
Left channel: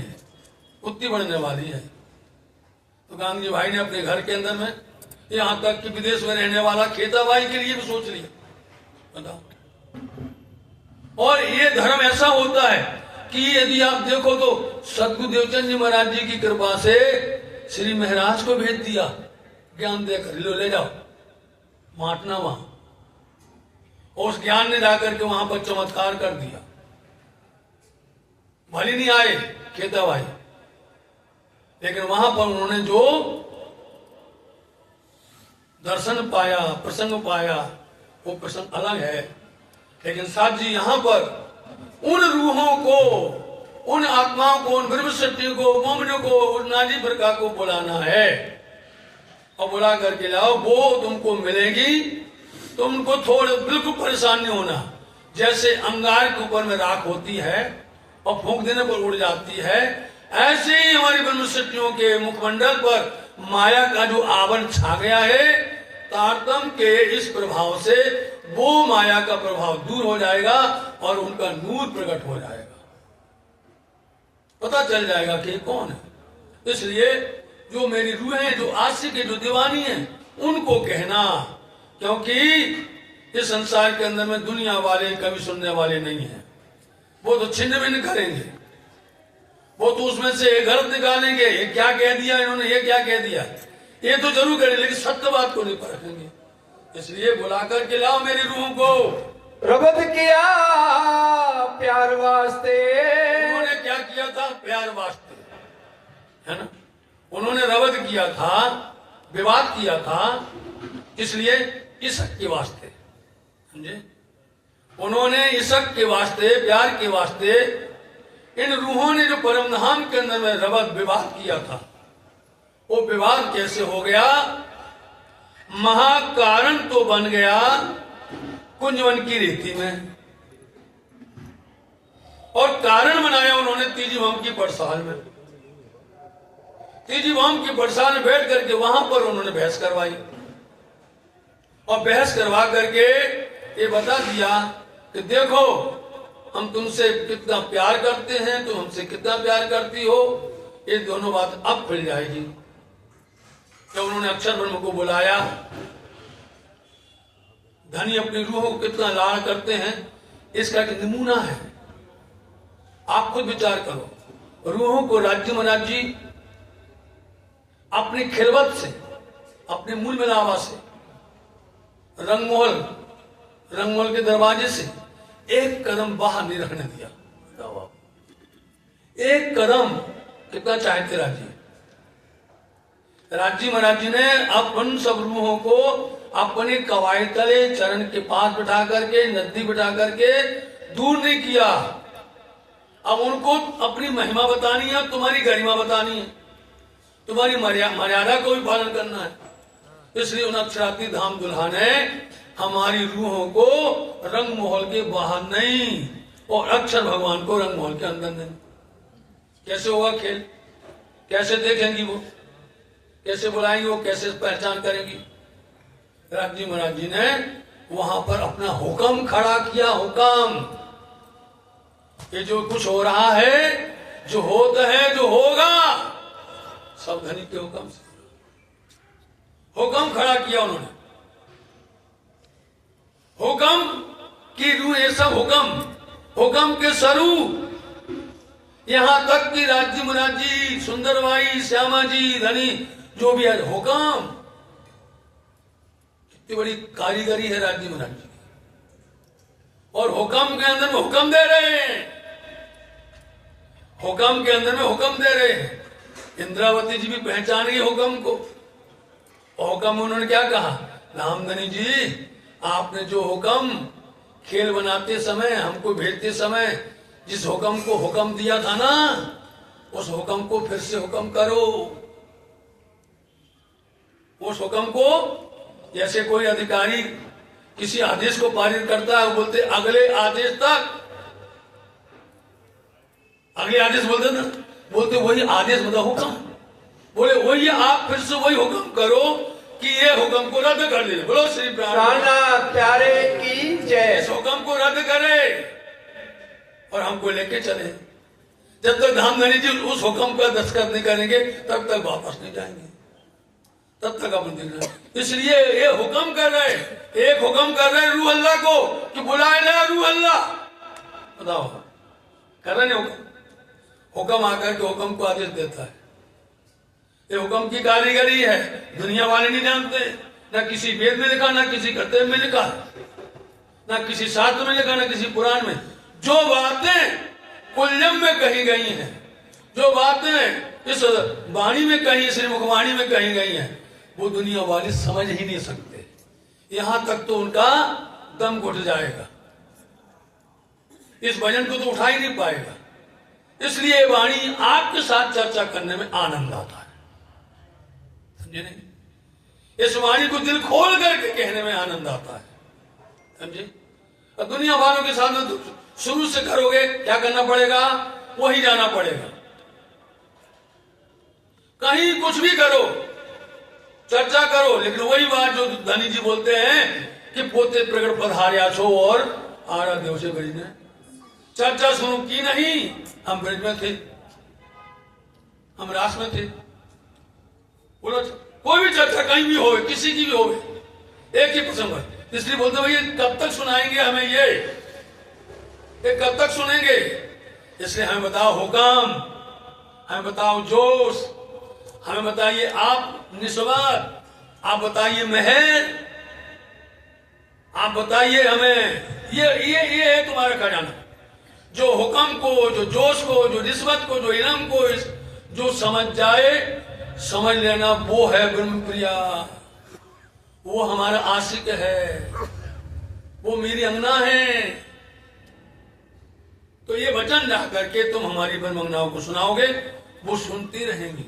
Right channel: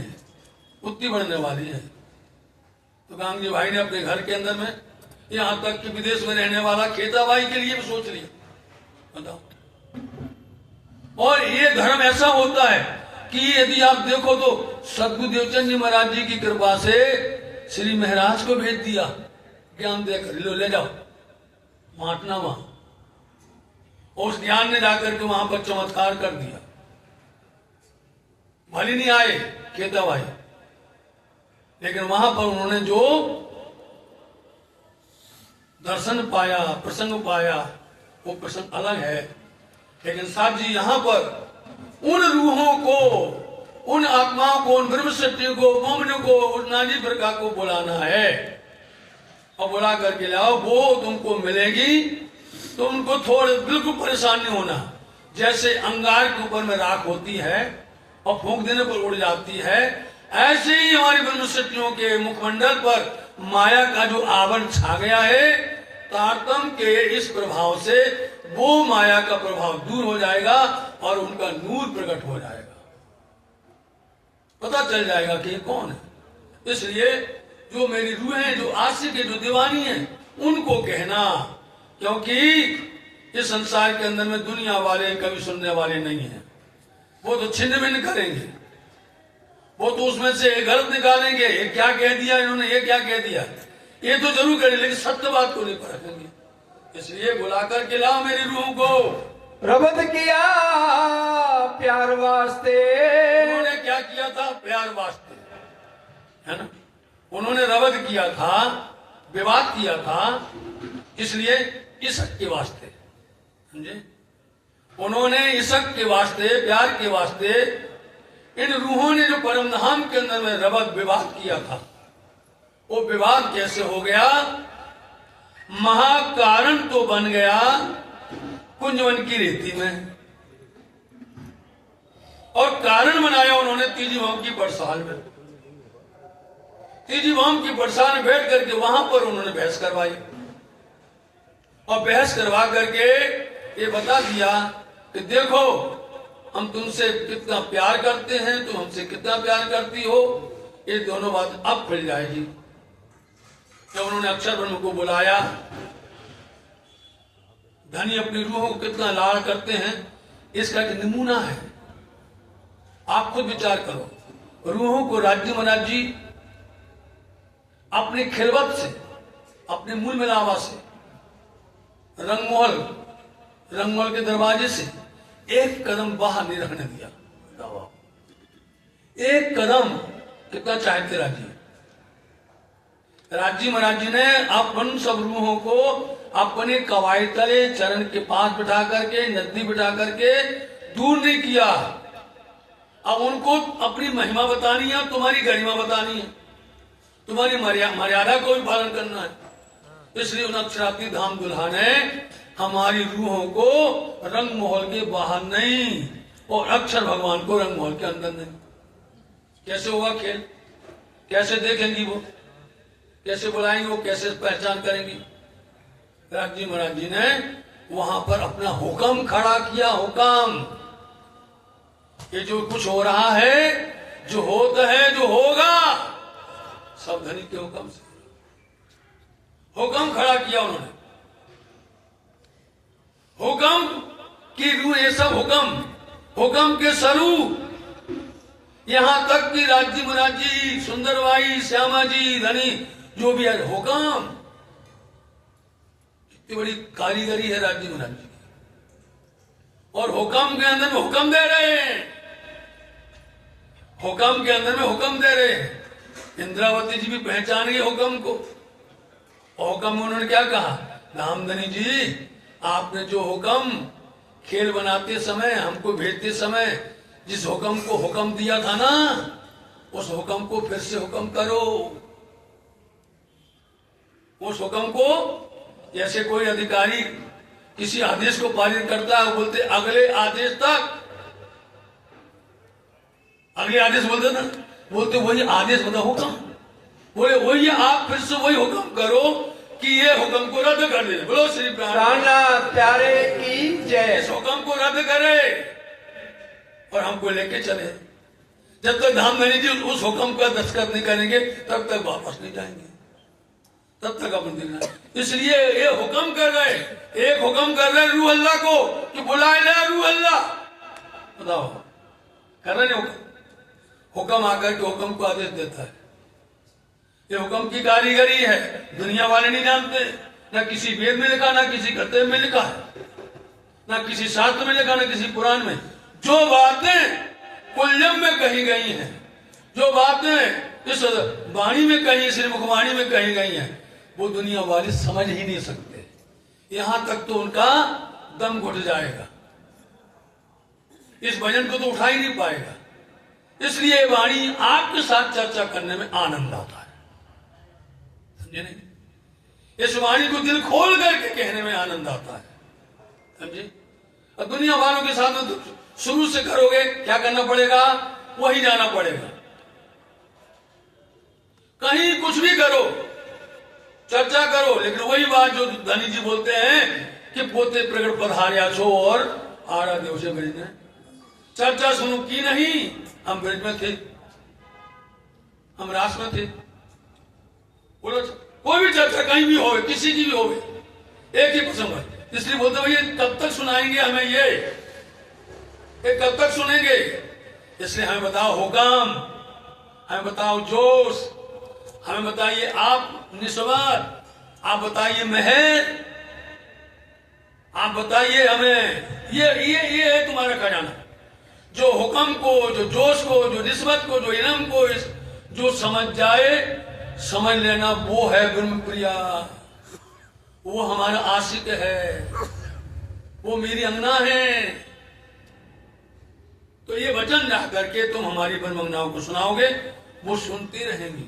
उतनी बढ़ने वाली है। तो गांधी जी भाई ने अपने घर के अंदर में, यहां तक कि विदेश में रहने वाला खेताबाई के लिए भी सोच लिया। बताओ, और ये धर्म ऐसा होता है कि यदि आप देखो तो सदगुरु देवचंद जी महाराज जी की कृपा से श्री महाराज को भेज दिया, ज्ञान देकर लो ले जाओ माटना वहां, और उस ज्ञान ने जाकर के वहां पर चमत्कार कर दिया। भले नहीं आए खेताबाई, लेकिन वहां पर उन्होंने जो दर्शन पाया, प्रसंग पाया, वो प्रसंग अलग है। लेकिन साहब जी यहां पर उन रूहों को, उन आत्माओं को, उन ब्रह्म सत्य को, मोमन को, उस नाजी प्रका को बुलाना है और बुला करके लाओ। वो तुमको मिलेगी, तो उनको थोड़े बिल्कुल परेशान नहीं होना। जैसे अंगार के ऊपर में राख होती है और फूंक देने पर उड़ जाती है, ऐसे ही हमारे ब्रह्म सत्यों के मुखमंडल पर माया का जो आवरण छा गया है, तारतम के इस प्रभाव से वो माया का प्रभाव दूर हो जाएगा और उनका नूर प्रकट हो जाएगा, पता चल जाएगा कि कौन है। इसलिए जो मेरी रूहें, जो आशिक है, जो दीवानी है, उनको कहना, क्योंकि इस संसार के अंदर में दुनिया वाले कभी सुनने वाले नहीं है। वो तो छिन्न भिन्न करेंगे, वो तो उसमें से गलत निकालेंगे, ये क्या कह दिया इन्होंने, ये क्या कह दिया, ये तो जरूर करें, लेकिन सत्य बात को नहीं परखेंगे। इसलिए बुला करके लाओ मेरी रूह को। रबद किया प्यार वास्ते, उन्होंने क्या किया था? प्यार वास्ते, है ना। उन्होंने रबद किया था, विवाद किया था, इसलिए इश्क के वास्ते, समझे। उन्होंने इश्क के वास्ते, प्यार के वास्ते, इन रूहों ने जो परम धाम के अंदर में रबद विवाद किया था, वो विवाद कैसे हो गया? महाकारण तो बन गया कुंजवन की रेती में, और कारण बनाया उन्होंने तीजी वाम की बरसाल में। तीजी वाम की बरसाल में बैठ करके वहां पर उन्होंने बहस करवाई, और बहस करवा करके ये बता दिया कि देखो हम तुमसे कितना प्यार करते हैं, तुम हमसे कितना प्यार करती हो। ये दोनों बात अब खुल जाएगी। जब उन्होंने अक्षर ब्रह्म को बुलाया, धनी अपनी रूहों को कितना लाड़ करते हैं, इसका एक नमूना है। आप खुद विचार करो। रूहों को राज्य महाराज जी अपनी खिलवत से, अपने मूल मिलावा से, रंगमहल के दरवाजे से एक कदम बाहर नहीं रखने दिया। एक कदम कितना चाहते राज्य महाराज जी ने अपन सब रूहों को अपने कवाई तले, चरण के पास बिठा करके, नजदीक बिठा करके दूर नहीं किया। अब उनको अपनी महिमा बतानी है, तुम्हारी गरिमा बतानी है, तुम्हारी मर्यादा को भी पालन करना है। इसलिए उन अक्षराती धाम दुल्हा ने हमारी रूहों को रंग महल के बाहर नहीं और अक्षर भगवान को रंग महल के अंदर नहीं। कैसे होगा खेल? कैसे देखेंगी वो? कैसे बुलाएंगे वो? कैसे पहचान करेंगी? राज जी महाराज जी ने वहां पर अपना हुक्म खड़ा किया। हुक्म, ये जो कुछ हो रहा है, जो होता है, जो होगा, सब धनी के हुक्म से। हुक्म खड़ा किया उन्होंने। हुक्म की रूह, ये सब हुक्म के स्वरूप। यहां तक कि राज्य महाराज जी, सुंदरबाई, श्यामा जी, धनी जो भी है, हुक्म। इतनी बड़ी कारीगरी है राज्य महाराज जी। और हुक्म के अंदर में हुक्म दे रहे हैं। हुक्म के अंदर में हुक्म दे रहे हैं। इंद्रावती जी भी पहचान गई हुक्म को। हुक्म उन्होंने क्या कहा? रामधनी जी, आपने जो हुक्म खेल बनाते समय, हमको भेजते समय जिस हुक्म को हुक्म दिया था ना, उस हुक्म को फिर से हुक्म करो। उस हुक्म को, जैसे कोई अधिकारी किसी आदेश को पारित करता है, बोलते अगले आदेश तक, अगले आदेश बोलते ना, बोलते वही आदेश मतलब हुक्म। बोले वही आप फिर से वही हुक्म करो कि ये हुक्म को रद्द कर दे। बोलो श्री कान्हा प्यारे की जय। इस हुक्म को रद्द करे और हमको लेके चले। जब तक धामधनी जी उस हुक्म का दस्तखत नहीं करेंगे तब तक वापस नहीं जाएंगे, तब तक अपन दिन। इसलिए ये हुक्म कर रहे, एक हुक्म कर रहे रूह अल्लाह को कि बुलाए ले रूह अल्लाह। बताओ, कर रहे हुक्म। हुक्म आकर के हुक्म को आदेश देता है। ये हुक्म की कारीगरी है, दुनिया वाले नहीं जानते। न किसी वेद में लिखा, न किसी कर्तव्य में लिखा, न किसी शास्त्र में लिखा, न किसी पुराण में। जो बातें कुल्लम में कही गई हैं, जो बातें इस वाणी में कही, इस मुखवाणी में कही गई हैं, वो दुनिया वाले समझ ही नहीं सकते। यहां तक तो उनका दम घुट जाएगा, इस भजन को तो उठा ही नहीं पाएगा। इसलिए वाणी आपके साथ चर्चा करने में आनंद आता है, समझे नहीं? इस वाणी को दिल खोल करके कहने में आनंद आता है, समझे? और दुनिया वालों के साथ शुरू से करोगे, क्या करना पड़ेगा? वही जाना पड़ेगा। कहीं कुछ भी करो, चर्चा करो, लेकिन वही बात जो धनी जी बोलते हैं कि पोते प्रकट पधार्या छो और आरा देव से ब्रिज में। चर्चा शुरू की नहीं, हम ब्रिज में थे, हम रास में थे। बोलो, कोई भी चर्चा कहीं भी हो, किसी की भी हो, एक ही प्रसंग है। इसलिए बोलते भैया कब तक सुनाएंगे हमें ये कब तक सुनेंगे? इसलिए हमें बताओ हुक्म, हमें बताओ जोश, हमें बताइए आप निस्वार्थ, आप बताइए मेहर, आप बताइए हमें ये है तुम्हारा खजाना। जो हुक्म को, जो जोश को, जो रिश्वत को, जो इनाम को जो समझ जाए, समझ लेना वो है ब्रह्म प्रिया, वो हमारा आशिक है, वो मेरी अंगना है। तो ये वचन जा करके तुम हमारी ब्रह्मंगनाओं को सुनाओगे, वो सुनती रहेंगी,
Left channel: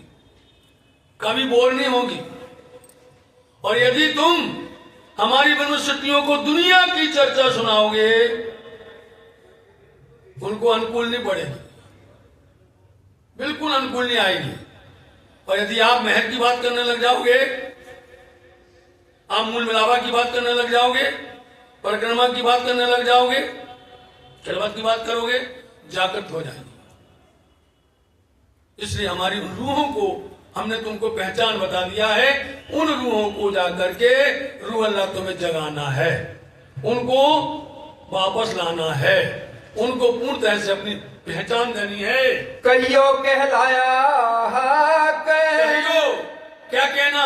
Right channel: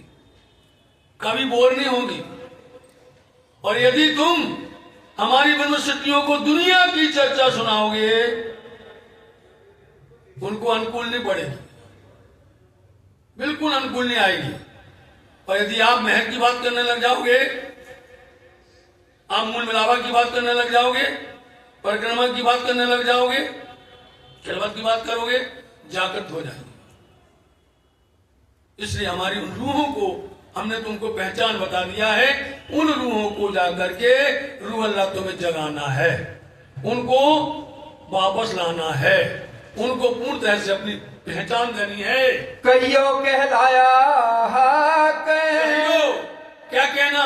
कभी बोर नहीं होगी। और यदि तुम हमारी ब्रह्मशक्तियों को दुनिया की चर्चा सुनाओगे, उनको अनुकूल नहीं पड़ेगी, बिल्कुल अनुकूल नहीं आएगी। और यदि आप महर की बात करने लग जाओगे, आप मूल मिलावा की बात करने लग जाओगे, परिक्रमा की बात करने लग जाओगे, खिलवत की बात करोगे, जागृत हो जाएंगे। इसलिए हमारी उन रूहों को हमने तुमको पहचान बता दिया है। उन रूहों को जाकर के रूह अल्लाह तुम्हें जगाना है, उनको वापस लाना है, उनको पूर्ण तरह से अपनी पहचान देनी है। कहियो कहलाया हक, कहियो, क्या कहना?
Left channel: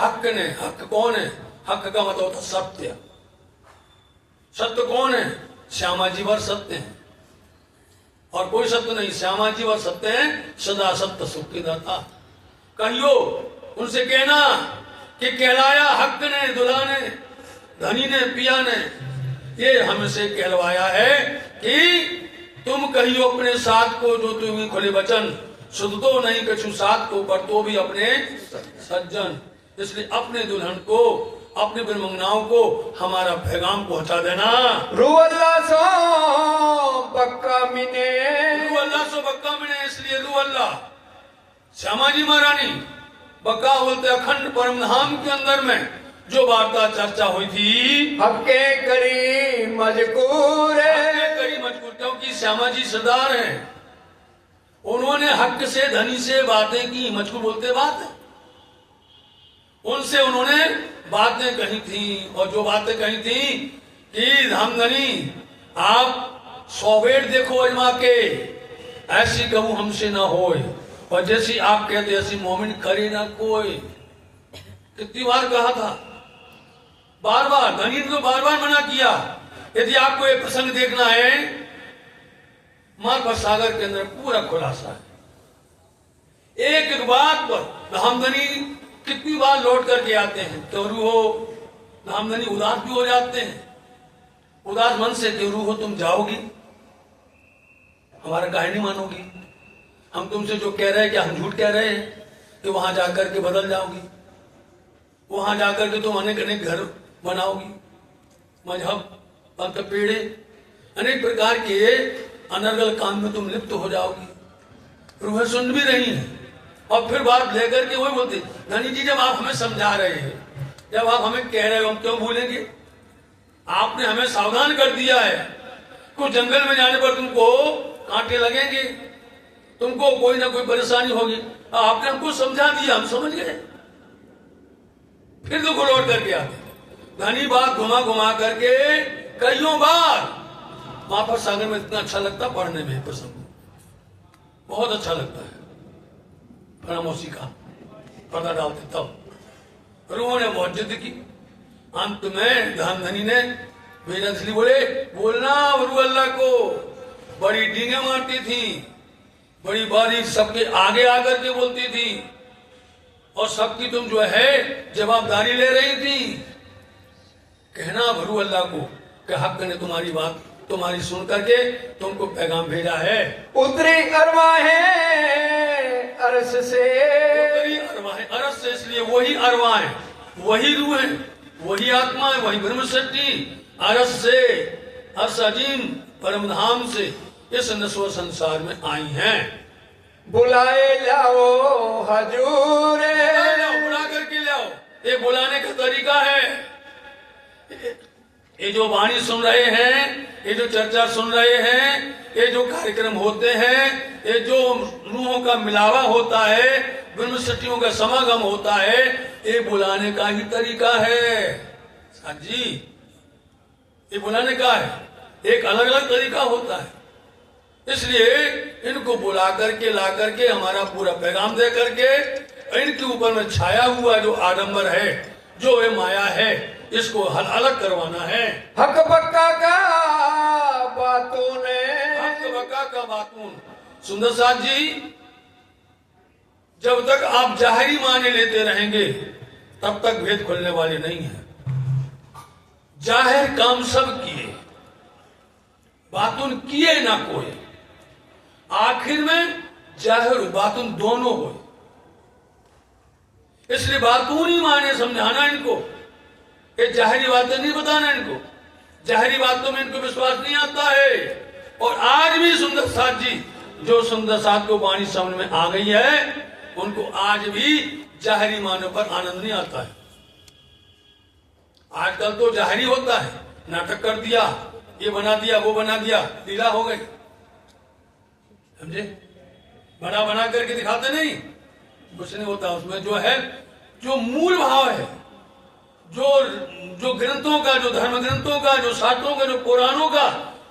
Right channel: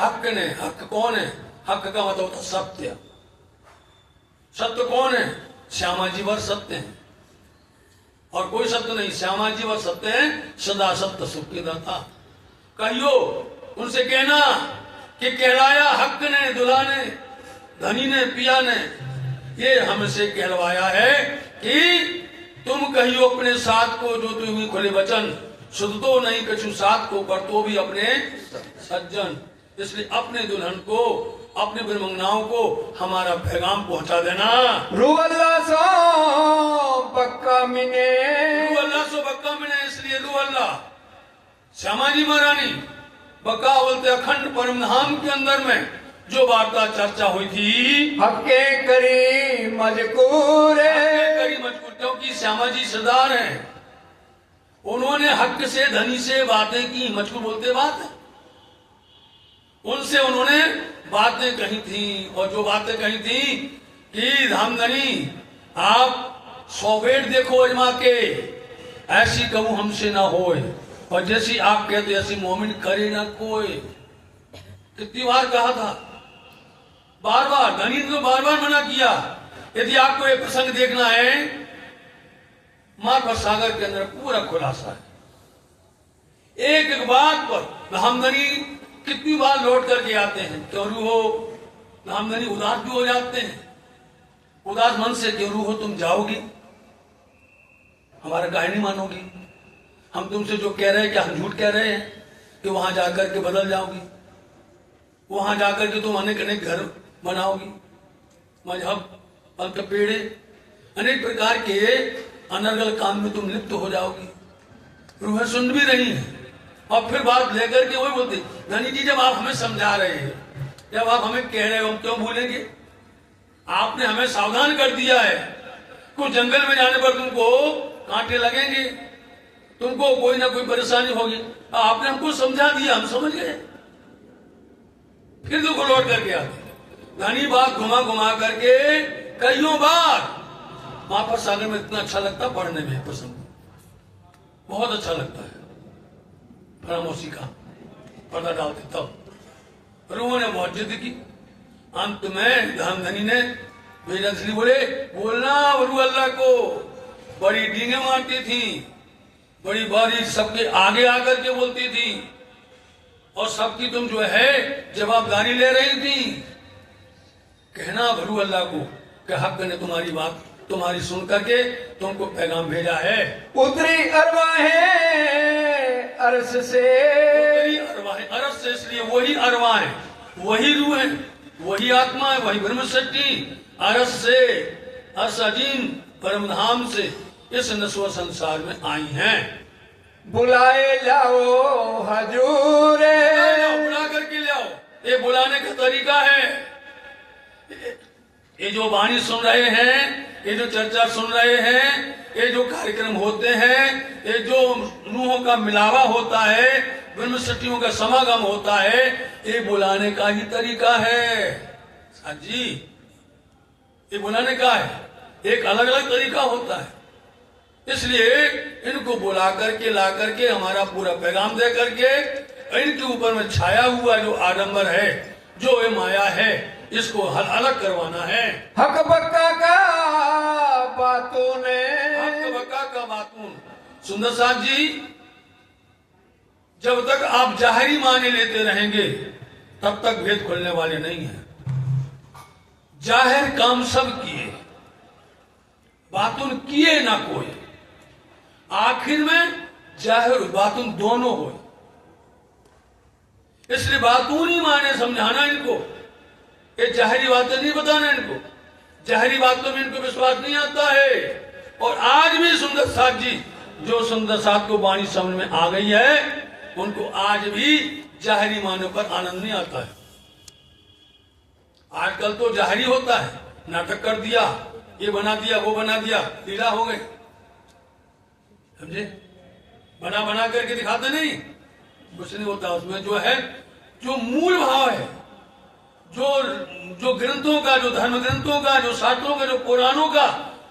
हक ने। हक कौन है? हक का मतलब होता सत्य। सत्य कौन है? श्यामा जी वर सत्य है, और कोई सत्य नहीं, श्यामा जी वर सत्य है, सदा सत्य सुख की दाता। कहियो, उनसे कहना कि कहलाया हक ने, दुल्हा ने, धनी ने, पिया ने, ये हमसे कहलवाया है कि तुम कहियो अपने साथ को, जो तुम्हें खुले वचन शुद्ध तो नहीं कछु साथ को, पर तो भी अपने सज्जन। इसलिए अपने दुल्हन को, अपने ब्रह्मंगनाओं को हमारा पैगाम पहुंचा देना। रू अल्लाह सो बक्का मिने, रू अल्लाह सो बक्का मिने, इसलिए रू अल्लाह श्यामा जी महारानी बक्का बोलते अखंड परम धाम के अंदर में जो वार्ता चर्चा हुई थी, हक्के करी मजकूर, क्योंकि श्यामा जी सरदार हैं, उन्होंने हक से धनी से बातें की, मजकूर बोलते बात है, उनसे उन्होंने बातें कही थी। और जो बातें कही थी कि धामधनी आप 100 बेट देखो अजमा के, ऐसी कबू हमसे ना होए, और जैसी आप कहते ऐसी मोमिन करे ना कोई। कितनी बार कहा था, बार बार धनी को बार बार मना किया। यदि आपको ये प्रसंग देखना है, महाप्रसाद सागर के अंदर पूरा खुलासा है। एक एक बात पर धामधनी कितनी बार लौट करके आते हैं। क्यों रू हो धामधनी उदास भी हो जाते हैं, उदास मन से क्यों रू हो तुम जाओगी, हमारा काहे नहीं मानोगी, हम तुमसे जो कह रहे हैं क्या हम झूठ कह रहे हैं कि वहां जाकर के बदल जाओगी, वहां जाकर के तुम अनेक अनेक घर बनाओगी, मजहब पंथ पेड़े अनेक प्रकार के अनर्गल काम में तुम लिप्त हो जाओगी। रूहें सुन भी रही हैं और फिर बात लेकर के वही बोलती, धनी जी जब आप हमें समझा रहे हैं, जब आप हमें कह रहे हो, हम क्यों भूलेंगे, आपने हमें सावधान कर दिया है, कुछ जंगल में जाने पर तुमको कांटे लगेंगे, तुमको कोई ना कोई परेशानी होगी, आपने हमको समझा दिया, हम समझ गए, फिर तुमको लौट करके आते। धनी बात घुमा घुमा करके कईयों बार वहां पर सागर में इतना अच्छा लगता, पढ़ने में पसंद बहुत अच्छा लगता है, खामोशी का पता डालते तब रूह ने बहुत जिद की। अंत में धामधनी ने बेनजली बोलना रू अल्लाह को बड़ी डींगे मारती थी, बड़ी बारी सबके आगे आकर के बोलती थी, और सबकी तुम जो है जवाबदारी ले रही थी। कहना भरू अल्लाह को कि हक ने तुम्हारी बात तुम्हारी सुन करके तुमको पैगाम भेजा है। उतरी अरवाहें अरस से, अरस से इसलिए वही अरवाहें, वही रूह है, वही आत्मा है, वही ब्रह्म शक्ति अरस से, अर्श अजीम परम धाम से इस नस्व संसार में आई हैं। बुलाए लाओ हजूर, बुला करके लाओ, ये बुलाने का तरीका है। ये जो वाणी सुन रहे हैं, ये जो चर्चा सुन रहे हैं, ये जो कार्यक्रम होते हैं, ये जो रूहों का मिलावा होता है, ब्रह्म शक्तियों का समागम होता है, ये बुलाने का ही तरीका है। हाँ जी, ये बुलाने का है, एक अलग अलग तरीका होता है। इसलिए इनको बुला करके ला करके हमारा पूरा पैगाम दे करके इनके ऊपर में छाया हुआ जो आडंबर है, जो ये माया है, इसको अलग करवाना है। हक बक्का का बातों ने, हक बक्का का बातून। सुंदर साथ जी, जब तक आप जाहिरी माने लेते रहेंगे तब तक भेद खोलने वाले नहीं है। जाहिर काम सब किए, बातून किए ना कोई, आखिर में जाहिर बातून दोनों हो। इसलिए बातून ही माने समझाना इनको, ये जाहिरी बातें नहीं बताना इनको, जाहिरी बातों में इनको विश्वास नहीं आता है। और आज भी सुंदर साथ जी, जो सुंदर साथ को वाणी समझ में आ गई है, उनको आज भी जाहिरी मानों पर आनंद नहीं आता है। आजकल तो जाहिरी होता है, नाटक कर दिया, ये बना दिया, वो बना दिया, लीला हो गई, समझे, बना बना करके दिखाते नहीं, कुछ नहीं होता उसमें। जो है, जो मूल भाव है, जो ग्रंथों का, जो धर्म ग्रंथों का, जो शास्त्रों का, जो पुराणों का,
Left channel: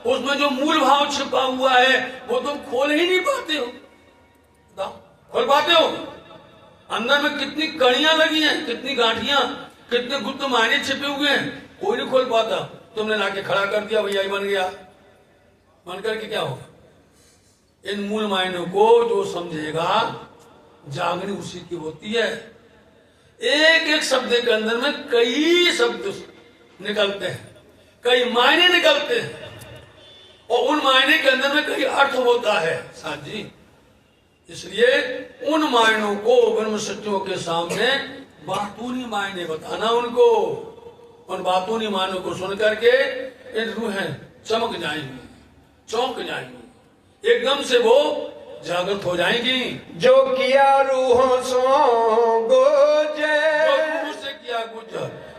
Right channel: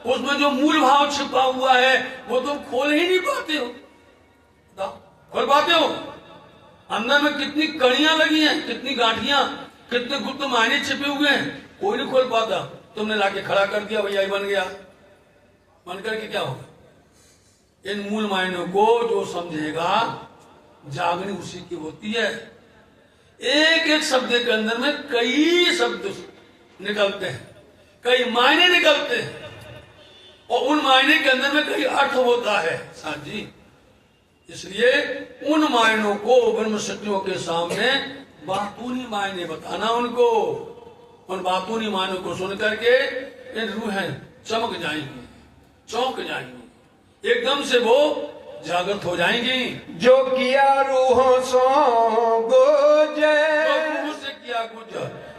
उसमें जो मूल भाव छिपा हुआ है वो तुम खोल ही नहीं पाते हो। खोल पाते हो? अंदर में कितनी कड़ियां लगी हैं, कितनी गांठियां, कितने गुप्त मायने छिपे हुए हैं, कोई नहीं खोल पाता। तुमने लाके खड़ा कर दिया, भैया ही बन गया, मन करके क्या होगा? इन मूल मायनों को जो समझेगा, जागनी उसी की होती है। एक एक शब्द के अंदर में कई शब्द निकलते हैं, कई मायने निकलते हैं, और उन मायने के अंदर में कई अर्थ होता है साथ जी। इसलिए उन मायनों को ब्रह्म शक्तियों के सामने बातूनी मायने बताना उनको, उन बातूनी मानों को सुन करके इन रूहें चमक जाएंगी, चौंक जाएंगी, एकदम से वो जागृत हो जाएंगी। जो किया रूहों सो गुजे, रूहों से किया गुज,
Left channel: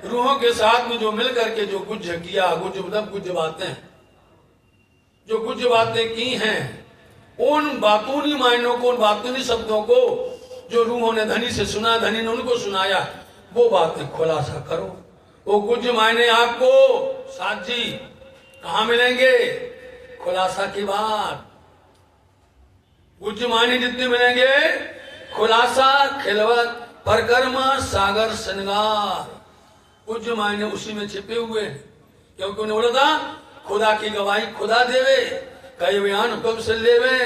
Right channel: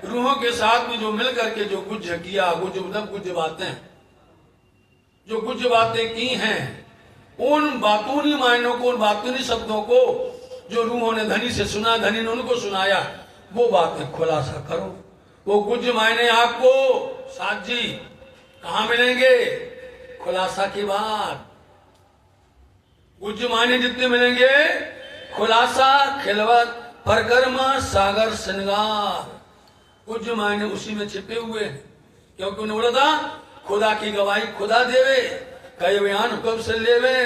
रूहों के साथ में जो मिल करके जो गुज किया, गुज मतलब गुज बातें, जो गुज बातें की हैं, उन बातूनी मायनों को, उन बातूनी शब्दों को जो रूहों ने धनी से सुना, धनी ने उनको सुनाया, वो बातें खुलासा करो। वो गुज मायने आपको साथ जी कहाँ मिलेंगे? खुलासा की बात। गुज मायने जितने मिलेंगे, खुलासा, खिलवत, परकर्मा, सागर, श्रृंगार, गुज मायने उसी में छिपे हुए हैं। क्योंकि उन्हें बोला था खुदा की गवाही खुदा देवे, कई बयान हुक्म से लेवे,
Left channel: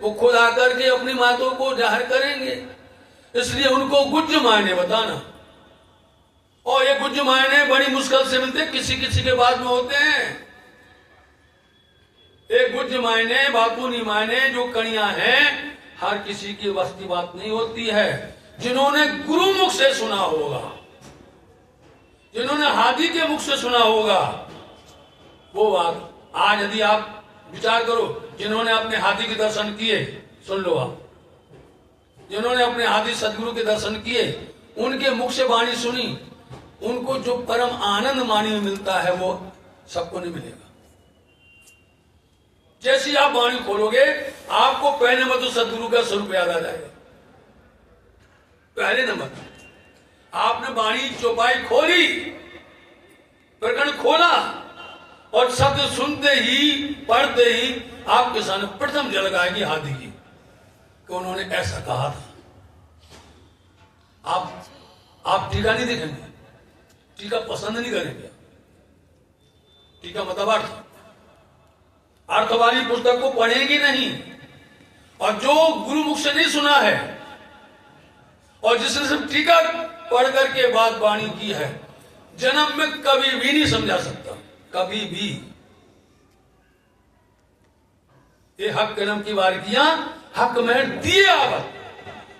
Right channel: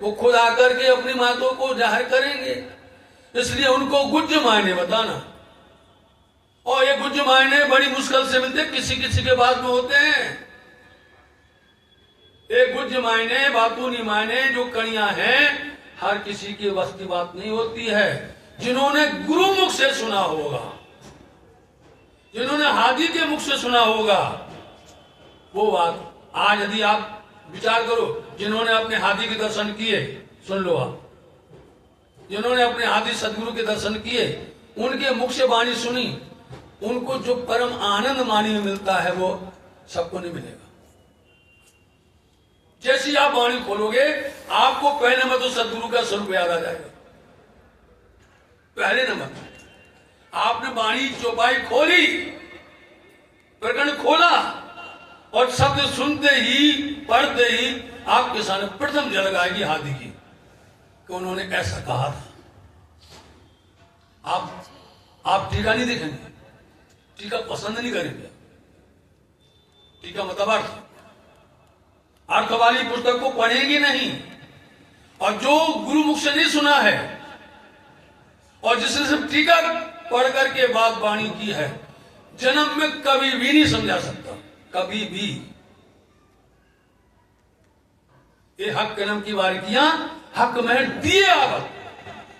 वो खुद आकर के अपनी बातों को जाहिर करेंगे। इसलिए उनको गुज मायने बताना। और ये गुज मायने बड़ी मुश्किल से मिलते, किसी किसी के बाद में होते हैं। ये गुज मायने, बातूनी मायने जो कणियां हैं, हर किसी की बस की बात नहीं होती है। जिन्होंने गुरु मुख से सुना होगा, जिन्होंने हादी के मुख से सुना होगा, वो बात आज यदि आप विचार करो, जिन्होंने अपने हादी के दर्शन किए, सुन लो आप, जिन्होंने अपने हादी सदगुरु के दर्शन किए, उनके मुख से वाणी सुनी, उनको जो परम आनंद वाणी में मिलता है वो सबको नहीं मिलेगा। जैसी आप वाणी खोलोगे, आपको पहले में तो सदगुरु का स्वरूप याद आ जाएगा। पहले नंबर आपने वाणी चौपाई खोली, प्रकरण खोला, और शब्द सुनते ही, पढ़ते ही आपके सामने प्रथम झलक आएगी हादी की कि उन्होंने ऐसा कहा था। आप टीका नहीं देखेंगे, टीका पसंद नहीं करेंगे। टीका मतलब अर्थ वाली पुस्तक को पढ़ेंगे नहीं। और जो गुरु मुख से नहीं सुना है और जिसने सिर्फ टीका पढ़ करके बात वाणी की है, जन्म में कभी भी नहीं समझा सकता, कभी भी। ये हक कलम की बारीकियां हक में दिए आवत,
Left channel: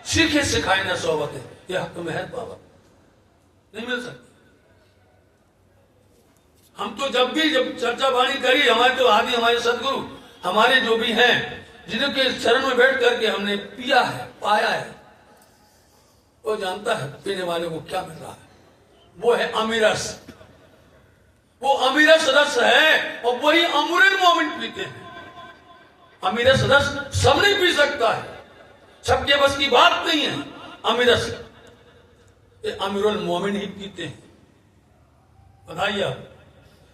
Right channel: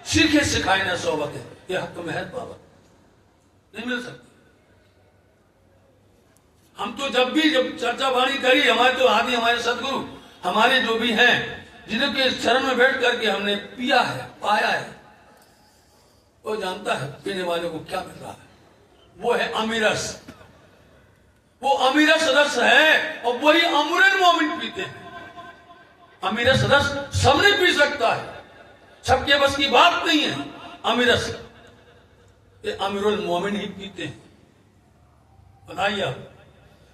सीखे सिखाए न सोवत है, ये हक में है पावत, नहीं मिल सकती। हम तो जब भी चर्चा वाणी करी, हमारे तो आदि, हमारे सदगुरु, हमारे जो भी हैं, जिनके चरण में बैठ करके हमने पिया है, पाया है, वो जानता है पीने वाले को क्या मिल रहा है। वो है अमीरस, वो अमीरस रस है, और वही अमूरन मोमिन पीते हैं। अमीरस रस सब नहीं पी सकता है, सबके बस की बात नहीं है। अमीरस ये अमीरुल मोमिन ही पीते हैं। बताइए आप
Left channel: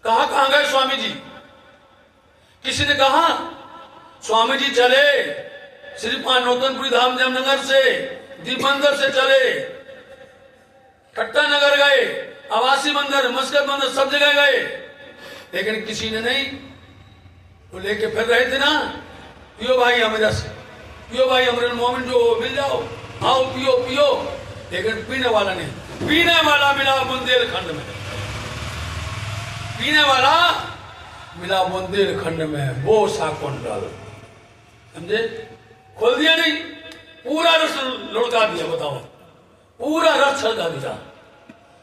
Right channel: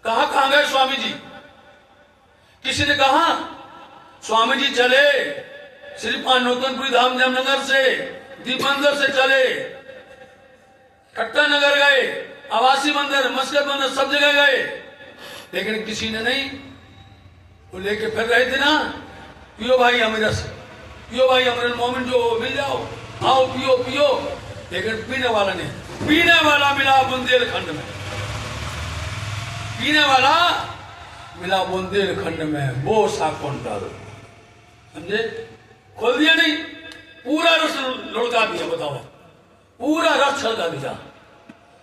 कहां गए स्वामी जी? किसी ने कहा स्वामी जी चले श्री नौतनपुरी धाम जमनगर से, दीपंदर से चले, कट्टा नगर गए, आवासी मंदिर, मस्कत मंदिर, सब जगह गए, लेकिन किसी ने नहीं। वो लेके फिर रहे थे ना, पियो भाई अमरस, पियो भाई अमरुल मोमिन जो मिल जाओ, आओ पियो पियो, लेकिन पीने वाला नहीं। पीने वाला मिला बुंदेलखंड में, पीने वाला मिला बुंदेलखंड में, वो साकोन डालो, समझे? खोल दिया नहीं, पूरा रस लुढ़का दिया। बताओ, पूरा रस छलका दिया।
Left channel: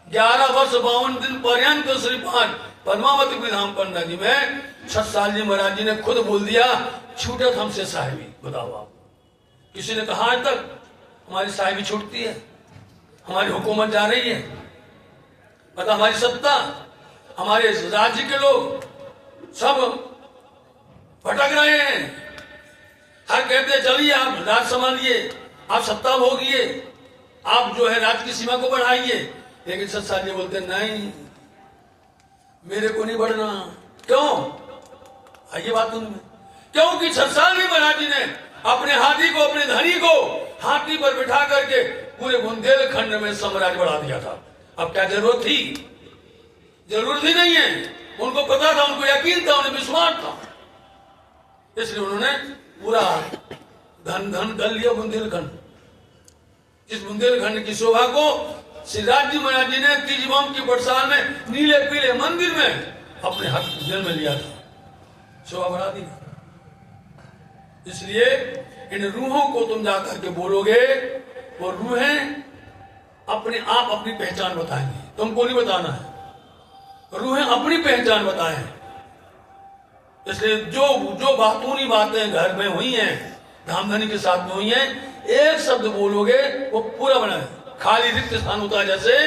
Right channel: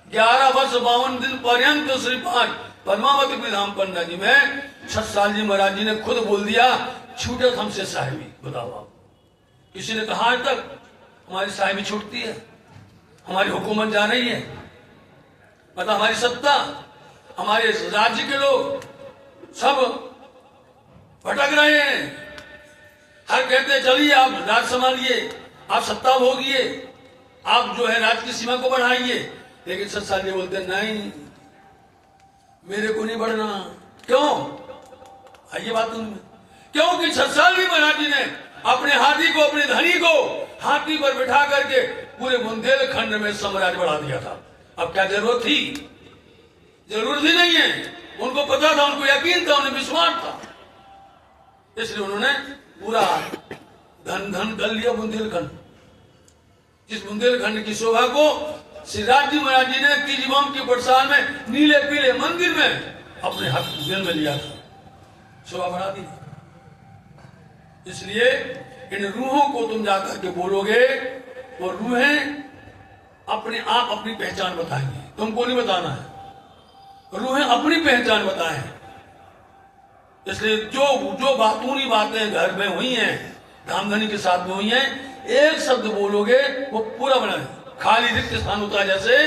11 वर्ष 52 दिन पर्यंत श्रीपाद पद्मावती धाम पंडा जी में 6 साल जी महाराज जी ने खुद बोल दिया, छूटत हमसे साहिबी। बताओ आप, किसी ने कहा आज तक हमारी साहिबी छूटती है, हमारी हुकूमत जा रही है, मतलब हमारी सत्ता, हमारे राज्य के लोग सब भटक रहे हैं। हर कहते चलिए आप राज संभालिए, आप सत्ता भोगिए, आप जो है राज्य की सीमा को बढ़ाइए, लेकिन सत्ता जी बोलते नहीं, मेरे को नहीं बढ़ना। क्यों? आइए बात उनमें, क्योंकि 6 साल भी महाराज जी ने अपने हाथी को, अपने धनी को हाथी पर बिठा करके पूरे बुंदेलखंड में साम्राज्य बढ़ा दिया था। अब क्या जरूरत थी? जरूरत ही नहीं है। उनको पता था, उनको यकीन था, उन्हें विश्वास था, इसलिए उन्होंने पूरा धन धन कर लिया बुंदेलखंड। इस बुंदेलखंड की शोभा को सिद्धार्थ जी महाराज जी ने तीजवाम की बरसात में नीले पीले मंदिर में अपने हाथ जेल में लिया था, शोभा बढ़ा दी। इसलिए इन रूहों को तुम जाकर के बोलोगे, वो रूहें अपने आप अपनी पहचान बताएंगे, तुमको नहीं बताना है। रूहें अपनी पहचान बताएं। इसलिए जो बातूनी बातें घर में हुई हैं, धामधनी के साथ में हुई हैं, एक शब्द बोलोगे वो पूरा बनाए। खाली रिक्त स्थान होता है, जैसे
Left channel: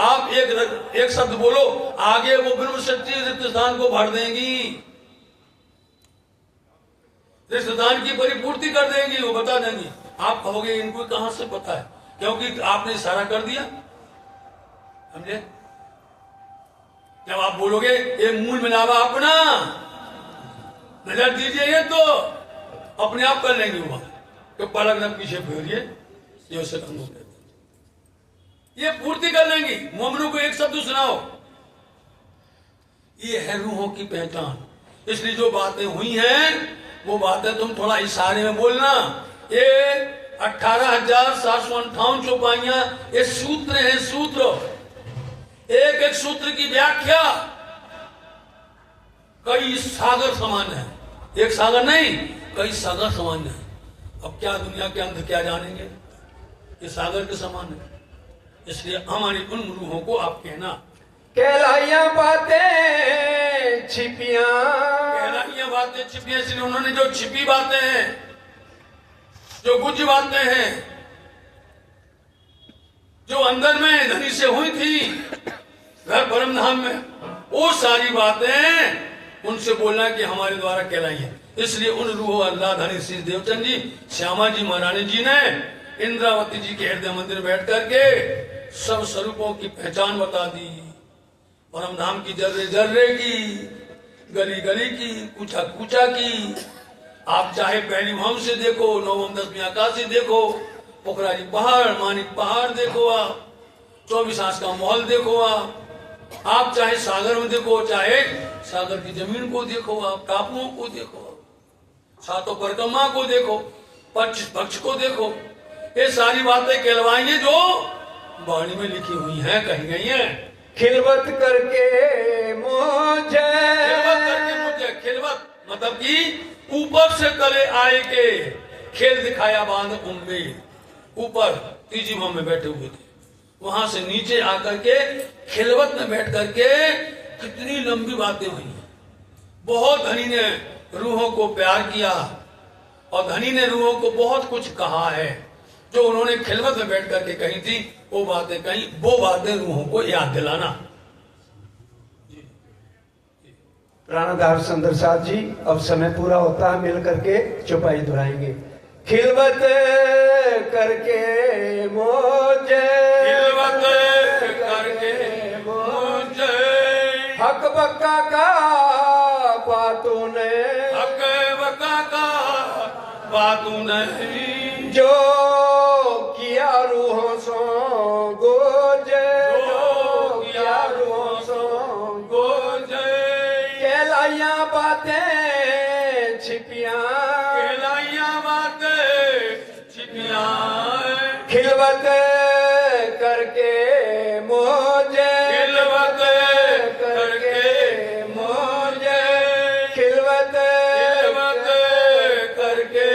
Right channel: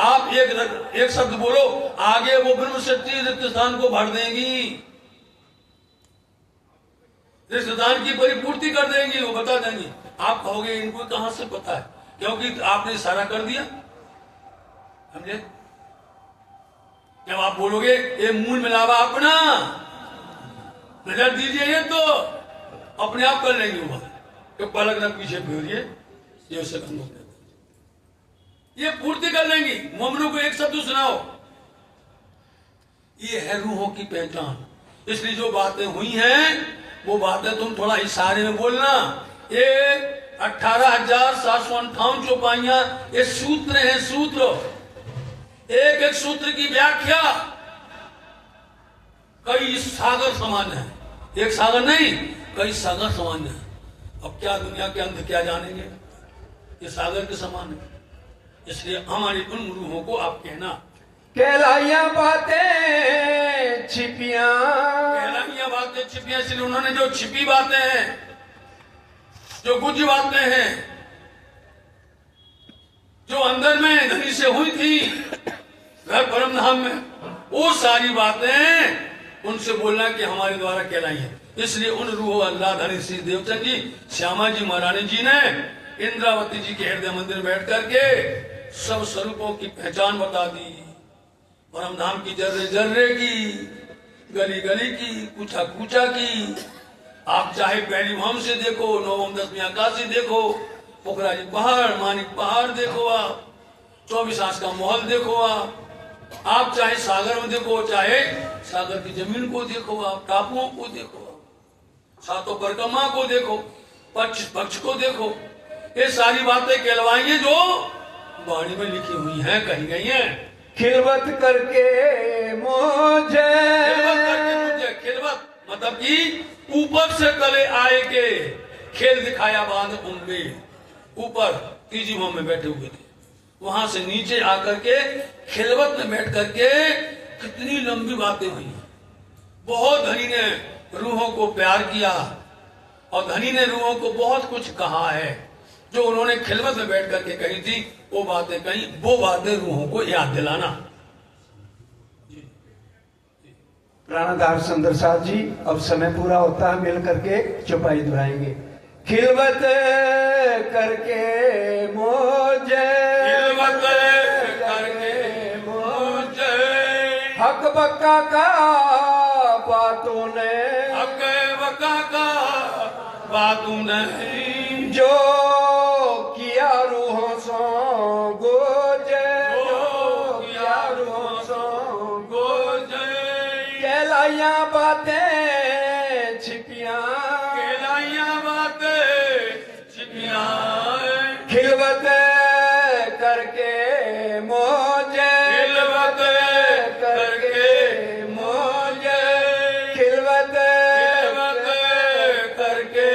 आप एक शब्द बोलो, आगे वो ब्रह्म शक्ति रिक्त स्थान को भर देंगी, रिक्त स्थान की परिपूर्ति कर देंगी, वो बता देंगी। आप कहोगे इनको कहां से पता है, क्योंकि आपने इशारा कर दिया, समझे। जब आप बोलोगे ये मूल मिलावा अपना नजर दीजिए, ये तो अपने आप कर लेंगे वहां, तो पलक न पीछे फेरिए, ये उससे कम हो गया, ये पूर्ति कर लेंगी। मोमनों को एक शब्द सुनाओ, ये है रूहों की पहचान। इसलिए जो बातें हुई हैं वो बातें तुम थोड़ा इशारे में बोलना। ये 18,758 चौपाइयां, ये सूत्र हैं, सूत्र। एक एक सूत्र की व्याख्या कई सागर समान है, एक सागर नहीं, कई सागर समान है। अब क्या दुनिया के अंत क्या जानेंगे, ये सागर के समान है। इसलिए हमारी उन रूहों को आप कहना, कहलाइया बातें छिपियां, कहलाइया बातें छिपियां। इसलिए उन्होंने जो छिपी बातें हैं, जो गुज बातें हैं, जो अंदर में धनी से हुई थी परम धाम में, वो सारी बातें उनसे बोलना कि हमारे द्वारा कहलाई है। इसलिए उन रूह अल्लाह धनी श्री देवचंद जी, श्यामा जी महारानी जी ने इंद्रावती जी के हृदय मंदिर बैठ करके सब स्वरूपों की पहचान बता दी। परम धाम की जर्रे जर्रे की, गली गली की, कूचा कूचा की। आप चाहे पहली भाव से देखो, नवम 10वीं आकाश से देखो, पोखराजी पहाड़, मानिक पहाड़ देखो, आप 24 आस का महल देखो, आप चाहे सागर में देखो, चाहे सागर की जमीन को देखो, आप टापुओं को देखो, सातों परिक्रमा को देखो, पक्ष को देखो। ये सारी बातें कहलवाएंगे जो वाणी में लिखी हुई हैं, कही गई हैं। खिलवत करके मुझे, खिलवत मतलब कि ऊपर से तले आए के खेल दिखाया बांध उनमें। ऊपर तीजी भाव में बैठे हुए थे, वहां से नीचे आकर के खिलवत में बैठ करके कितनी लंबी बातें हुई। बहुत धनी ने रूहों को प्यार किया और धनी ने रूहों को बहुत कुछ कहा है, जो उन्होंने खिलवत में बैठ करके कही थी, वो बातें कही, वो बातें रूहों को याद दिलाना। प्राणधार सुंदर साहब जी, अब समय पूरा होता है, मिल करके चौपाई दोहराएंगे। खिलवत करके मुझे, खिलवत करके मुझे, हक बक्का का बातों ने, हक बक्का का बातों ने, जो किया रूहों सो गोजे, जो किया रूहों सो गोजे। कहलाइया बातें छिपियां, कहलाइया बातें छिपियां, खिलवत करके मुझे, खिलवत करके मुझे, खिलवत करके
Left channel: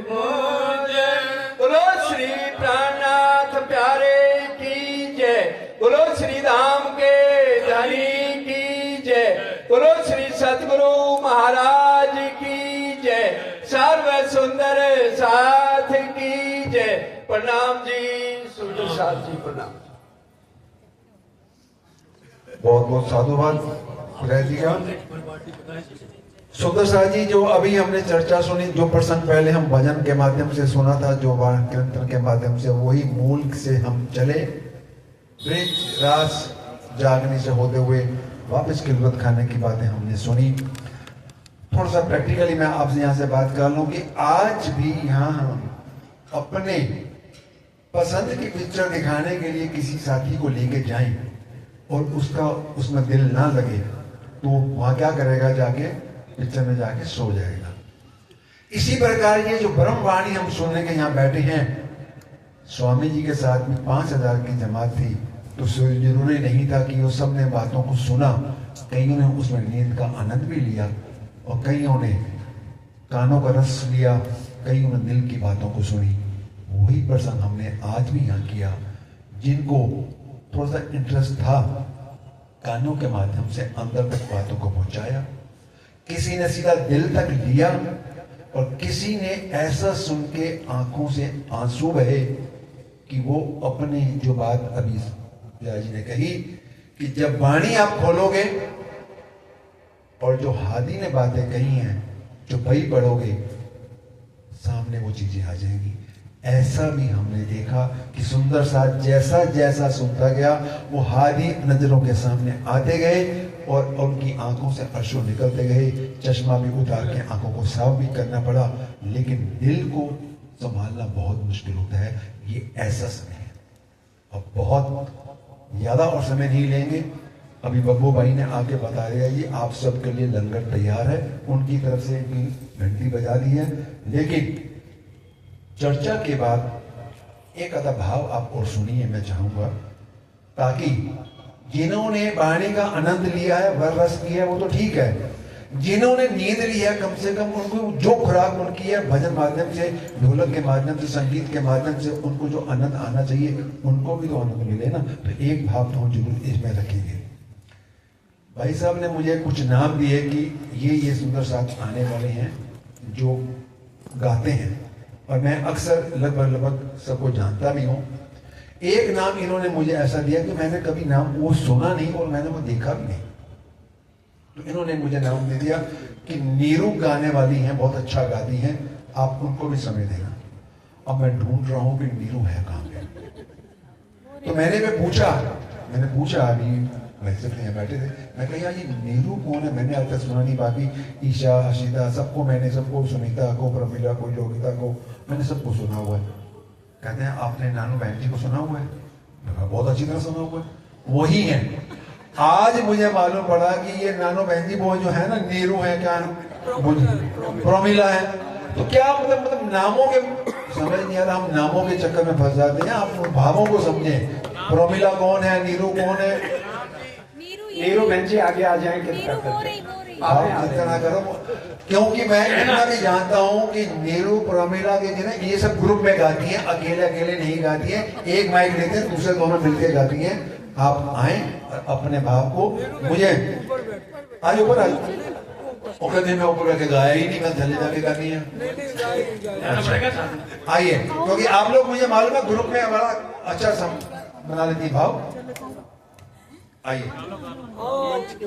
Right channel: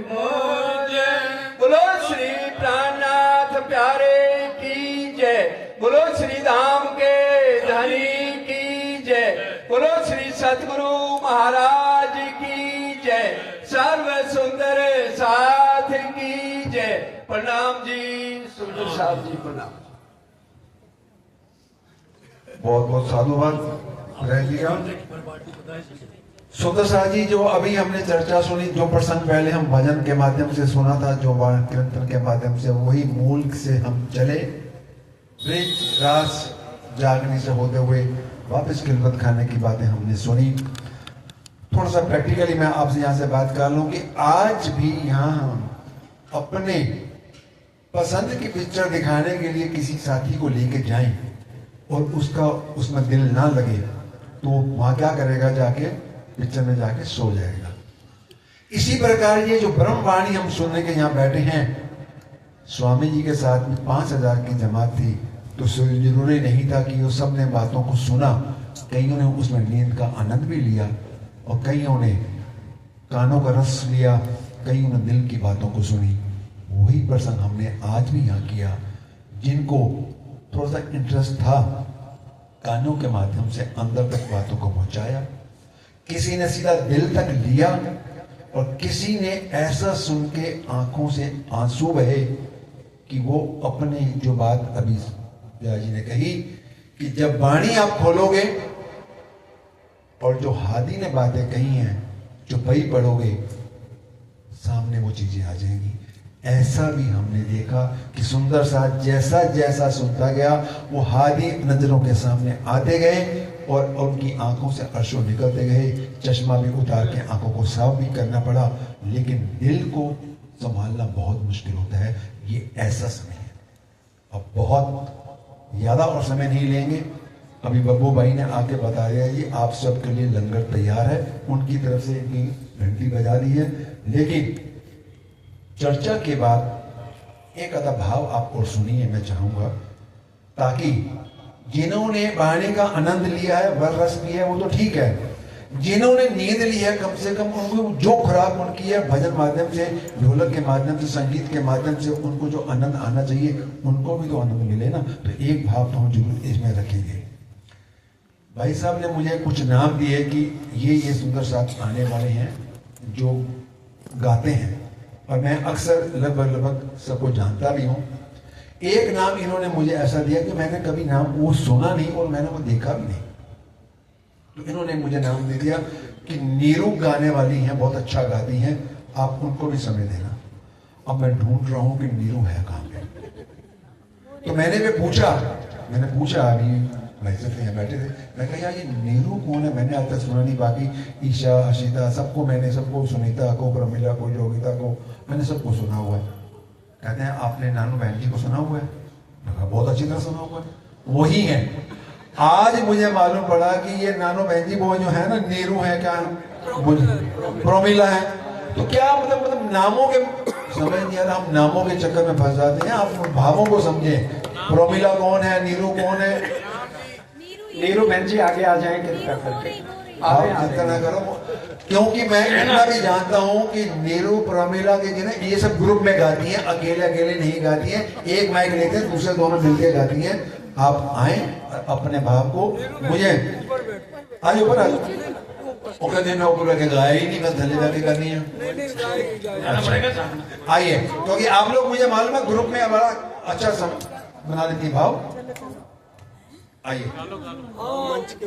मुझे। बोलो श्री प्राणनाथ प्यारे की जय, बोलो श्री धाम के धनी की जय, बोलो श्री सतगुरु महाराज की जय, सर्व सुंदर साथ की जय। प्रणाम जी, सुंदर साथ जी प्रणाम। बहुत बहुत साधुवाद रह दिया। सुंदर साह जी, जो अभी हमने चर्चा सुनी, जो प्रसंग पहले हम भजन के माध्यम से सुना था, जो कीर्तन के माध्यम से, वही मूल से हम चले। रास जागने से होते हुए वापस खिलवत खाने की बातें हमने सुनी। थोड़ा सा प्रैक्टिकली मैं आपसे यहाँ से बात कर लूं कि आज भी यहाँ हम अपने पसंद की पिक्चर दिखाने के लिए किसी साथी को लेके जाएं और उसका उसमें दिल ना लगे, तो वहां क्या करेगा, जाके पिक्चर में जाके सो जाएगा। इसी प्रकार ये जो ब्रह्मवाणी हम सुनने के यहाँ बैठे हैं, स्वामी जी के साथ में 5,000 की जमात थी, तो जरूरी नहीं था कि वो सब ने बातों को सुना। कईयों ने उसमें नींद का आनंद भी लिया और कईयों ने कानों का रस लिया, कईयों ने दिल की बातों को सुनी। वही प्रसंग हमने आज भी यहाँ किया। जिनको थोड़ा सा इंटरेस्ट था, कानों के माध्यम से अंदर तक बातों को पहुंचाया, किसी ने सीधा दिल तक लिया, और किसी ने ऐसा सुन के आंखों से आंसू बहे कि वो अपने जो बात अभी जया जी ने कही कि जब वाणी आप खोलोगे और जो हादी ने बातें कही हैं, जो भई पढ़ोगे, सामने वो चीजें आ जाएंगी। ऐसा भी हमने देखा कि सुंदर साथ जैसा जैसा सुनता गया, वो हादी नजरों के सामने आते गए और उनकी आंखों से अश्रु निकलते गए। चश्मा भी उतार के आंखों को साफ भी करना पड़ा, लेकिन दिल को संभालना बहुत मुश्किल होता है। ये ऐसा समय है। अब बहुत ज्यादा और समय नहीं लेंगे, अभी बब्बू भाई ने आके बता दिया कि आप सबके लिए लंगर तैयार है, उनकी तरफ से घंटी बजा दी है। लेकिन चर्चा के बाद एक आधा भाव आप और सुनिए, मैं चाहूंगा, ताकि जिन्होंने वाणी का आनंद लिया है, वर रस लिया है, वो तो ठीक है। जिन्होंने नींद ली है, कम से कम उनको जो खुराक उनकी है, भजन माध्यम से, ढोलक के माध्यम से, संगीत के माध्यम से उनको जो आनंद आना चाहिए, उनको भी तो आनंद मिले ना। तो एक भाव तो हम जरूर इसमें रखेंगे। भाई साहब ने मुझे कुछ नाम दिए कि ये सुंदर साथ आने वाले हैं जो गाते हैं, और मैं अक्सर लगभग सबको जानता भी हूँ। एक नाम इन्होंने मुझे ऐसा दिया कि मैंने कभी नाम वो सुना नहीं और मैंने वो देखा भी नहीं। तो इन्होंने मुझे नाम दे दिया कि नीरू गाने वाली हैं, बहुत अच्छा गाती हैं, आप उनको भी समय देना। अब मैं ढूंढ रहा हूँ कि नीरू है कहाँ पे। तो मैंने पूछा अभी वैसे थे बैठे थे, मैं कहा ये नीरू कौन है, मैंने आज तक सुना नहीं। बाकी ईशा, अशिता, सबको सुनीता को, प्रमिला को, योगिता को, मैंने सबको सुना हुआ है। कहते हैं आपने नानू बहन जी को सुना हुआ है? बहुत अच्छी तरह सुना हुआ है, वही है। आज मुझे मालूम पड़ा कि ये नानू बहन जी वो जो है ना, नीरू है, क्या प्रमिला है। तो क्या मतलब नामों के समझ नहीं आ रहा, हम नामों के चक्कर में फंस जाते हैं। आप भावों को समझे, प्रमिला कौन है, नीरू कौन है। नीरू बहन जी आगे आ जाएंगे, आप इतना करो, क्योंकि मैं इतना भी जानता हूँ कि नीरू, प्रमिला के दिन ये सब ग्रुप में गाती हैं, अकेले नहीं गाती हैं। एक माइक लेते हैं, दूसरे दोनों मिलकर गाती हैं। आप आए अपने भाव को, मुझे आज ऊपर ओके दिन में ऊपर के गाया ही नहीं, मैं धन्य जाके गानी है। आइए, क्योंकि आप लोग मुझे मालूम है ग्रुप में बड़ा अच्छा बना लेती भाव। आइए,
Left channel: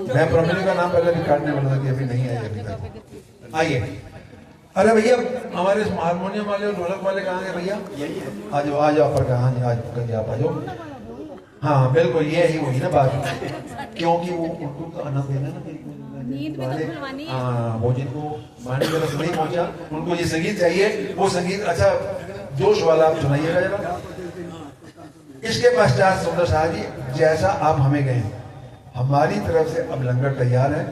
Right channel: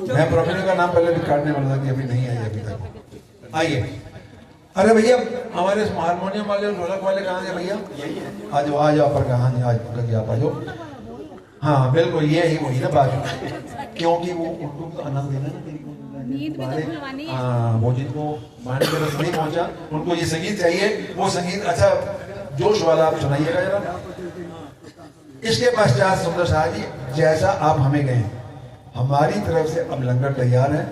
मैं प्रमिला का नाम पहले भी काटने वाला था कि अभी नहीं आया अभी तक। आइए, अरे भैया हमारे हारमोनियम वाले, ढोलक वाले कहाँ से भैया? आज आप पर कहाँ आज आप आ जाओ। हाँ बिल्कुल, ये ही वही ना बात, क्योंकि वो उनको तो आनंद देना ना, हाँ वो जिनको मायने में रस नहीं पहुंचा, उनको ये संगीत चाहिए, वो संगीत अच्छा जोश वाला आप सुनाइएगा जरा। इसके पश्चात सुंदर साहब जी, जैसा आप हमें गए, हमारी तरफ से अब लंगर तैयार है।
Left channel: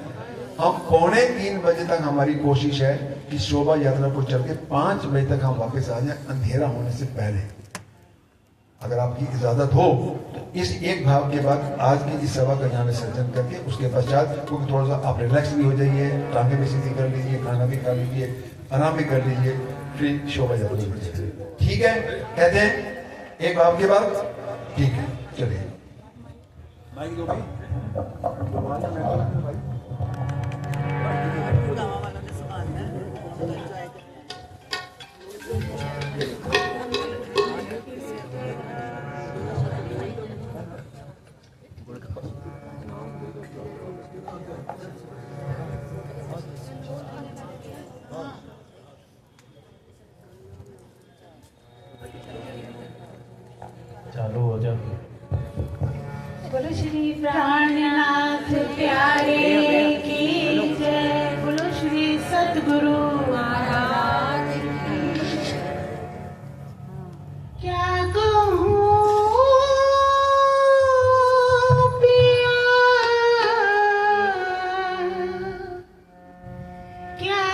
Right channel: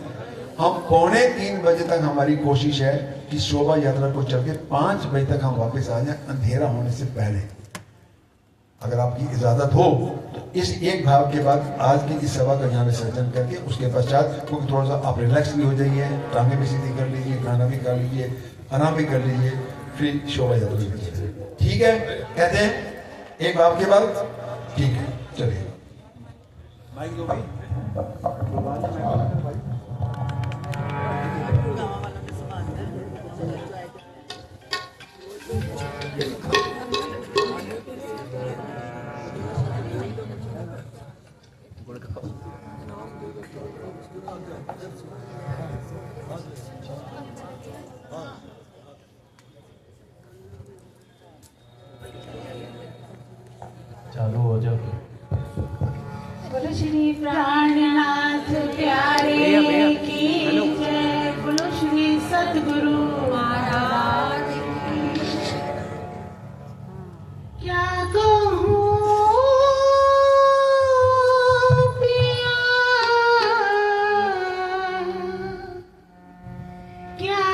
हम 2:45 बजे तक हमारी कोशिश है कि शोभा यात्रा को चल के 5 बजे तक हम वापस आ जाए, अंधेरा होने से पहले। अगर आपकी इजाजत हो तो इस एक भाव के बाद आज की इस सभा का यहाँ विसर्जन करके उसके पश्चात क्योंकि थोड़ा सा आप रिलैक्स भी हो जाइए, टांगे भी सीधी कर लीजिए, खाना भी खा लीजिए, आराम भी कर लीजिए, फिर शोभा यात्रा लीजिए। ठीक है, कहते हैं एक भाव के बाद, ठीक है चलिए। चालू हो जाओ। बोलो श्री प्राणनाथ प्यारे की जय, बोलो श्री सद्गुरु महाराज की। क्या कहूँ पिया, क्या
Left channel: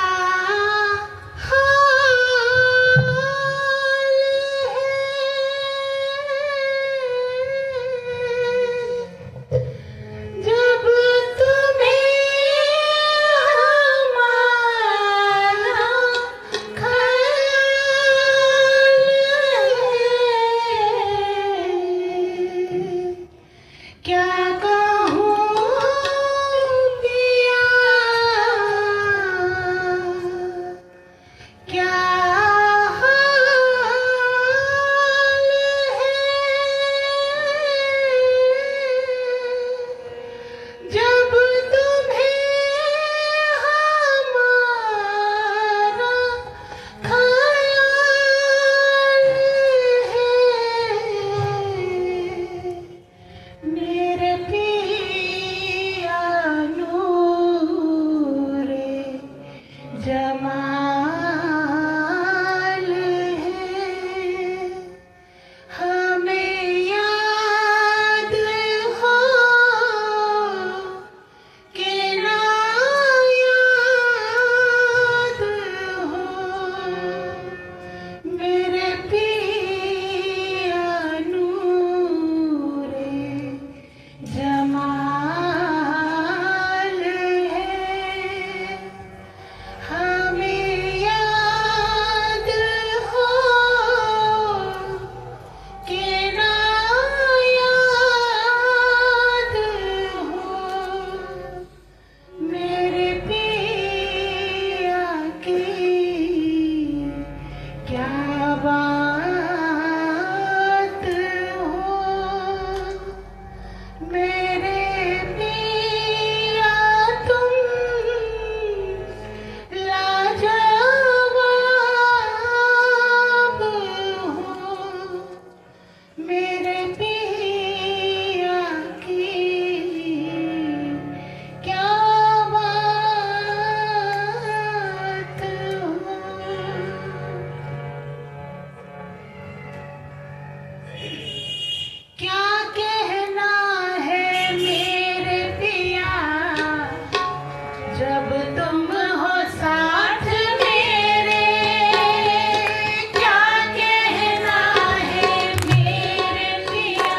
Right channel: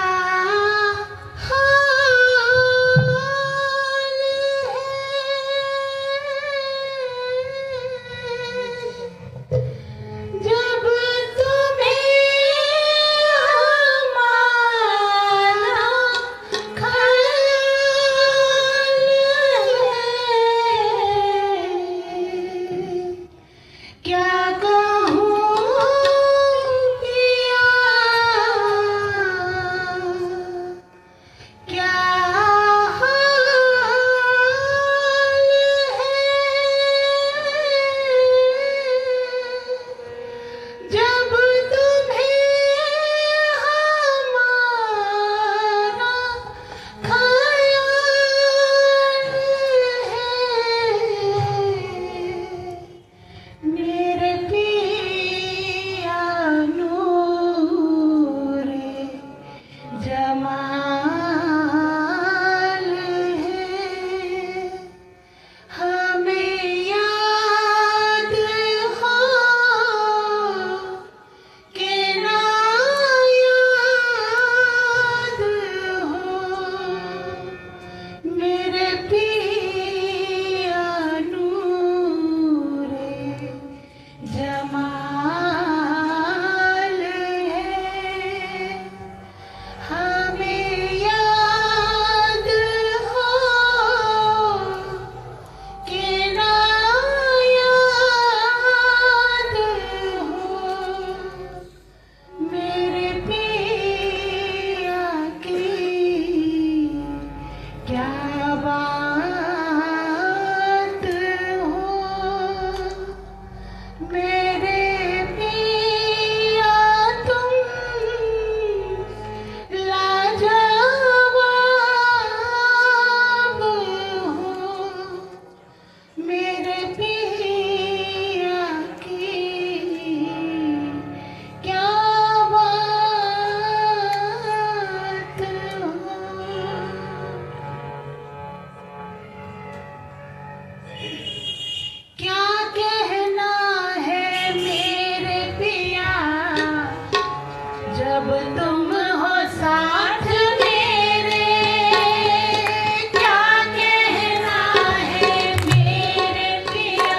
मेरे पिया की क्या बात हो। क्या कहना है मेरे पिया जब तुम हो साथ मेरे। क्या कहना है मेरे पिया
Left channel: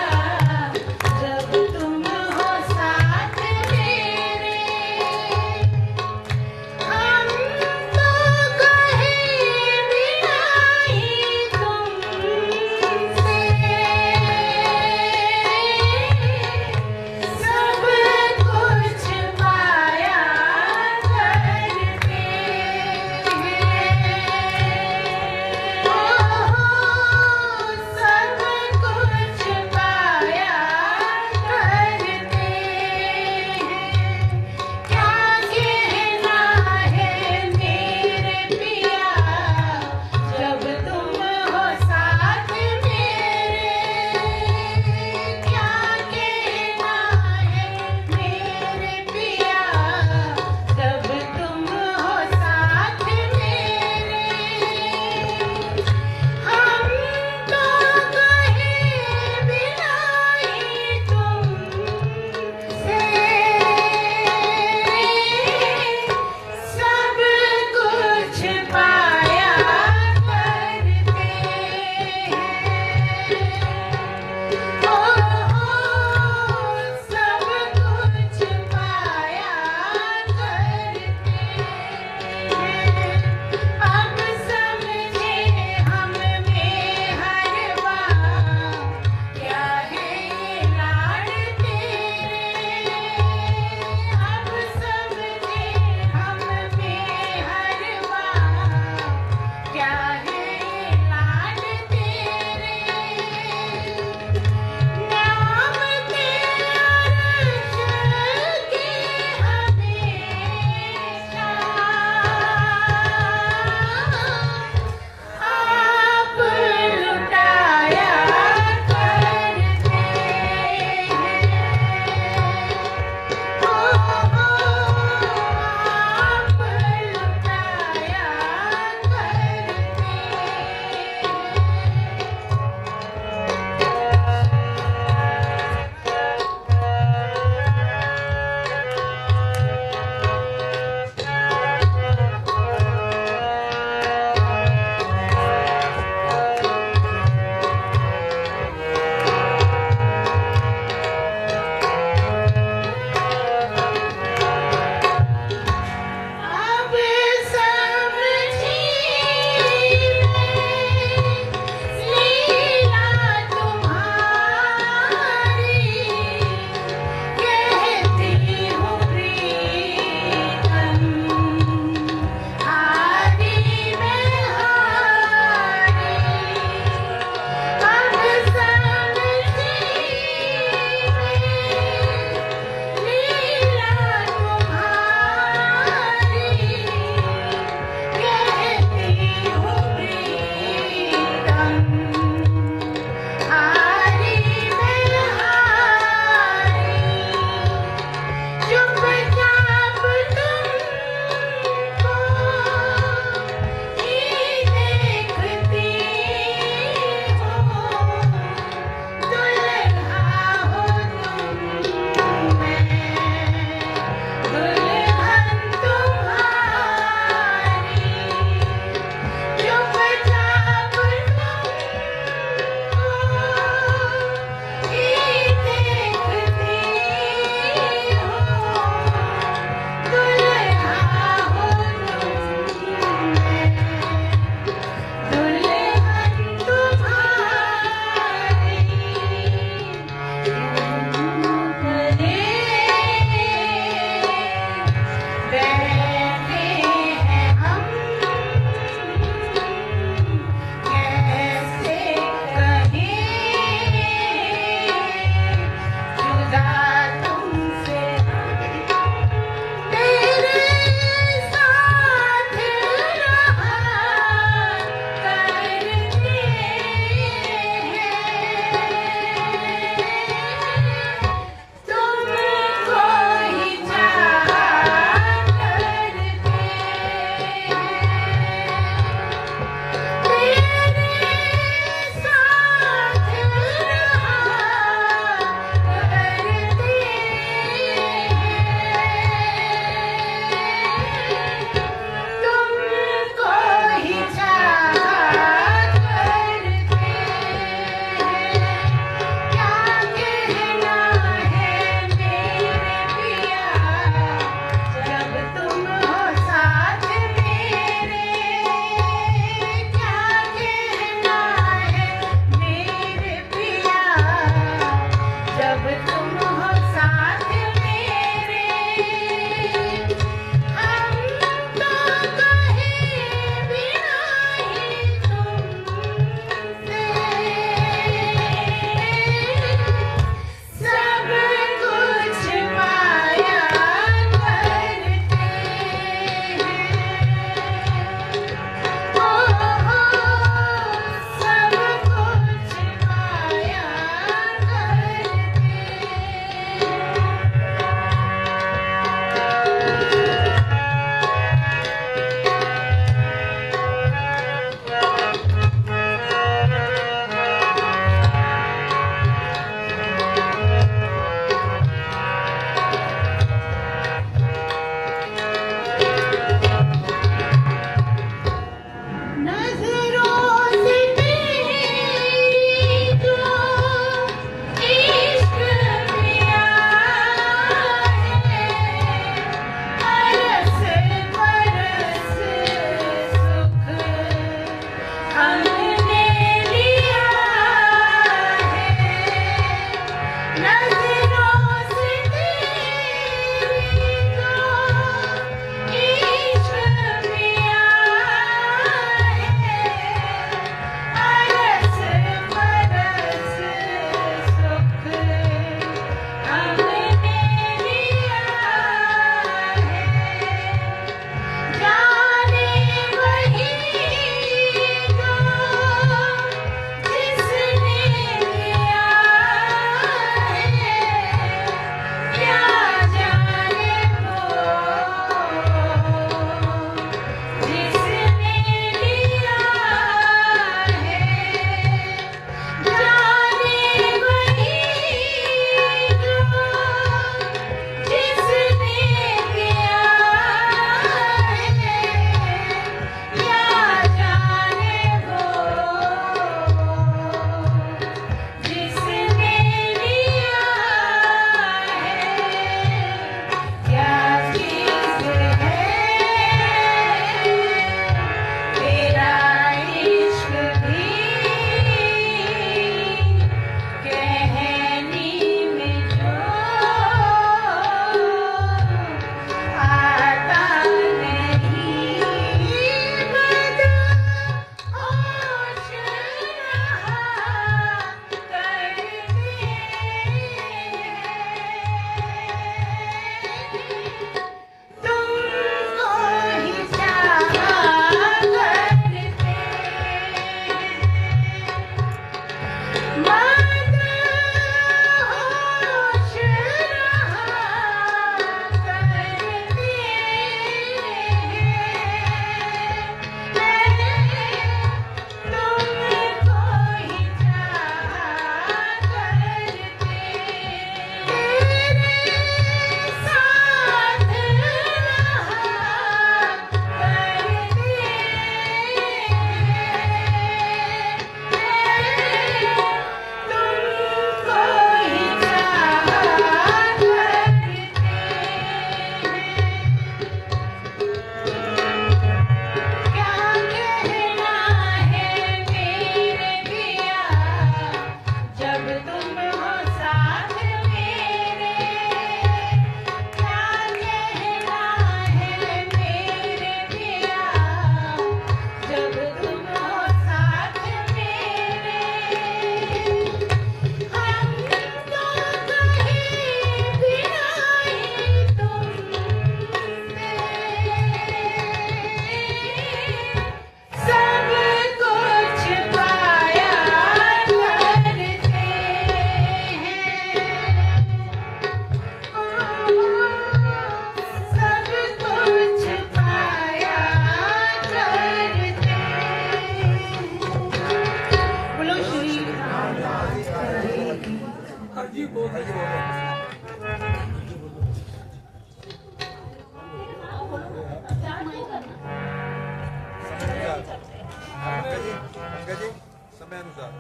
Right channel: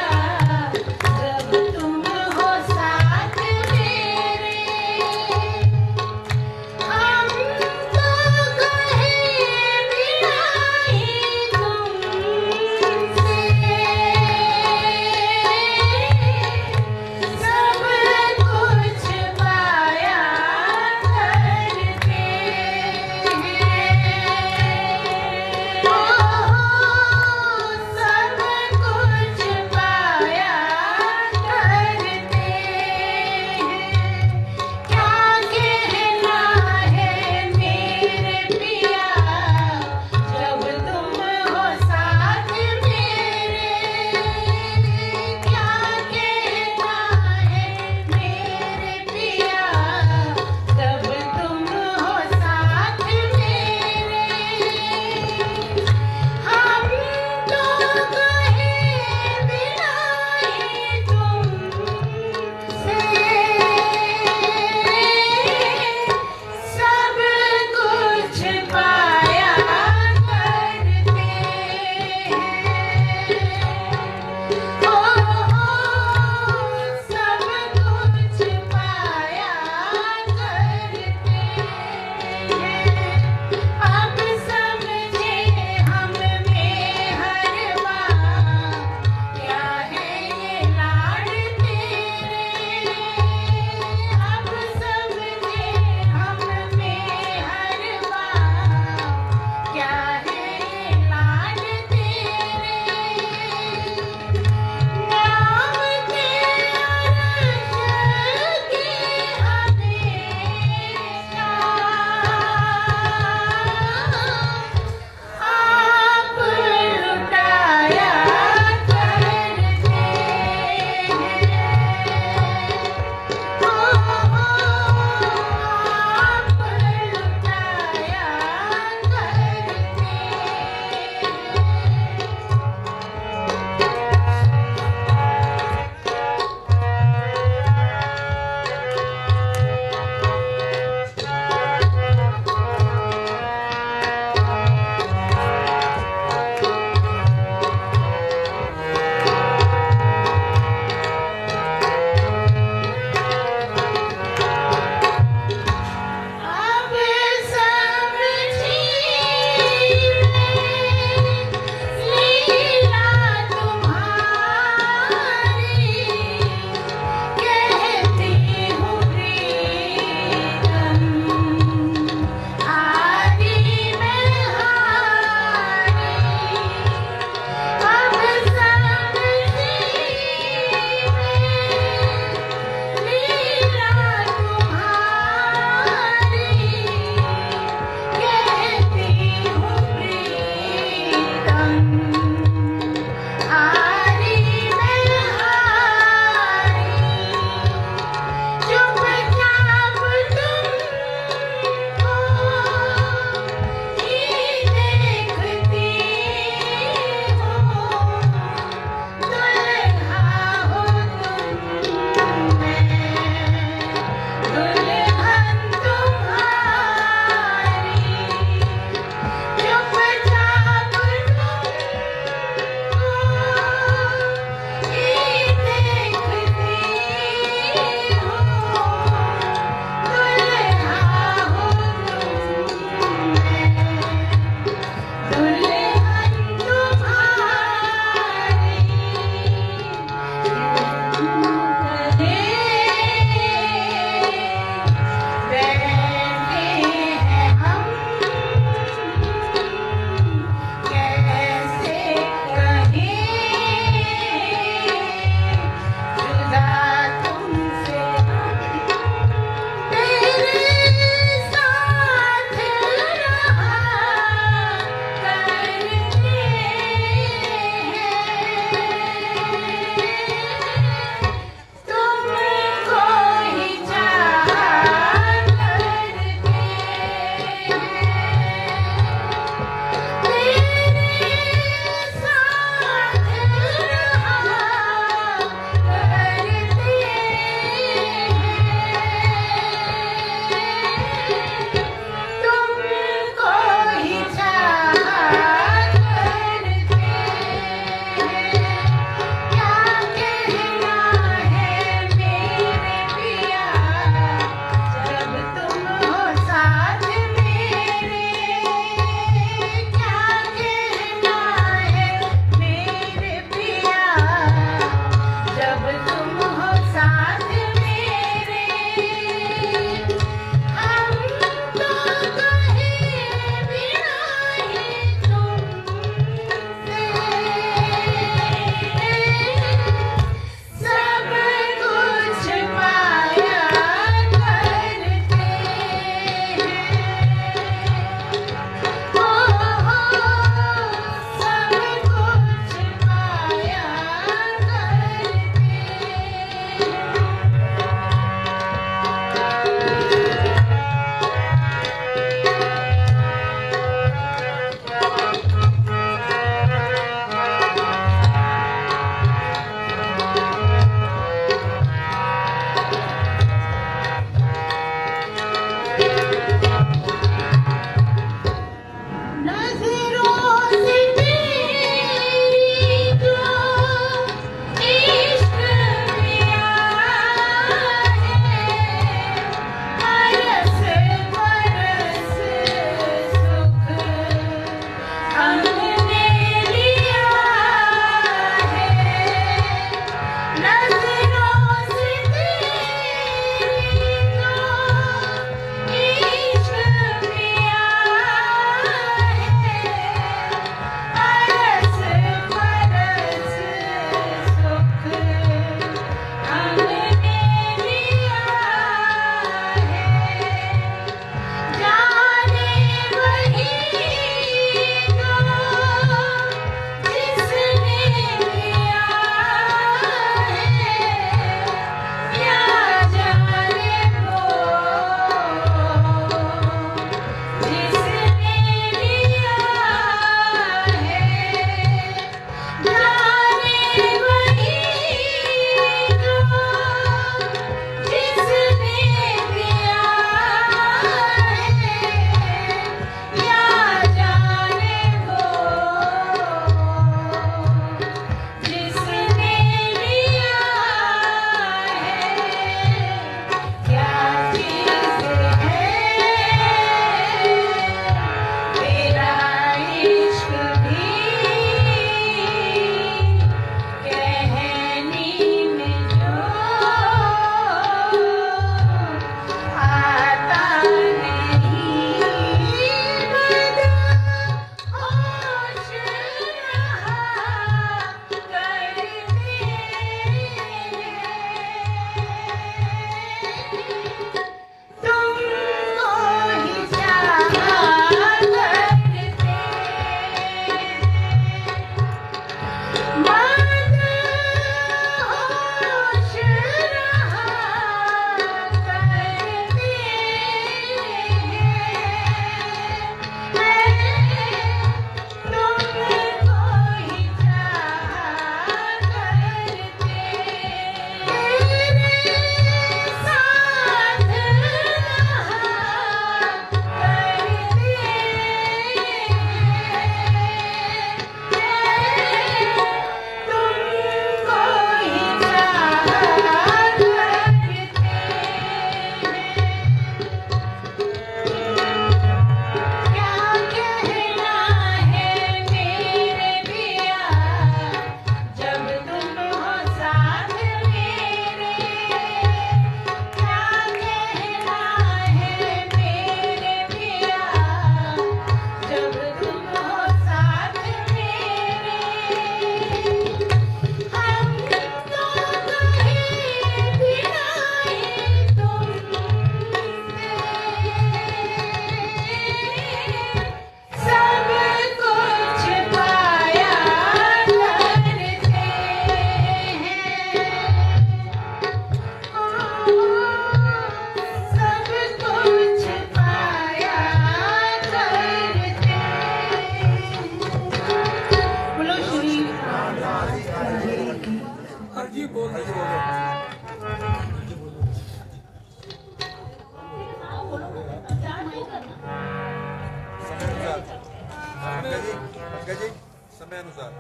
समय अनुसार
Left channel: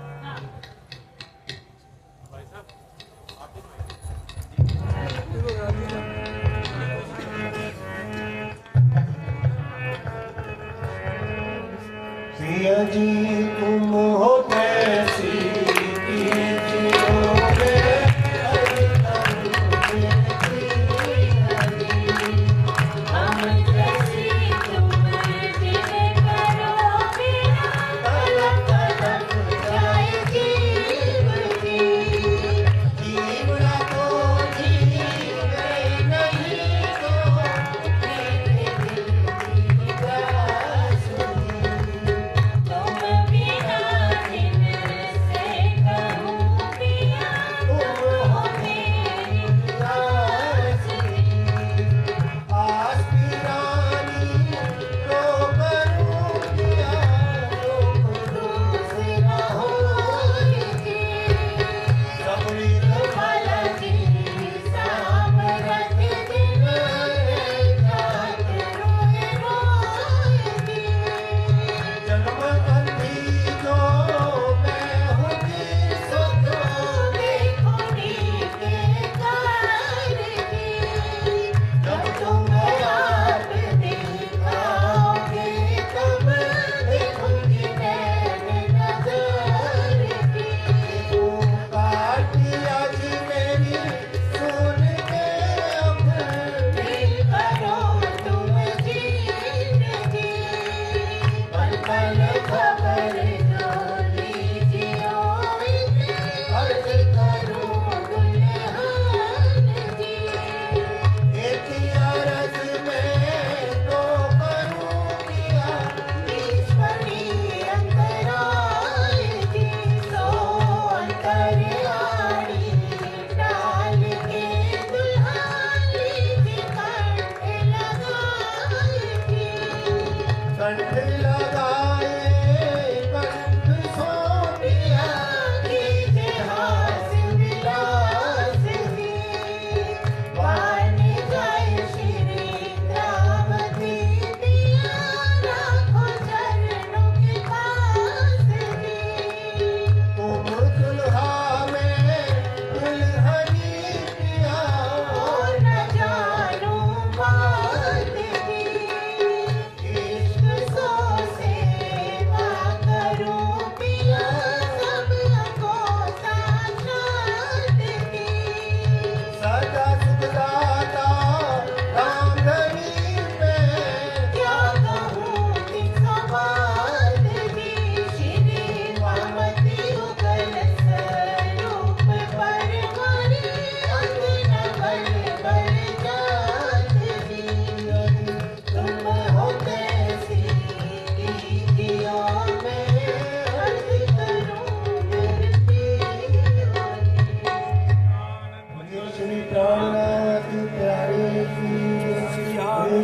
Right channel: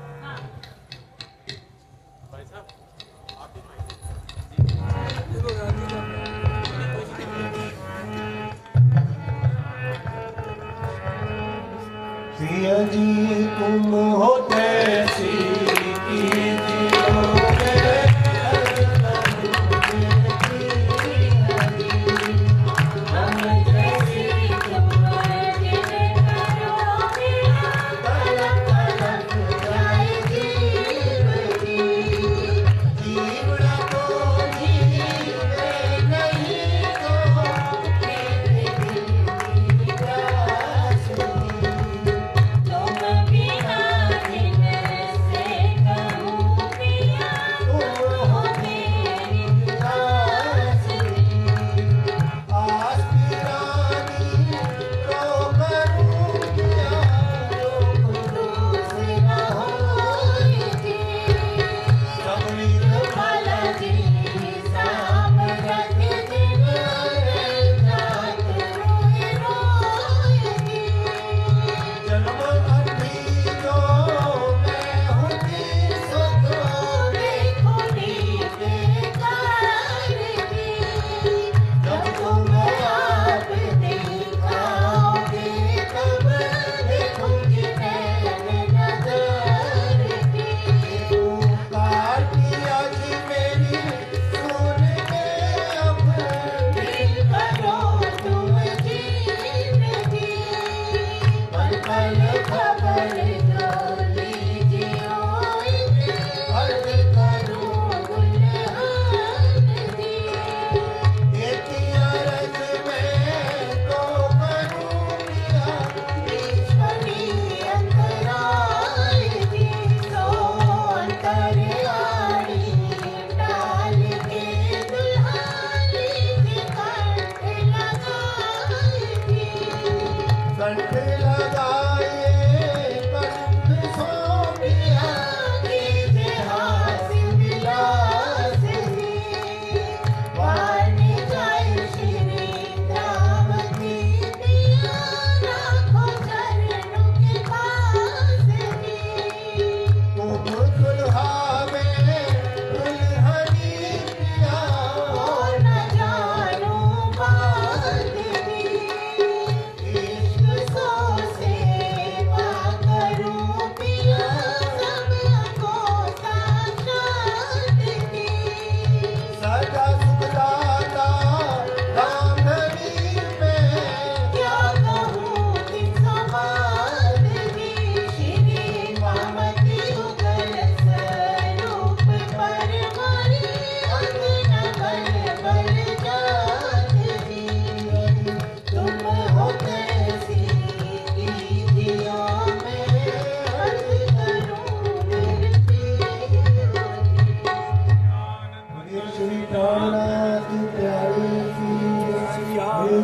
पिया जी तुम होते सी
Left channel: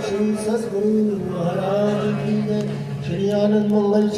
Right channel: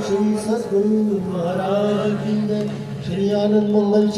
श्री सद्गुरु महाराज की जय। श्री आनंद मंगल